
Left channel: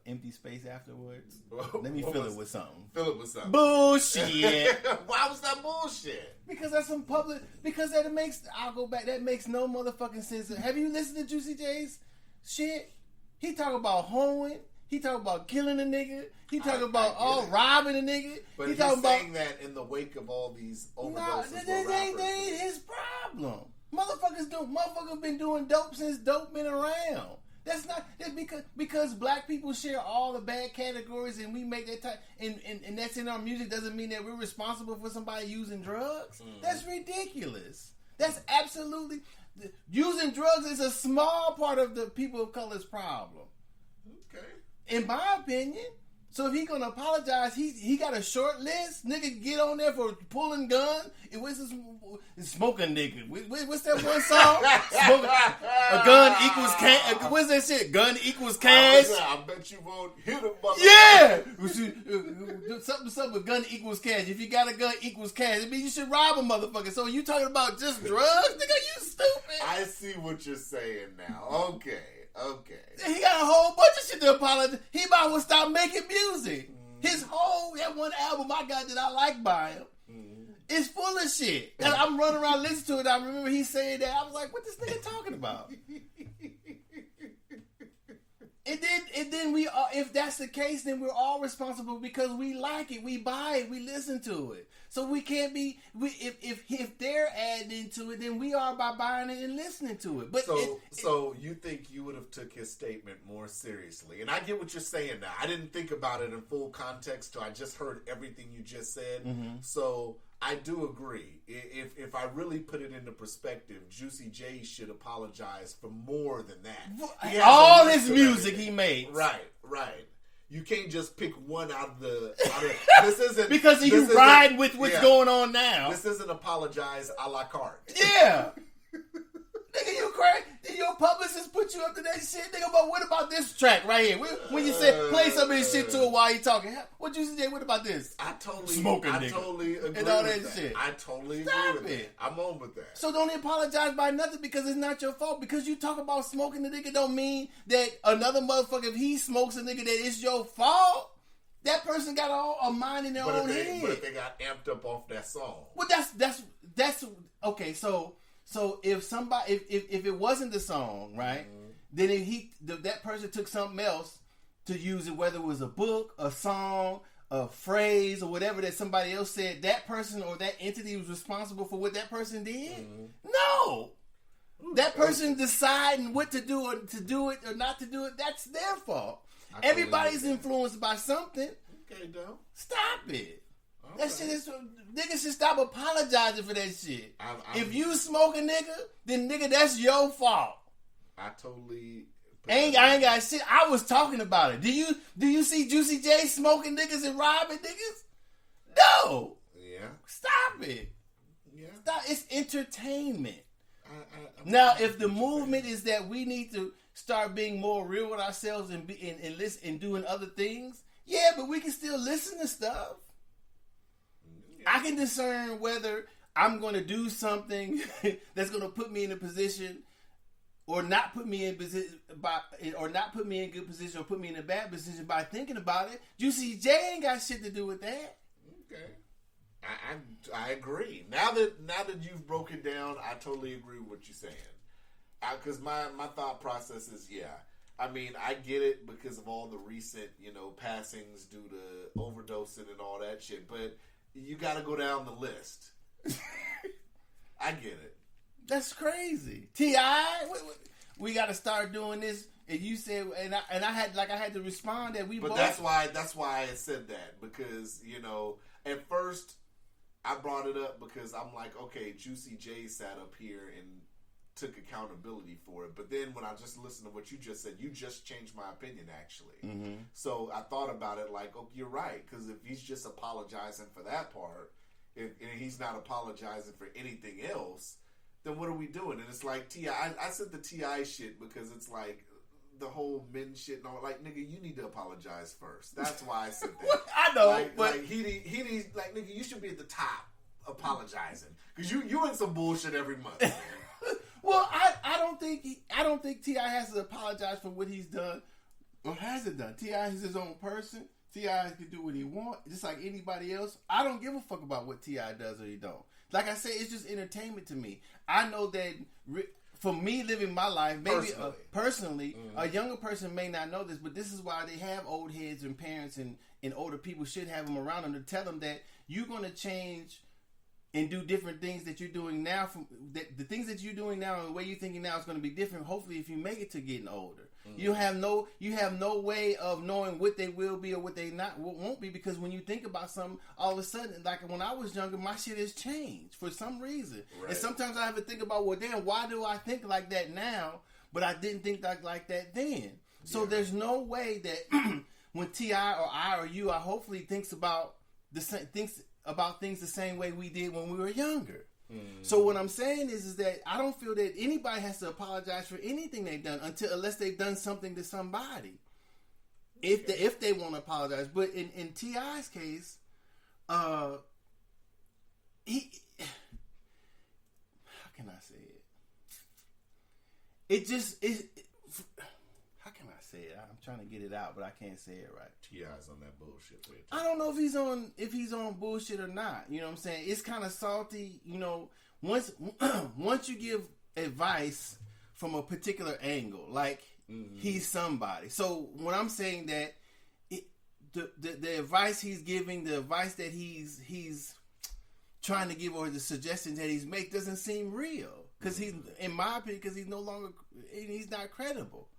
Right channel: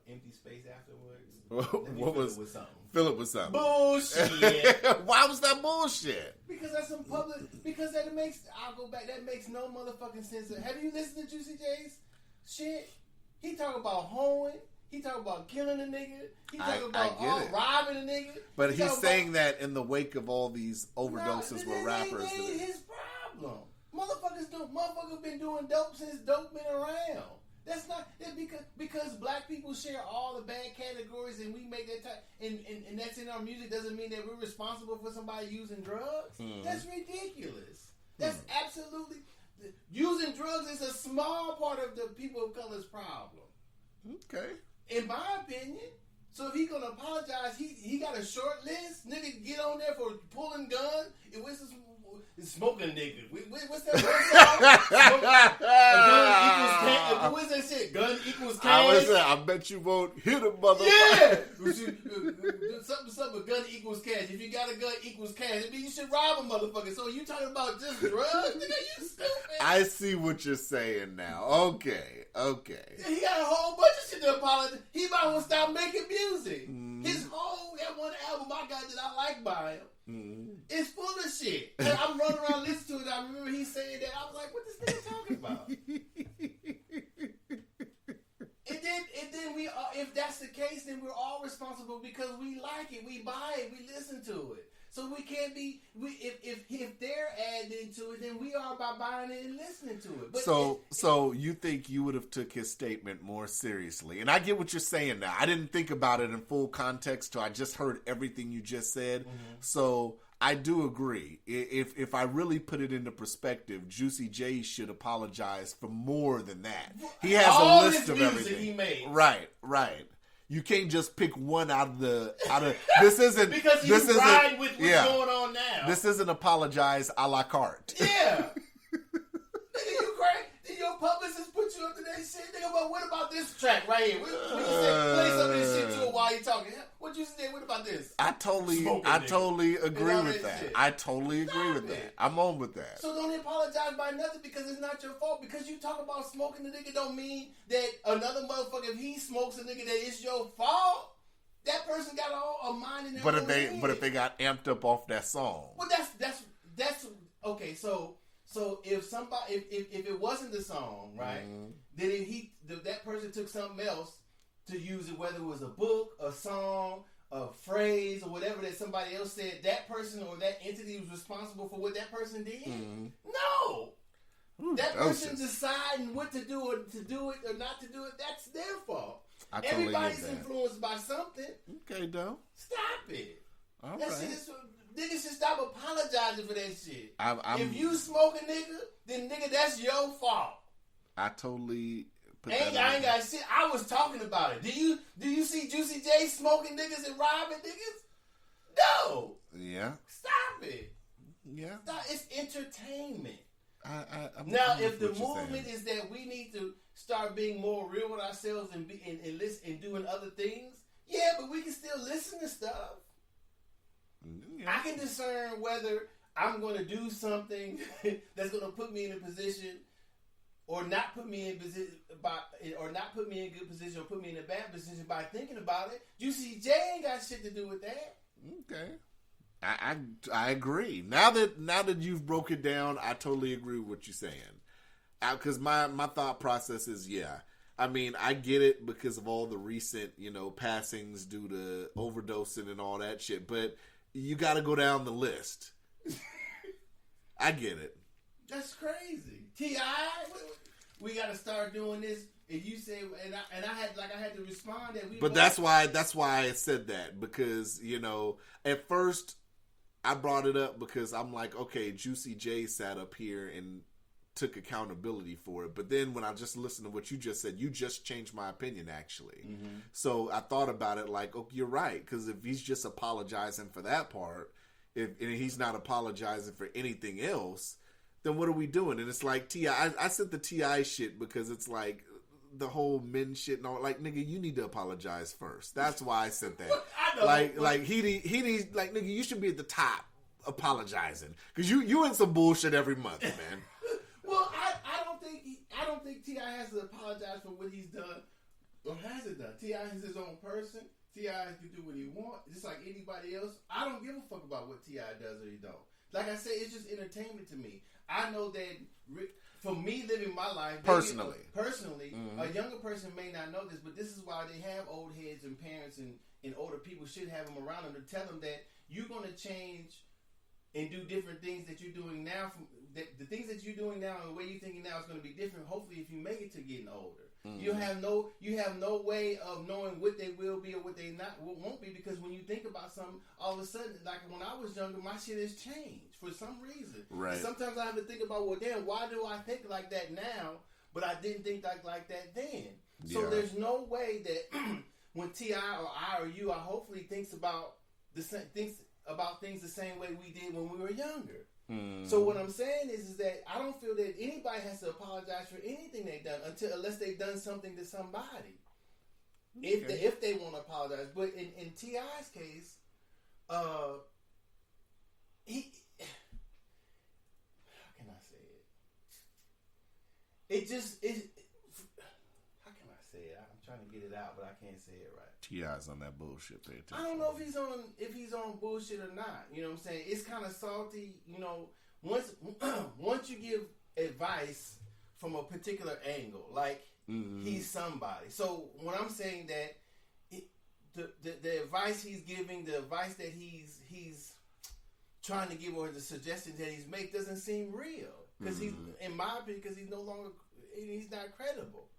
empty space afterwards? Let me fill it with something. Fill it with something. Bullshit. Why was that bullshit? Because that's some public. Because that makes. I'll go back. That makes no motherfucking sense. Have you listened to Juicy J's shit? He talk about hoeing. He talk about killing a nigga. He talk about robbing a nigga. But he's saying that in the wake of all these overdoses where rappers. That ain't his problem. Motherfuckers been doing dope since dope been around. That's not because black people share all the bad categories and we make that type and that's in our music doesn't mean that we're responsible for somebody using drugs. That's ridiculous. That's absolutely using drugs is a small part of the people of color's problem. Okay. In my opinion. So if he gonna apologize, he got a short list. Nigga get on there for pulling gun. It was smoking nigga. What's that one song? A gun equals cash. What's that shit? Gun equals cash. I bet you won't hit a motherfucker. Yeah. Something with gun equals cash. If you got a gun equals cash, it means you should rob a motherfucker. So you talking about just drugs? Nigga, you stupid. I see what you're saying now. Okay. He got a whole bunch of shit to apologize. He might as well stop making music. His whole that one album I got that I like by him is full of shit. And I'm running around listening to it. I remember he saying that. I was like, what this nigga talking about? And then we are, if that's the case, then we're all responsible because we like it, we buy it, we listen to it. So we can't be if they're adding to it, then we are by buying it and listening to it. But so you think you would have took his statement more seriously? And I get what you're saying now. I didn't think about it in full context till I just heard everything you just said. So I do agree. If I really put it into perspective, Juicy J should apologize for more than that. He has all his music he made. Right. You can't just pick one out of this isn't because you ride with what's going on now. This isn't apologize a la carte. Yeah. Nigga, you crazy? Did your publicist put you up to that shit? Nigga, but what about this track right here? When you said play some of this shit to it while you talking. What you say? What about this? I totally agree with that. I totally agree with that. I'm on with that. So don't apologize by nothing because it's not your fault. Because you talk about smoking the nigga don't mean that another motherfucker, if he smokes a nigga, that it's your fault. That person got a mind in their own head. But if they got amped up off that song. Well, that's okay. So if somebody, if it wasn't the song, right? Then that person took something else to use it, whether it was a book, a song, a phrase, or whatever that somebody else said, that person or that entity was responsible for what that person did? No. That person deciding what to do or to do it or not to do it, that's their fault. Everybody's influenced by something. Okay, though. Stop it. That shit is... Niggas should stop apologizing for that shit. If you smoke a nigga, then nigga, that's your fault. I totally... I ain't got shit. I was talking about it. Do you see Juicy J smoking niggas and robbing niggas? No. Yeah. Stop it. Yeah. Stop. It's entertainment. Now, if the movement is that we need to start being more real with ourselves and listen and doing other things, yeah, but we can still listen to stuff. Yeah. I can discern whether I'm going to do something that's going to put me in a position or not put me in position or not put me in good position or put me in a bad position by thinking about it. Juicy J ain't got shit to do with that. Okay, I agree. Now that you've broke it down, I totally agree with what you're saying. Because my thought process is, yeah. I mean, I get it because of all the recent, passings due to overdosing and all that shit. But you got to go down the list. I get it. That's crazy. T.I., we got to start doing this. And you said, and I had to respond that we. But that's why I said that, because at first I brought it up because I'm like, okay, Juicy J sat up here and took accountability for it. But then when I just listened to what you just said, you just changed my opinion, actually. Mm-hmm. So I thought about it like, oh, you're right. Because if he's just apologizing for that part, and he's not apologizing for anything else, then what are we doing? And it's like, T.I., I said the T.I. shit because it's like the whole men shit and all. Like, nigga, you need to apologize first. That's why I said that. I know. Like he needs, like, nigga, you should be at the top apologizing. Because you in some bullshit every month, man. Well, I don't think T.I. has to apologize for what he's done or hasn't done. T.I. is his own person. T.I. can do what he wants, just like anybody else. I don't give a fuck about what T.I. does or he don't. Like I said, it's just entertainment to me. I know that for me living my life, maybe personally, mm-hmm. a younger person may not know this, but this is why they have old heads and parents and older people should have them around them to tell them that you're going to change and do different things that you're doing now. The things that you're doing now and the way you're thinking now is going to be different. Hopefully, if you make it to getting older, mm-hmm. you have no way of knowing what they will be or what they won't be, because when you think about something, all of a sudden, like when I was younger, my shit has changed for some reason. Right. And sometimes I have to think about, well, damn, why do I think like that now, but I didn't think like that then? Yeah. So there's no way that when T.I. or I or you, I hopefully thinks about things the same way we did when we were younger. Mm. So what I'm saying is that I don't feel that anybody has to apologize for anything they've done unless they've done something to somebody. Okay. If they want to apologize. But in T.I.'s case, he, how can I say it? How can I say it? I'm trying to get it out, but I can't say it right. T.I.'s on that bullshit. I don't know if he's on bullshit or not. You know what I'm saying? It's kind of salty. Once you give advice from a particular angle, like mm-hmm. he's somebody. So when I'm saying that, the advice he's giving, the advice that he's trying to give, or the suggestions that he's make doesn't seem real. Because mm-hmm. he's, in my opinion, because he's not credible.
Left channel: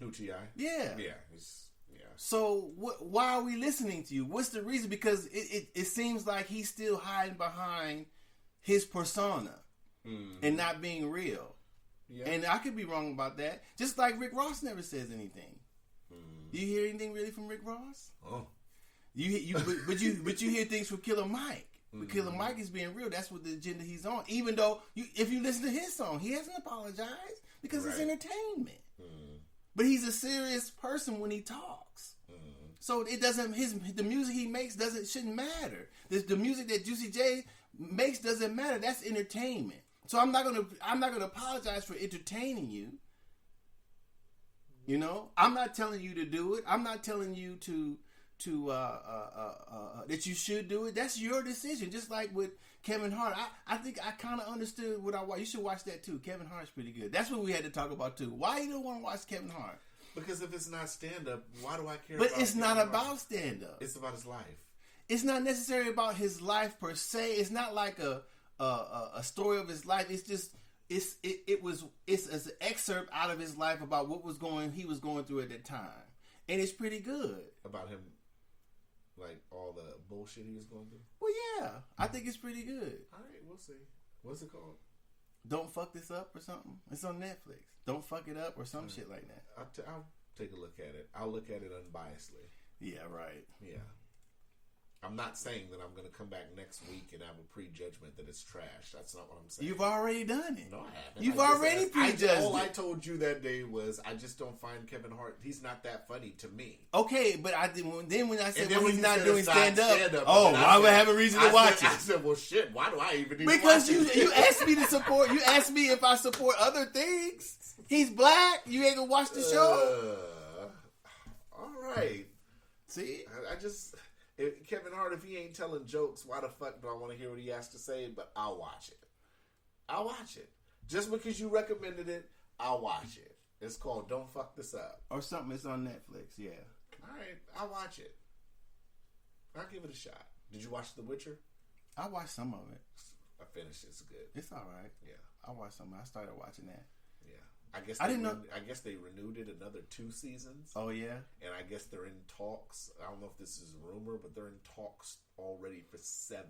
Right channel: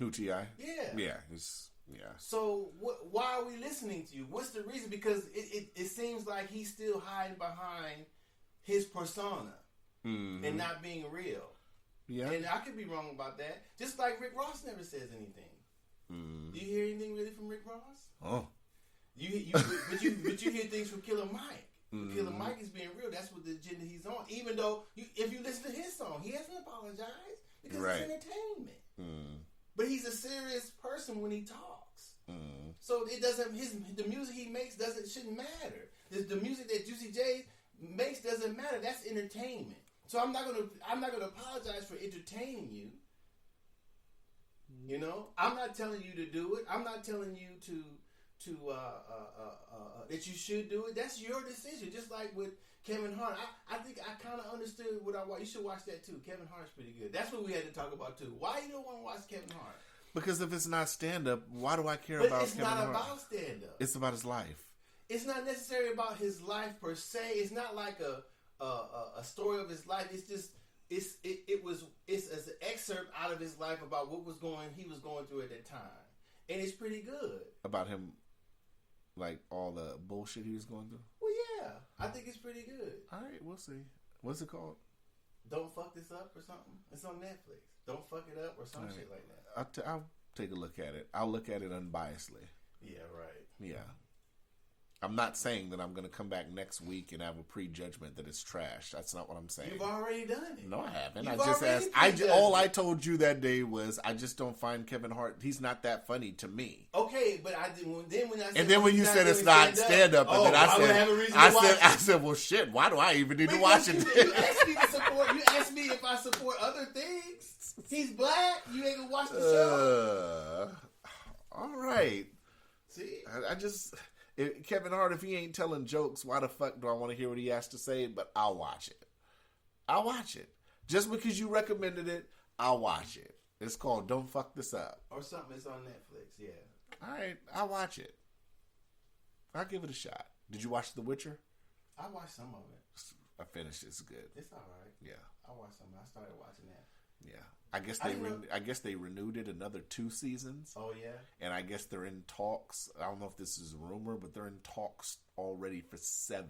Who, T.I.? Yeah. Yeah. Yeah. So why are we listening to you? What's the reason? Because it seems like he's still hiding behind his persona mm-hmm. and not being real. Yeah. And I could be wrong about that. Just like Rick Ross never says anything. Mm-hmm. You hear anything really from Rick Ross? Oh. But you hear things from Killer Mike. Mm-hmm. Killer Mike is being real. That's what the agenda he's on. Even though if you listen to his song, he hasn't apologized because it's entertainment. Mm. But he's a serious person when he talks. Mm. So it doesn't. The music he makes shouldn't matter. The music that Juicy J makes doesn't matter. That's entertainment. So I'm not gonna apologize for entertaining you. You know, I'm not telling you to do it. I'm not telling you to that you should do it. That's your decision. Just like with Kevin Hart, I think I kind of understood what I watched. You should watch that too. Kevin Hart's pretty good. That's what we had to talk about too. Why you don't want to watch Kevin Hart? Because if it's not stand up, why do I care about? But it's Kevin not Hart? About stand up. It's about his life. It's not necessarily about his life per se. It's not like a story of his life. It's just it's an excerpt out of his life about what he was going through at that time, and it's pretty good about him. Like all the bullshit he was going through? Well, yeah. I think it's pretty good. All right, we'll see. What's it called? Don't Fuck This Up or something. It's on Netflix. Don't Fuck It Up or some shit like that. I'll take a look at it. I'll look at it unbiasedly. Yeah, right. Yeah. I'm not saying that I'm going to come back next week and have a prejudgment that it's trash. That's not what I'm saying. You've already done it. No, I haven't. You've already prejudged all I told you that day was I just don't find Kevin Hart. He's not that funny to me. Okay, but when I said, and then when you said it's not stand up, I would have a reason to watch it. I said, well, shit. Why do I even need to Because watch it? You asked me to support. You asked me if I support other things. He's black. You ain't gonna watch the show. All right. See, Kevin Hart, if he ain't telling jokes, why the fuck do I want to hear what he has to say? But I'll watch it. I'll watch it. Just because you recommended it, I'll watch it. It's called Don't Fuck This Up. Or something that's on Netflix, yeah. All right, I'll watch it. I'll give it a shot. Did you watch The Witcher? I watched some of it. I finished it. It's good. It's all right. Yeah. I watched some. I started watching that. Yeah. I guess they renewed it another 2 seasons. Oh, yeah? And I guess they're in talks. I don't know if this is a rumor, but they're in talks already for 7.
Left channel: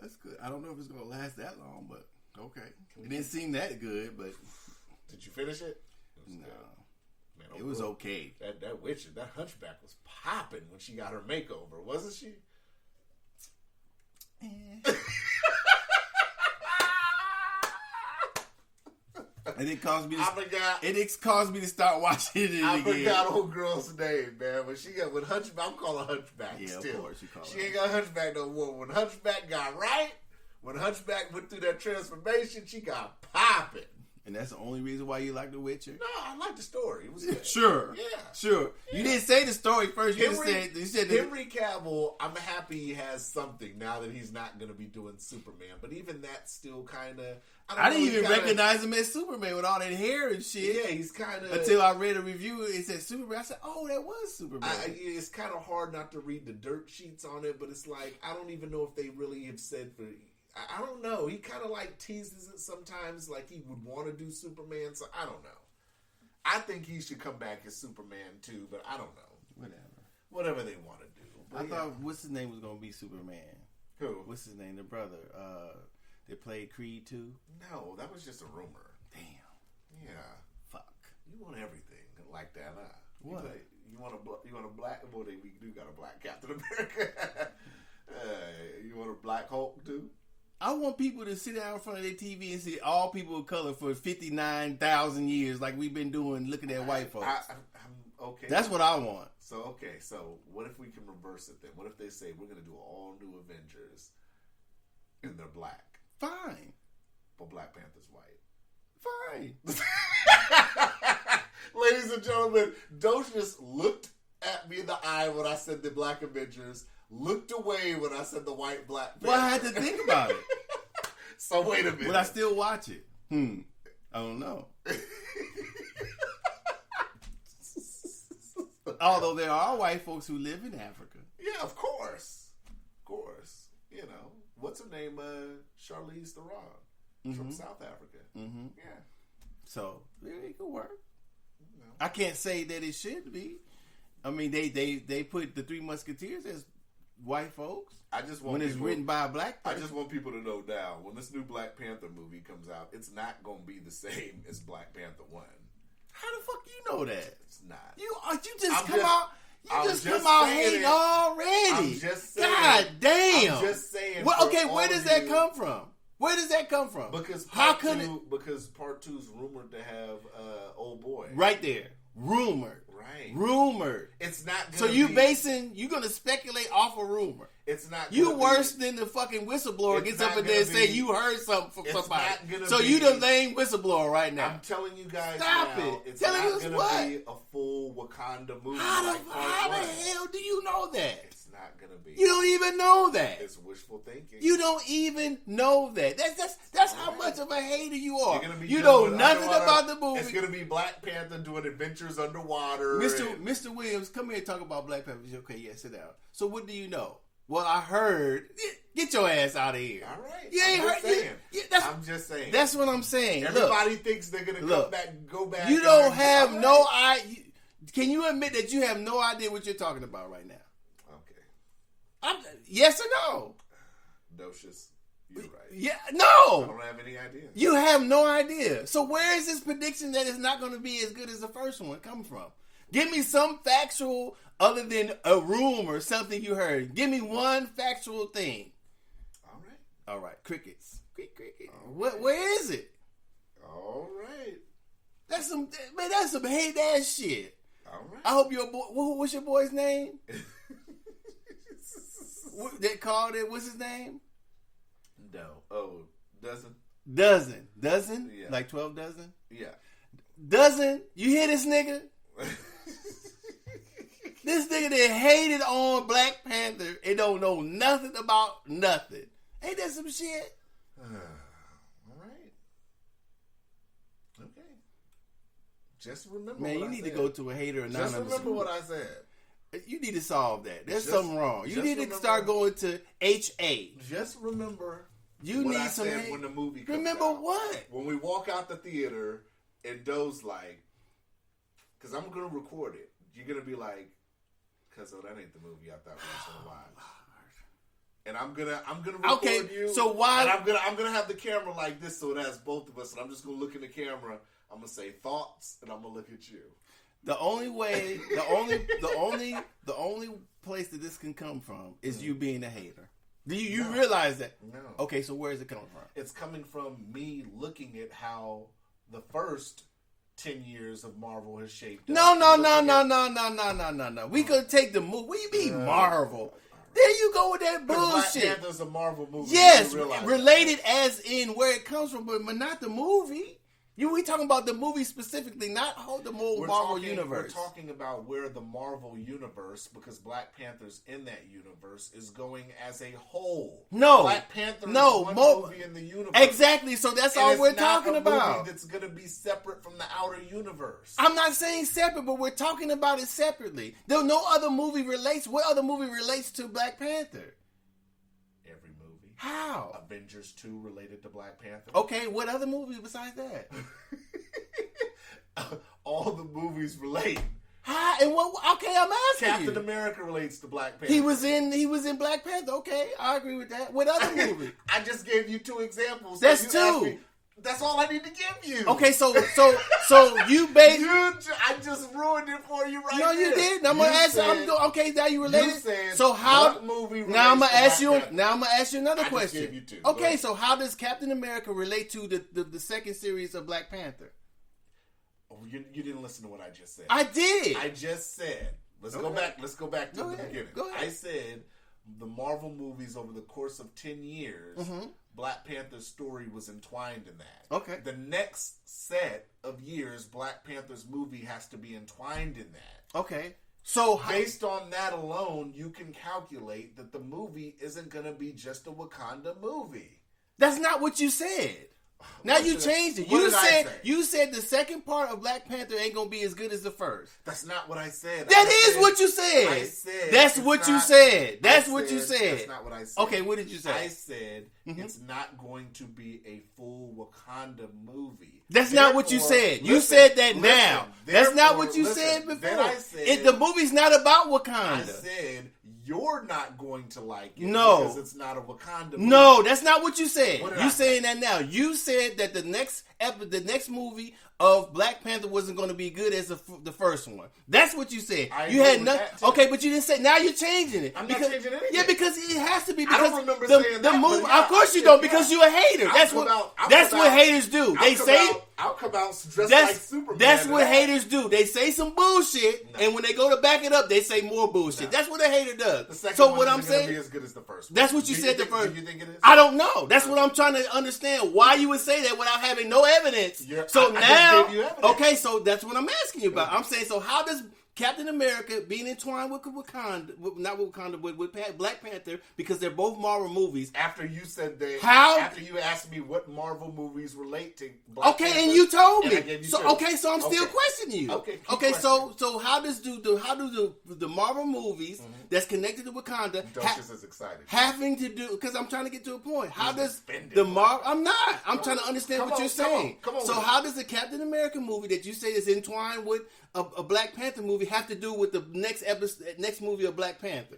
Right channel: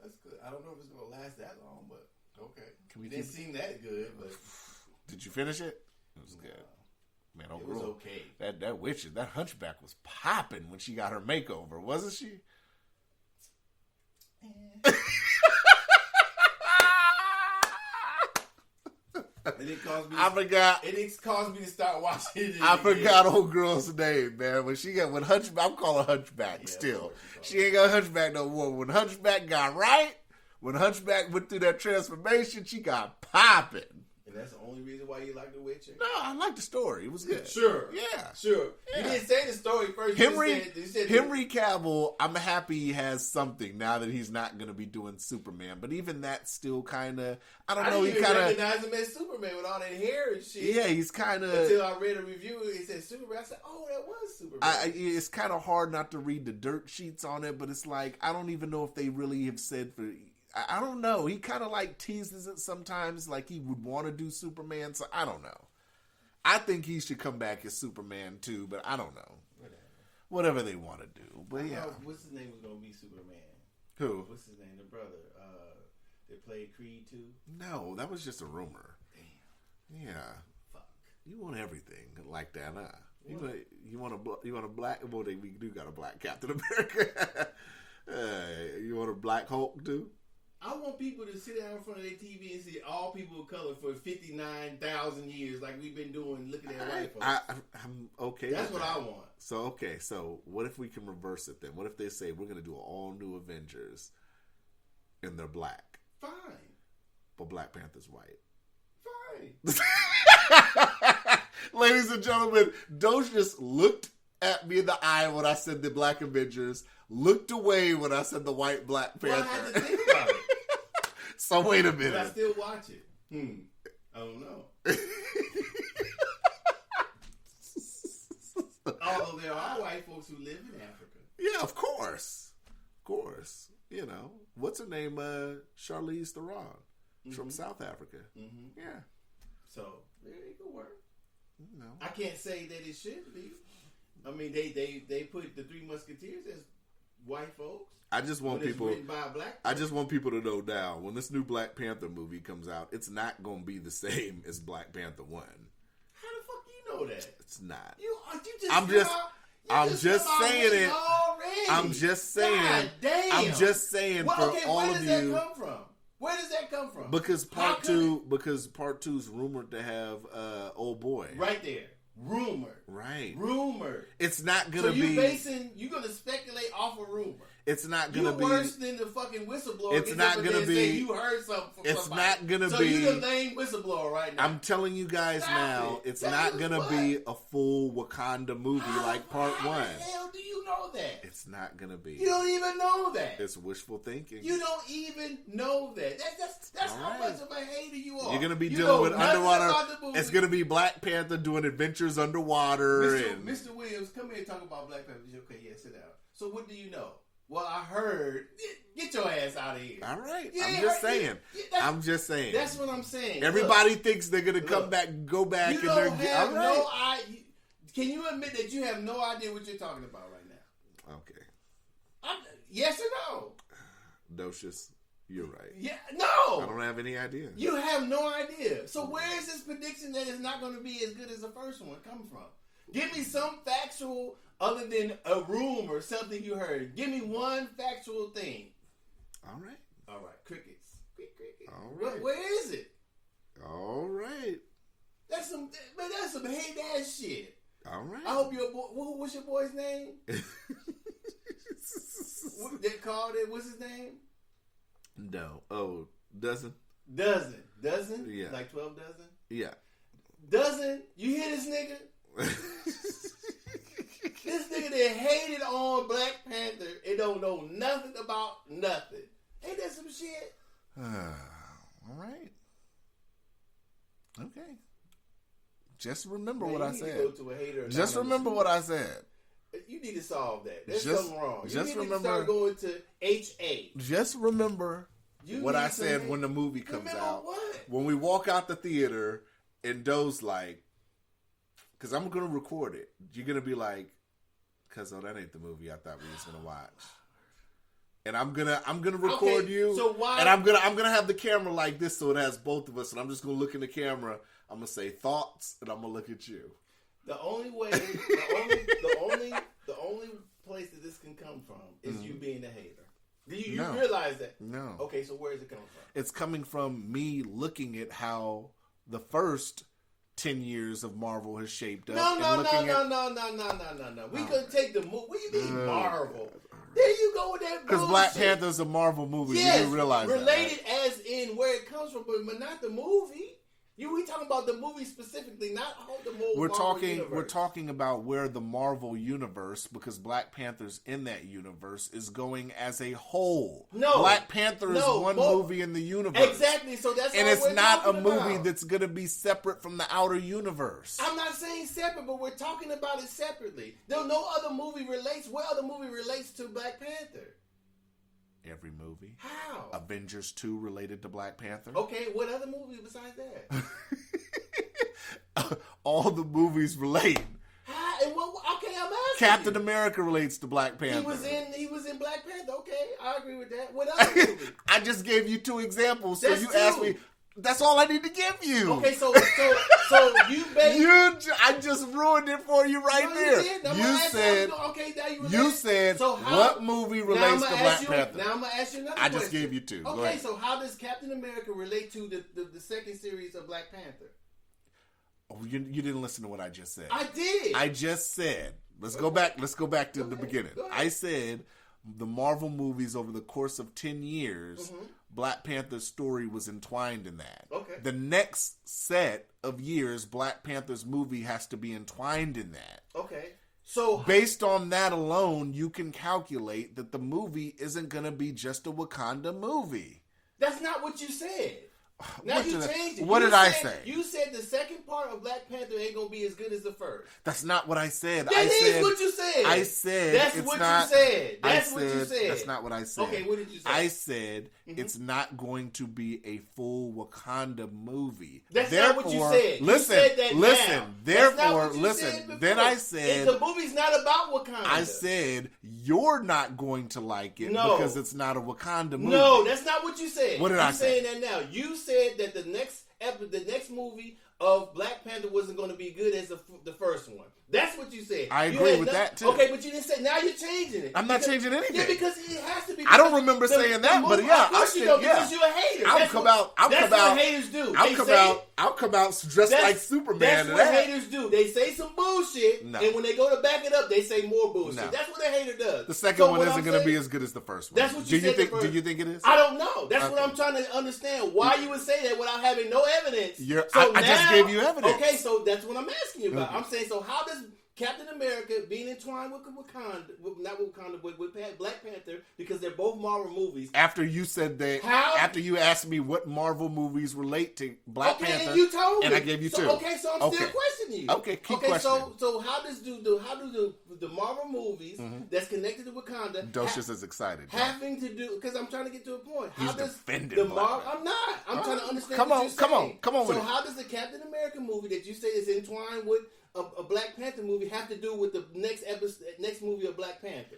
That's good. I don't know if it's going to last that long, but okay. It didn't seem that good, but... Did you finish it? It was no. good. Man, it was okay. That Witcher, that Hunchback was popping when she got her makeover, wasn't she? And it caused me. It caused me to start watching it. I forgot old girl's name, man. When Hunchback, I'm calling Hunchback still. She ain't got Hunchback no more. When Hunchback got right, when Hunchback went through that transformation, she got popping. And that's the only reason why you like The Witcher? No, I like the story. It was good. Sure. Yeah. Sure. Yeah. You didn't say the story first. You said Henry Cavill, I'm happy he has something now that he's not going to be doing Superman. But even that's still kind of... I didn't even recognize him as Superman with all that hair and shit. Yeah, he's kind of... Until I read a review, it said Superman. I said, oh, that was Superman. It's kind of hard not to read the dirt sheets on it, but it's like, I don't even know if they really have said for... I don't know. He kind of like teases it sometimes, like he would want to do Superman. So I don't know. I think he should come back as Superman too, but I don't know. Whatever they want to do. But I thought what's his name was gonna be Superman. Who? What's his name? The brother. That played Creed 2. No, that was just a rumor. Damn. Yeah. Fuck. You want everything like that, huh? What? You want a black? Well, we do got a black Captain America. You want a black Hulk too? I want people to sit down in front of their TV and see all people of color for 59,000 years, like we've been doing, looking at white folks. I'm okay. That's what I want. So what if we can reverse it then? What if they say we're going to do an all new Avengers, and they're black? Fine. But Black Panther's white. Fine. Ladies and gentlemen, Docious looked at me in the eye when I said the Black Avengers, looked away when I said the white Black Panther. Well, I had to think about it. So wait a minute. But I still watch it. I don't know. Although there are white folks who live in Africa. Yeah, of course. Of course. You know, what's her name? Charlize Theron from South Africa. Mm-hmm. Yeah. So, it could work. No. I can't say that it should be. I mean, they put the Three Musketeers as white folks. I just want when it's written by a black person. I just want people to know now, when this new Black Panther movie comes out, it's not going to be the same as Black Panther 1. How the fuck do you know that? It's not. I'm just saying it already. I'm just saying. God damn. I'm just saying. Well, okay, where does that come from? Where does that come from? Because part 2's rumored to have old boy. Right there. Rumored. Right. Rumored. It's not gonna So you're gonna speculate off a rumor. It's not gonna you worse than the fucking whistleblower gets up in there and say you heard something from somebody. It's not gonna so be. you the lame whistleblower right now. I'm telling you guys Stop now, it. it's not gonna be a full Wakanda movie like part 1. How the hell do you know that? It's not gonna be. You don't even know that. It's wishful thinking. You don't even know that. That's how much of a hater you are. You're gonna be you dealing know with nothing underwater. about the movie. It's gonna be Black Panther doing adventures underwater. Mr. Williams, come here and talk about Black Panther. Okay, yeah, sit down. So what do you know? Well, I heard. Get your ass out of here. All right. I'm just saying. saying. That's what I'm saying. Everybody thinks they're gonna go back. You don't have no idea. Can you admit that you have no idea what you're talking about right now? Okay. Yes or no? Docious, you're right. Yeah. No. I don't have any idea. You have no idea. So where is this prediction that it's not going to be as good as the first one come from? Give me some factual, other than a rumor or something you heard. Give me one factual thing. All right. Crickets. Cricket. Right. Where is it? All right. That's some hate ass shit. All right. I hope your boy. What's your boy's name? They called it. What's his name? No. Oh, dozen. Dozen. Yeah. Like 12 dozen. Yeah. you hear this nigga? This nigga that hated on Black Panther and don't know nothing about nothing. Ain't that some shit? All right. Okay. Just remember Man, what I you need said. to go to a hater and Just remember what I said. You need to solve that. There's Just- something wrong. You just need to remember- start going to HA. Just remember You what need I some said hate. when the movie comes Remember out. what? When we walk out the theater and Doe's like, because I'm going to record it. You're going to be like, Cuzzo, that ain't the movie I thought we was going to watch. And I'm gonna record you. So why? And I'm gonna have the camera like this so it has both of us, and I'm just gonna look in the camera. I'm gonna say thoughts, and I'm gonna look at you. The only way, the only place that this can come from is you being a hater. Do you No. realize that? No. Okay, so where is it coming from? It's coming from me looking at how the first 10 years of Marvel has shaped up. No. and We could take the movie. What do you mean Marvel? There you go with that because bullshit. Black Panther's a Marvel movie. Yes, you realize related that, right? as in where it comes from, but not the movie. We talking about the movie specifically, not the whole Marvel universe. We're talking about where the Marvel universe, because Black Panther's in that universe, is going as a whole. No. Black Panther is one movie in the universe. Exactly, so that's all And we're it's not talking a movie about. that's going to be separate from the outer universe. I'm not saying separate, but we're talking about it separately. There's no other movie relates. What other movie relates to Black Panther? Every movie. How? Avengers 2 related to Black Panther. Okay, what other movie besides that? All the movies relate. How? And what? Okay, I'm asking Captain you. America relates to Black Panther. He was in Black Panther. Okay, I agree with that. What other movie? I just gave you 2 examples. That's so you asked 2. me. That's all I need to give you. Okay, so you based. I just ruined it for you right No, there. you did. Now I'm gonna ask you. Okay, now you related. You said so how? what movie relates Now I'm gonna to ask Black you. Panther? Now I'm gonna ask you another I question. just gave you 2. Go Okay, ahead. so how does Captain America relate to the second series of Black Panther? Oh, you didn't listen to what I just said. I did. I just said. Let's Okay. go back. Let's go back to Go the ahead. beginning. Go ahead. I said the Marvel movies over the course of 10 years, Mhm. Black Panther's story was entwined in that. Okay. The next set of years, Black Panther's movie has to be entwined in that. Okay. So Based on that alone, you can calculate that the movie isn't going to be just a Wakanda movie. that's not what you said. Now What you did I- changed it. what you did I said, say? You said the second part of Black Panther ain't gonna be as good as the first. That's not what I said. That is what you said. I said That's it's what you not- said. I That's what you said. That's not what I said. Okay, what did you say? I said Mhm. it's not going to be a full Wakanda movie. That's not what you Therefore- said. You listen, said that listen, now. That's not what you listen, said before. Then I said If the movie's not about Wakanda. I said you're not going to like it No. because it's not a Wakanda movie. No, that's not what you said. What did you I say? saying that now. You said that the next movie of Black Panther wasn't going to be good as the first one. That's what you said. I you agree had with no- that, too. Okay, but you didn't say. Now you're changing it. I'm not changing anything. Yeah, because it has to be. I don't because remember saying that, Movie, but yeah, of course I you said, don't, yeah. because you're a hater. That's what haters do. They say. I'll come out dressed like Superman. That's and what that. haters do. They say some bullshit, No. and when they go to back it up, they say more bullshit. No. That's what a hater does. The second so one what isn't I'm going to saying, be as good as the first one. That's what you said the Think, first- do you think it is? I don't know. That's what Okay. I'm trying to understand. Why you would say that without having no evidence. I just gave you evidence. Okay, so that's what I'm asking you about. Okay. I'm saying, so how does Captain America being entwined with Wakanda, not with Wakanda, but with Black Panther, because they're both Marvel movies. After you said that, How? After you asked me what Marvel movies relate to Black Panther, And you told me. and I gave you so, 2. Okay, so I'm still Okay. questioning you. Okay, keep okay. questioning. So how do the Marvel movies that's connected to Wakanda Docious is excited. having to do? Because I'm trying to get to a point. How He's does defending the Marvel. Marvel? I'm not. I'm trying to understand Come what on, you're come on, saying. come on So with it. how does the Captain America movie that you say is entwined with a Black Panther movie have to do with the next movie of Black Panther?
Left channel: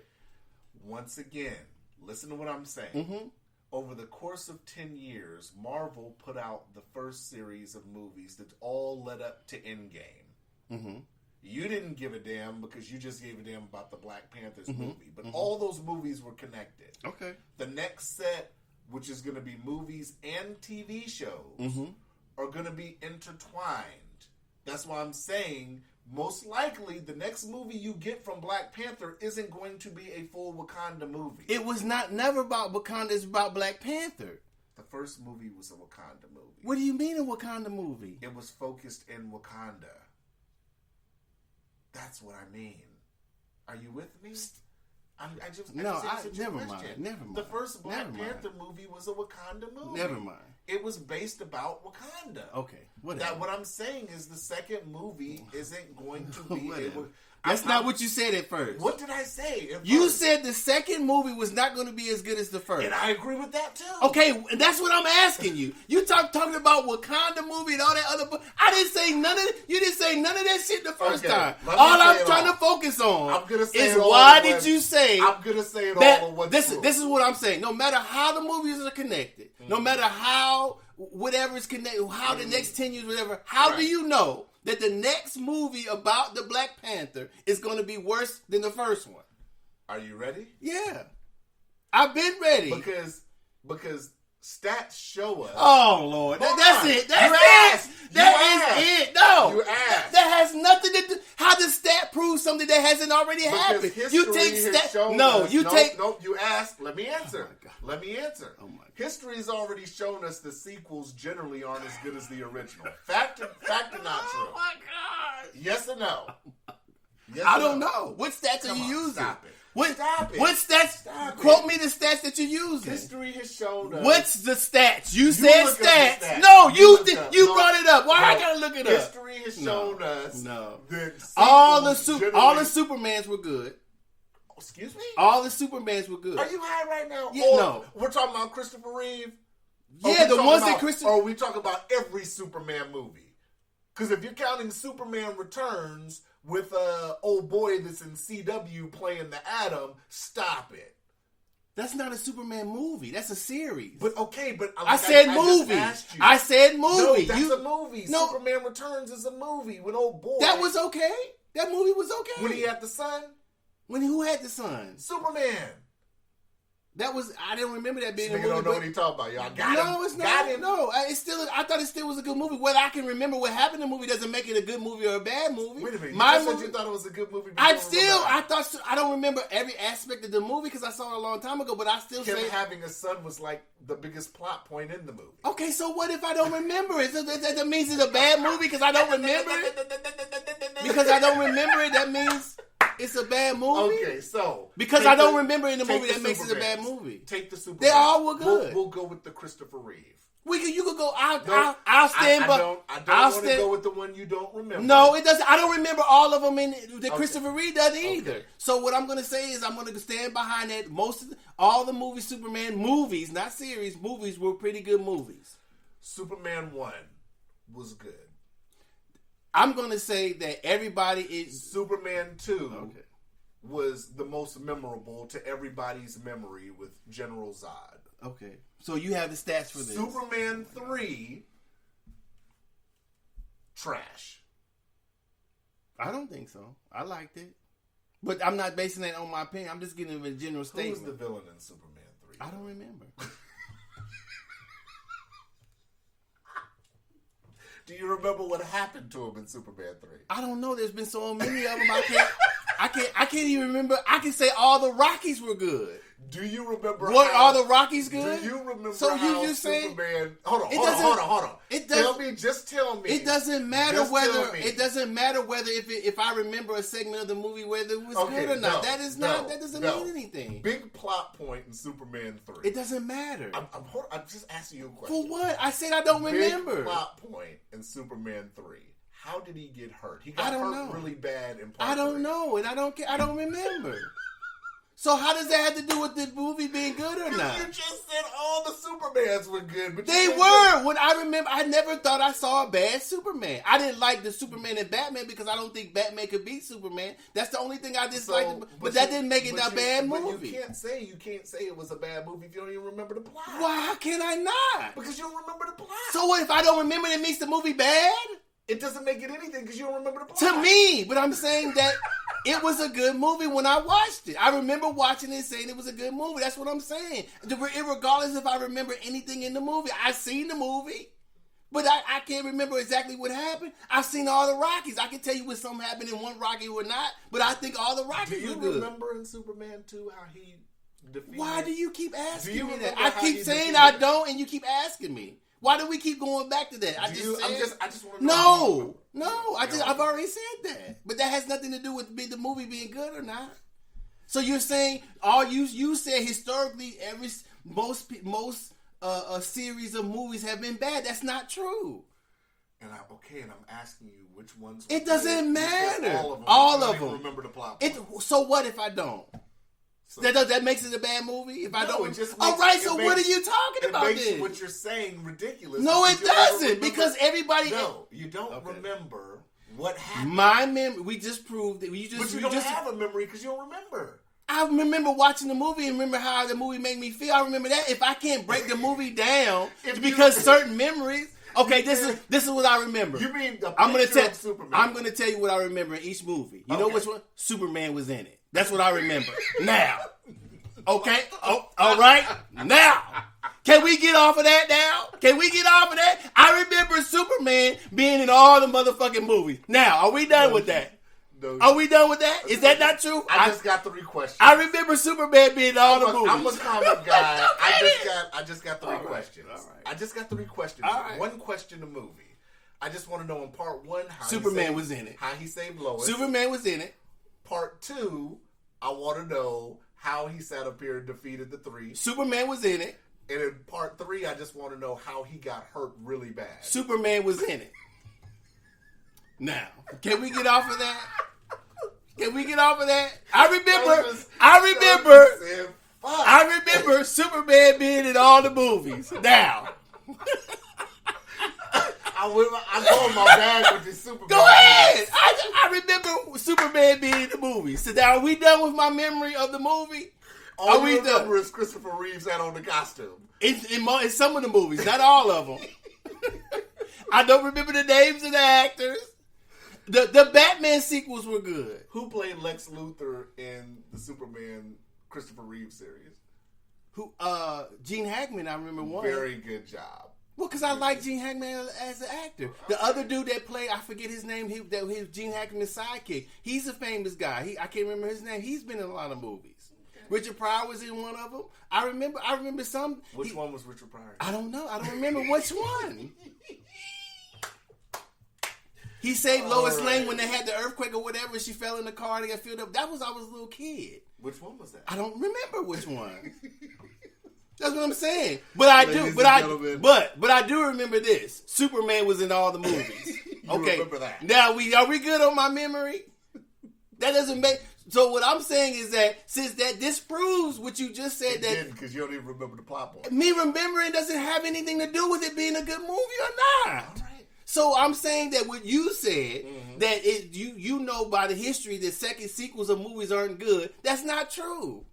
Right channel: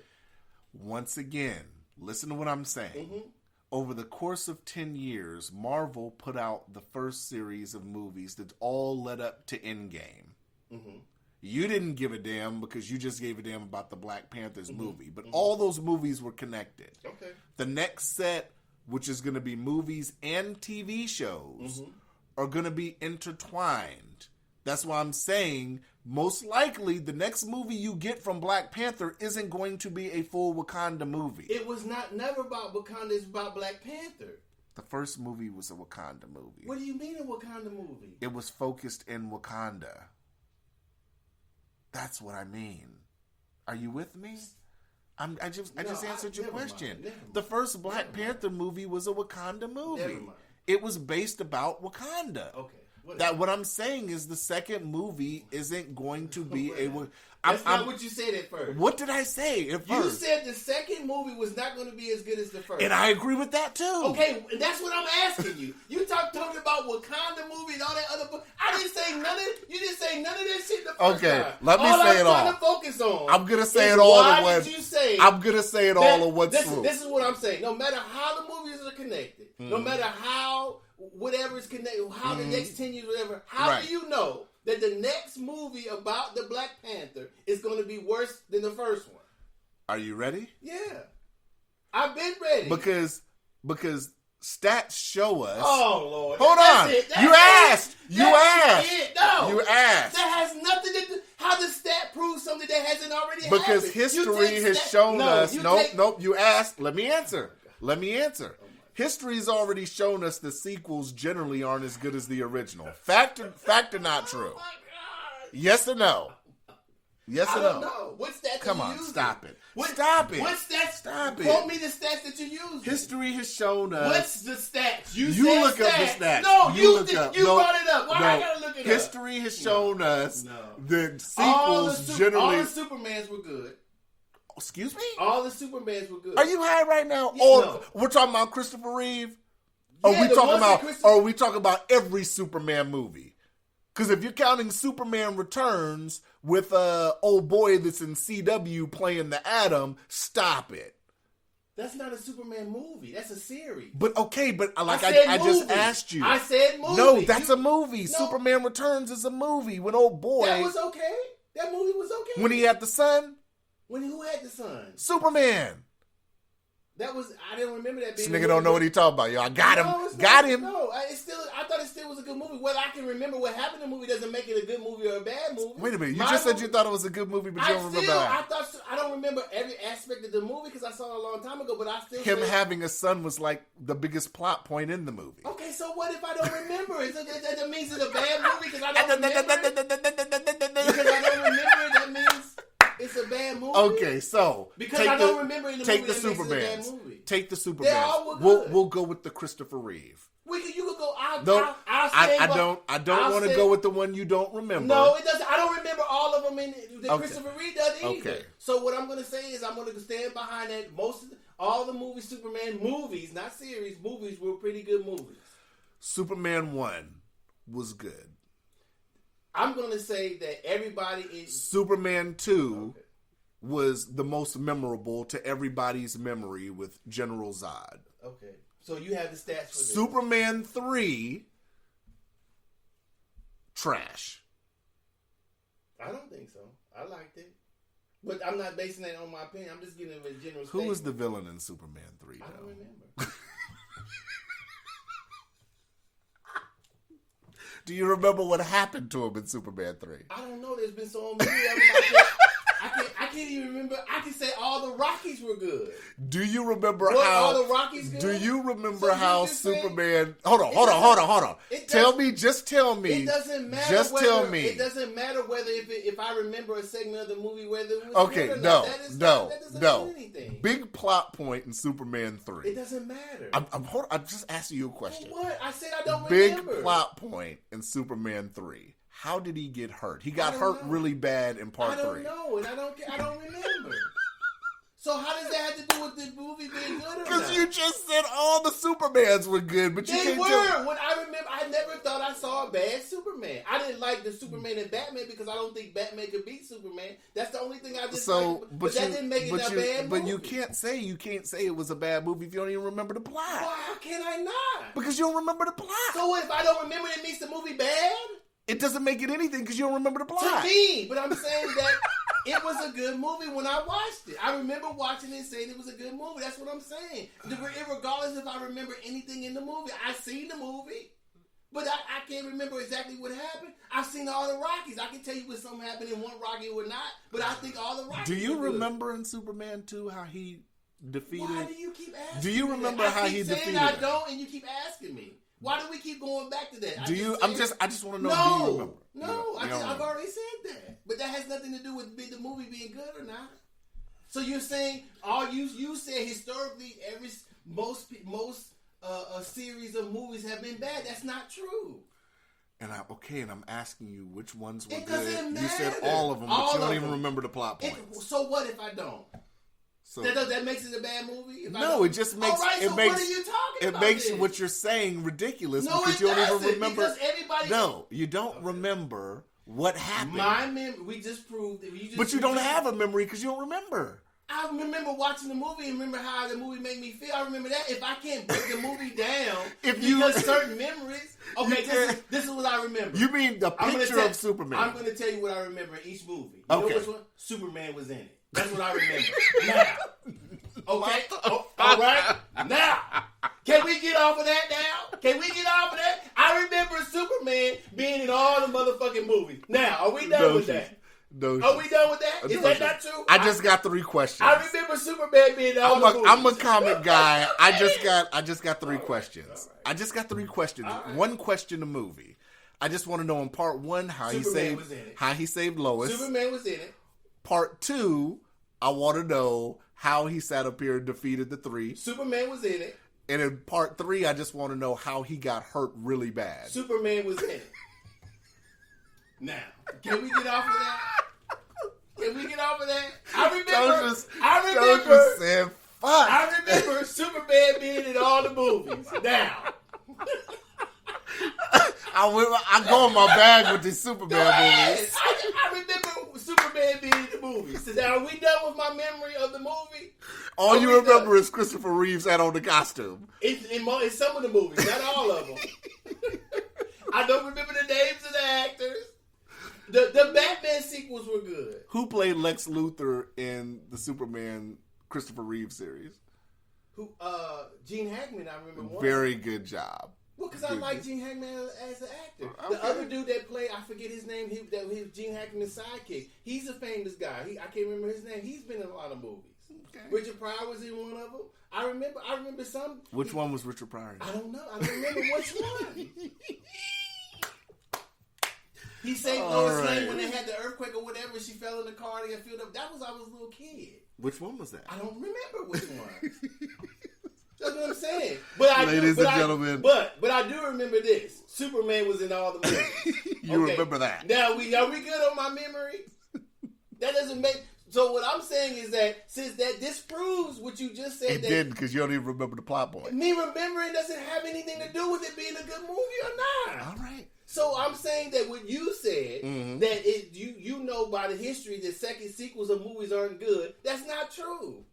Once again, listen to what I'm saying. Mm-hmm. Over the course of 10 years, Marvel put out the first series of movies that all led up to Endgame. Mm-hmm. You didn't give a damn because you just gave a damn about the Black Panthers movie. But all those movies were connected. Okay. The next set, which is going to be movies and TV shows, are going to be intertwined. That's why I'm saying most likely the next movie you get from Black Panther isn't going to be a full Wakanda movie. It was never about Wakanda. It's about Black Panther. The first movie was a Wakanda movie. What do you mean a Wakanda movie? It was focused in Wakanda. That's what I mean. Are you with me? I just answered your question. The first Black Panther movie was a Wakanda movie. Never mind. It was based about Wakanda. Okay. What I'm saying is the second movie isn't going to be That's not what you said at first. What did I say at first? You said the second movie was not going to be as good as the first. And I agree with that too. Okay, and that's what I'm asking you. You talking about Wakanda movie and all that other book. I didn't say none of it. You didn't say none of that shit the first time. All I'm trying to focus on. I'm gonna say is it all. Why did you say? I'm gonna say it all of what's true. This is what I'm saying. No matter how the movies are connected, no matter how whatever is connected, how the next 10 years, whatever. How do you know that the next movie about the Black Panther is going to be worse than the first one? Are you ready? Yeah, I've been ready because stats show us. Oh Lord! Hold that's on. It. That's You asked. You asked. It. No, you asked. That has nothing to do. How does stat prove something that hasn't already happened? Because history has shown us. Nope. You asked. Let me answer. Let me answer. History's already shown us the sequels generally aren't as good as the original. Fact or not true? Oh my God! Yes or no? Yes. I or don't no? know. What stats are you using? Stop it. Stop it. What stats? Stop it. Quote me the stats that you're using. History has shown us. What's the stats? You said look stats. Up the stats. No, you no, brought it up. Why I gotta look it up? History has shown us that all the Supermans were good. Excuse me? All the Supermans were good. Are you high right now? Yeah, no. We're talking about Christopher Reeve? Yeah, the ones that Or are we talking about every Superman movie? Because if you're counting Superman Returns with old boy that's in CW playing the Atom, stop it. That's not a Superman movie. That's a series. But okay, I said movie. I just asked you. I said movie. No, that's a movie. No. Superman Returns is a movie with old boy. That was okay. That movie was okay. When he had the son? Who had the son? Superman. I don't remember that being. This nigga don't know what he talking about, y'all. Got him. No, I thought it still was a good movie. Whether I can remember what happened in the movie doesn't make it a good movie or a bad movie. Wait a minute, you just said you thought it was a good movie, but you don't remember that. I don't remember every aspect of the movie because I saw it a long time ago. But I still having a son was like the biggest plot point in the movie. Okay, so what if I don't remember it? That means it's a bad movie because I don't remember it. Because I don't remember it, that means it's a bad movie. Okay, so because I don't remember in the movie that makes it a bad movie. Take the Superman. They all were good. We'll go with the Christopher Reeve. You could go. I'll stand. I don't want to go with the one you don't remember. No, it doesn't. I don't remember all of them in that Christopher Reeve doesn't either. Okay. So what I'm going to say is I'm going to stand behind that. All the movies, Superman movies, not series, movies were pretty good movies. Superman 1 was good. I'm going to say that everybody is... Superman 2 was the most memorable to everybody's memory with General Zod. Okay. So you have the stats for this. Superman 3, trash. I don't think so. I liked it. But I'm not basing that on my opinion. I'm just giving a general statement. Who was the villain in Superman 3? I don't remember. Do you remember what happened to him in Superman 3? I don't know. There's been so many of them. I can't even remember. I can say all the Rockies were good. Do you remember how all the Rockies good? Do you remember how Superman? Hold on. Just tell me. It doesn't matter whether. It doesn't matter whether if I remember a segment of the movie whether it was good or not. That doesn't mean anything. Big plot point in Superman 3. It doesn't matter. I'm just asking you a question. For what? I said I don't remember. Big plot point in Superman 3. How did he get hurt? He got hurt really bad in part 3. I don't know, and I don't remember. So how does that have to do with the movie being good or not? Because you just said all the Supermans were good, but they were. When I remember, I never thought I saw a bad Superman. I didn't like the Superman and Batman because I don't think Batman could beat Superman. That's the only thing I disliked. But that didn't make it a bad movie. But you can't say it was a bad movie if you don't even remember the plot. Why? How can I not? Because you don't remember the plot. So what if I don't remember? That makes the movie bad? It doesn't make it anything because you don't remember the plot. To me, but I'm saying that it was a good movie when I watched it. I remember watching it and saying it was a good movie. That's what I'm saying. Regardless if I remember anything in the movie. I've seen the movie, but I can't remember exactly what happened. I've seen all the Rockies. I can tell you when something happened in one Rocky or not, but I think all the Rockies Do you were good. Remember in Superman 2 how he defeated? Why do you keep asking Do you me remember that? how I he keep saying defeated I her? don't, and you keep asking me. Why do we keep going back to that? I just want to know. No, do you no. remember? I've already said that, but that has nothing to do with the movie being good or not. So you're saying you said historically most series of movies have been bad. That's not true. And I'm asking you which ones. It doesn't matter. You said all of them. All but you of don't even them. remember the plot points. So what if I don't? So, That makes it a bad movie? If I don't? it just makes. All right. it So makes, what are you talking about? It makes then? what you're saying ridiculous. No, because it you don't even doesn't. remember- Because everybody. No, you don't remember what happened. My memory. We just proved that. But you don't have a memory because you don't remember. I remember watching the movie and remember how the movie made me feel. I remember that. If I can't break the movie down because certain memories. Okay, this is what I remember. You mean the picture of Superman? I'm going to tell you what I remember in each movie. You know which one? Superman was in it. That's what I remember. Now. Okay? Oh, all right? Now. Can we get off of that now? Can we get off of that? I remember Superman being in all the motherfucking movies. Now, are we done with that? Are we done with that? Is that not true? I just got 3 questions. I remember Superman being in all the movies. I'm a comic guy. I just got 3 questions. All right. I just got 3 questions. Right. 1 question a movie. I just want to know in part 1 Superman was in it. How he saved Lois. Superman was in it. Part 2, I want to know how he sat up here and defeated the 3. Superman was in it. And in part 3, I just want to know how he got hurt really bad. Superman was in it. Now, can we get off of that? Can we get off of that? I remember Superman being in all the movies. Now. I go in my bag with this Superman. Go ahead. I remember Superman being in the movies. So now, are we done with my memory of the movie? All you remember is Christopher Reeves had on the costume. In some of the movies, not all of them. I don't remember the names of the actors. The Batman sequels were good. Who played Lex Luthor in the Superman Christopher Reeves series? Gene Hackman, I remember one. Very good job. Well, because I like Gene Hackman as an actor. The other dude that played, I forget his name, he was Gene Hackman's sidekick. He's a famous guy. I can't remember his name. He's been in a lot of movies. Okay. Richard Pryor was in one of them. I remember some. Which one was Richard Pryor? I don't know. I don't remember which one. He saved Lois Lane when they had the earthquake or whatever. She fell in the car and got filled up. That was I was a little kid. Which one was that? I don't remember which one. That's what I'm saying. But I Ladies do. and But I do remember this. Superman was in all the movies. You remember that? Now are we good on my memory? That doesn't make. So what I'm saying is that since that disproves what you just said, It didn't because you don't even remember the plot point. Me remembering doesn't have anything to do with it being a good movie or not. All right. So I'm saying that what you said, that you know by the history that second sequels of movies aren't good, that's not true.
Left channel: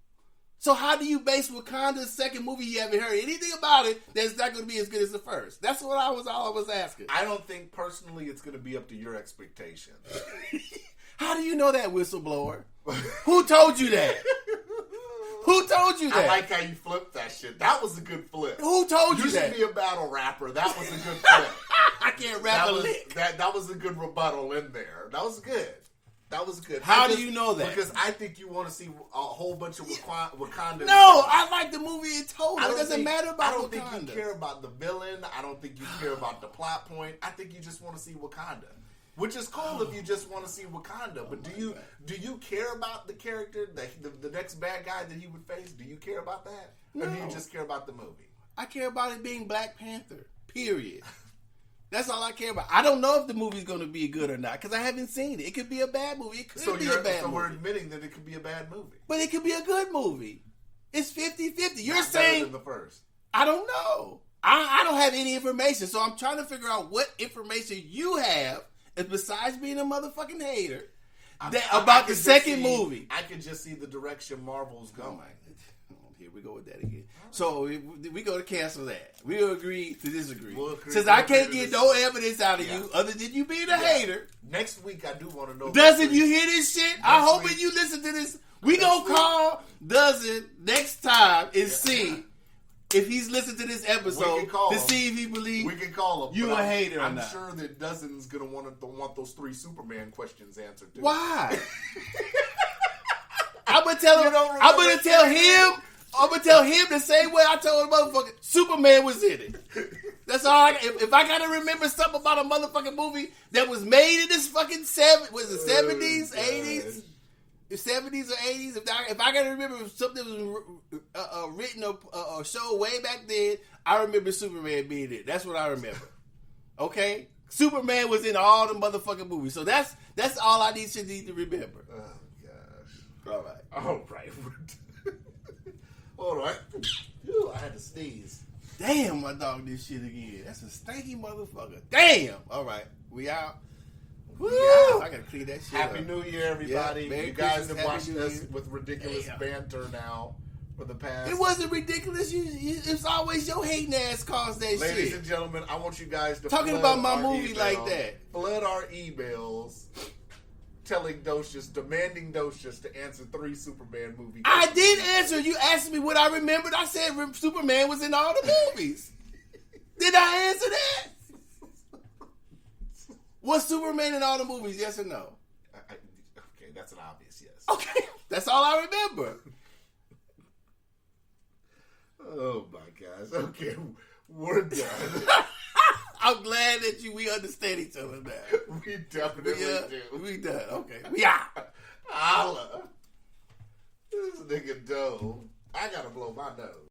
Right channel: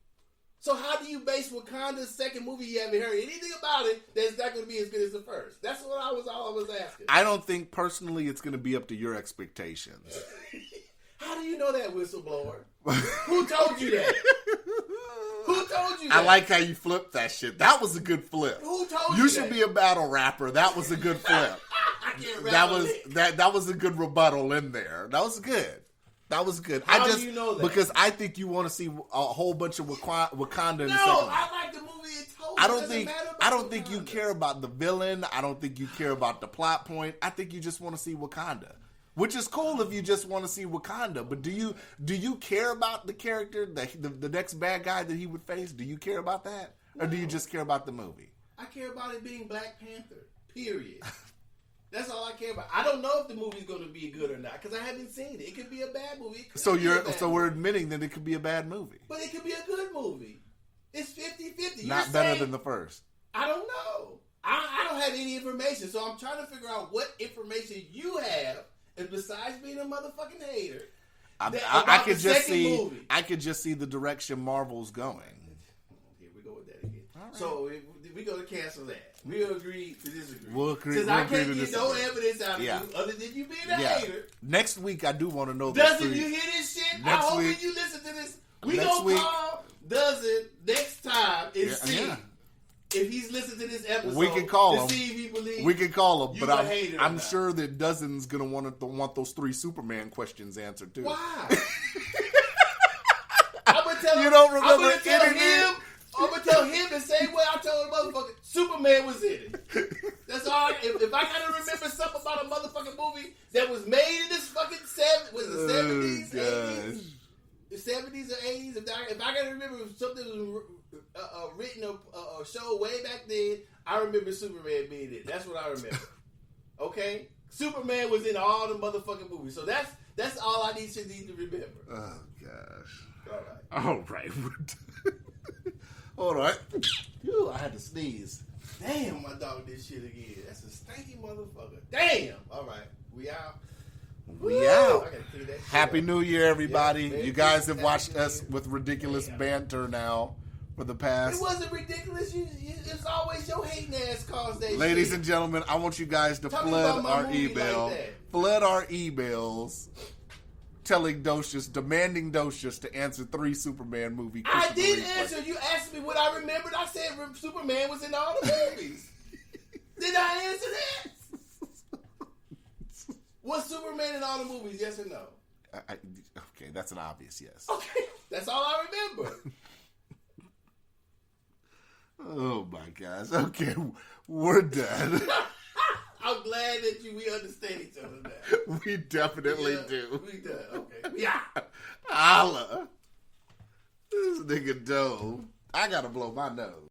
So how do you base Wakanda's second movie you haven't heard anything about it that's not going to be as good as the first? That's what all I was asking. I don't think personally it's going to be up to your expectations. How do you know that, whistleblower? Who told you that? Who told you that? I like how you flipped that shit. That was a good flip. Who told you You that? should be a battle rapper. That was a good flip. I can't rap that was a good rebuttal in there. That was good. That was good. How do you know that? Because I think you want to see a whole bunch of Wakanda. No, I like the movie in total. It doesn't matter about I don't Wakanda. think you care about the villain. I don't think you care about the plot point. I think you just want to see Wakanda. Which is cool if you just want to see Wakanda. But do you care about the character, the next bad guy that he would face? Do you care about that? No. Or do you just care about the movie? I care about it being Black Panther. Period. That's all I care about. I don't know if the movie's going to be good or not because I haven't seen it. It could be a bad movie. It could be a bad movie. We're admitting that it could be a bad movie. But it could be a good movie. It's 50-50. You're Not saying better than the first. I don't know. I don't have any information, so I'm trying to figure out what information you have besides being a motherfucking hater about the second movie. I could just see the direction Marvel's going. Here we go with that again. Right. So we go to cancel that. We'll agree to disagree. Since I can't get no evidence out of you other than you being a hater. Next week, I do want to know. Doesn't you hear this shit? I hope when you listen to this, we gonna call Dozen next time and see if he's listened to this episode. We can call him. See if he believes. We can call him. You a hater? I'm sure that Dozen's gonna want those 3 Superman questions answered too. Why? I'm gonna tell him. I'm gonna tell him I'm gonna tell him the same way I told a motherfucker Superman was in it. That's all. If I gotta remember something about a motherfucking movie that was made in this fucking 70s, 80s, 70s or 80s, if I gotta remember something that was written or show way back then, I remember Superman being in it. That's what I remember. Okay, Superman was in all the motherfucking movies, so that's all I need to remember. Oh gosh. All right. All right. All right. Ooh, I had to sneeze. Damn, my dog did shit again. That's a stanky motherfucker. Damn. All right, we out. We out. I gotta clean that shit Happy up. New Year, everybody. Yeah, you guys have Happy watched New us Year. with ridiculous banter now for the past. It wasn't ridiculous. It's always your hating ass caused that shit. Ladies and gentlemen, I want you guys to Talking flood about my our movie email. like that. Flood our emails telling Docious, demanding Docious to answer 3 Superman movie I Christmas did movies. answer. You asked me what I remembered. I said Superman was in all the movies. Did I answer that? Was Superman in all the movies? Yes or no? Okay, that's an obvious yes. Okay, that's all I remember. Oh my gosh. Okay, we're done. I'm glad that we understand each other now. We definitely do. We done. Okay. Yeah. Holla. This nigga dope. I gotta blow my nose.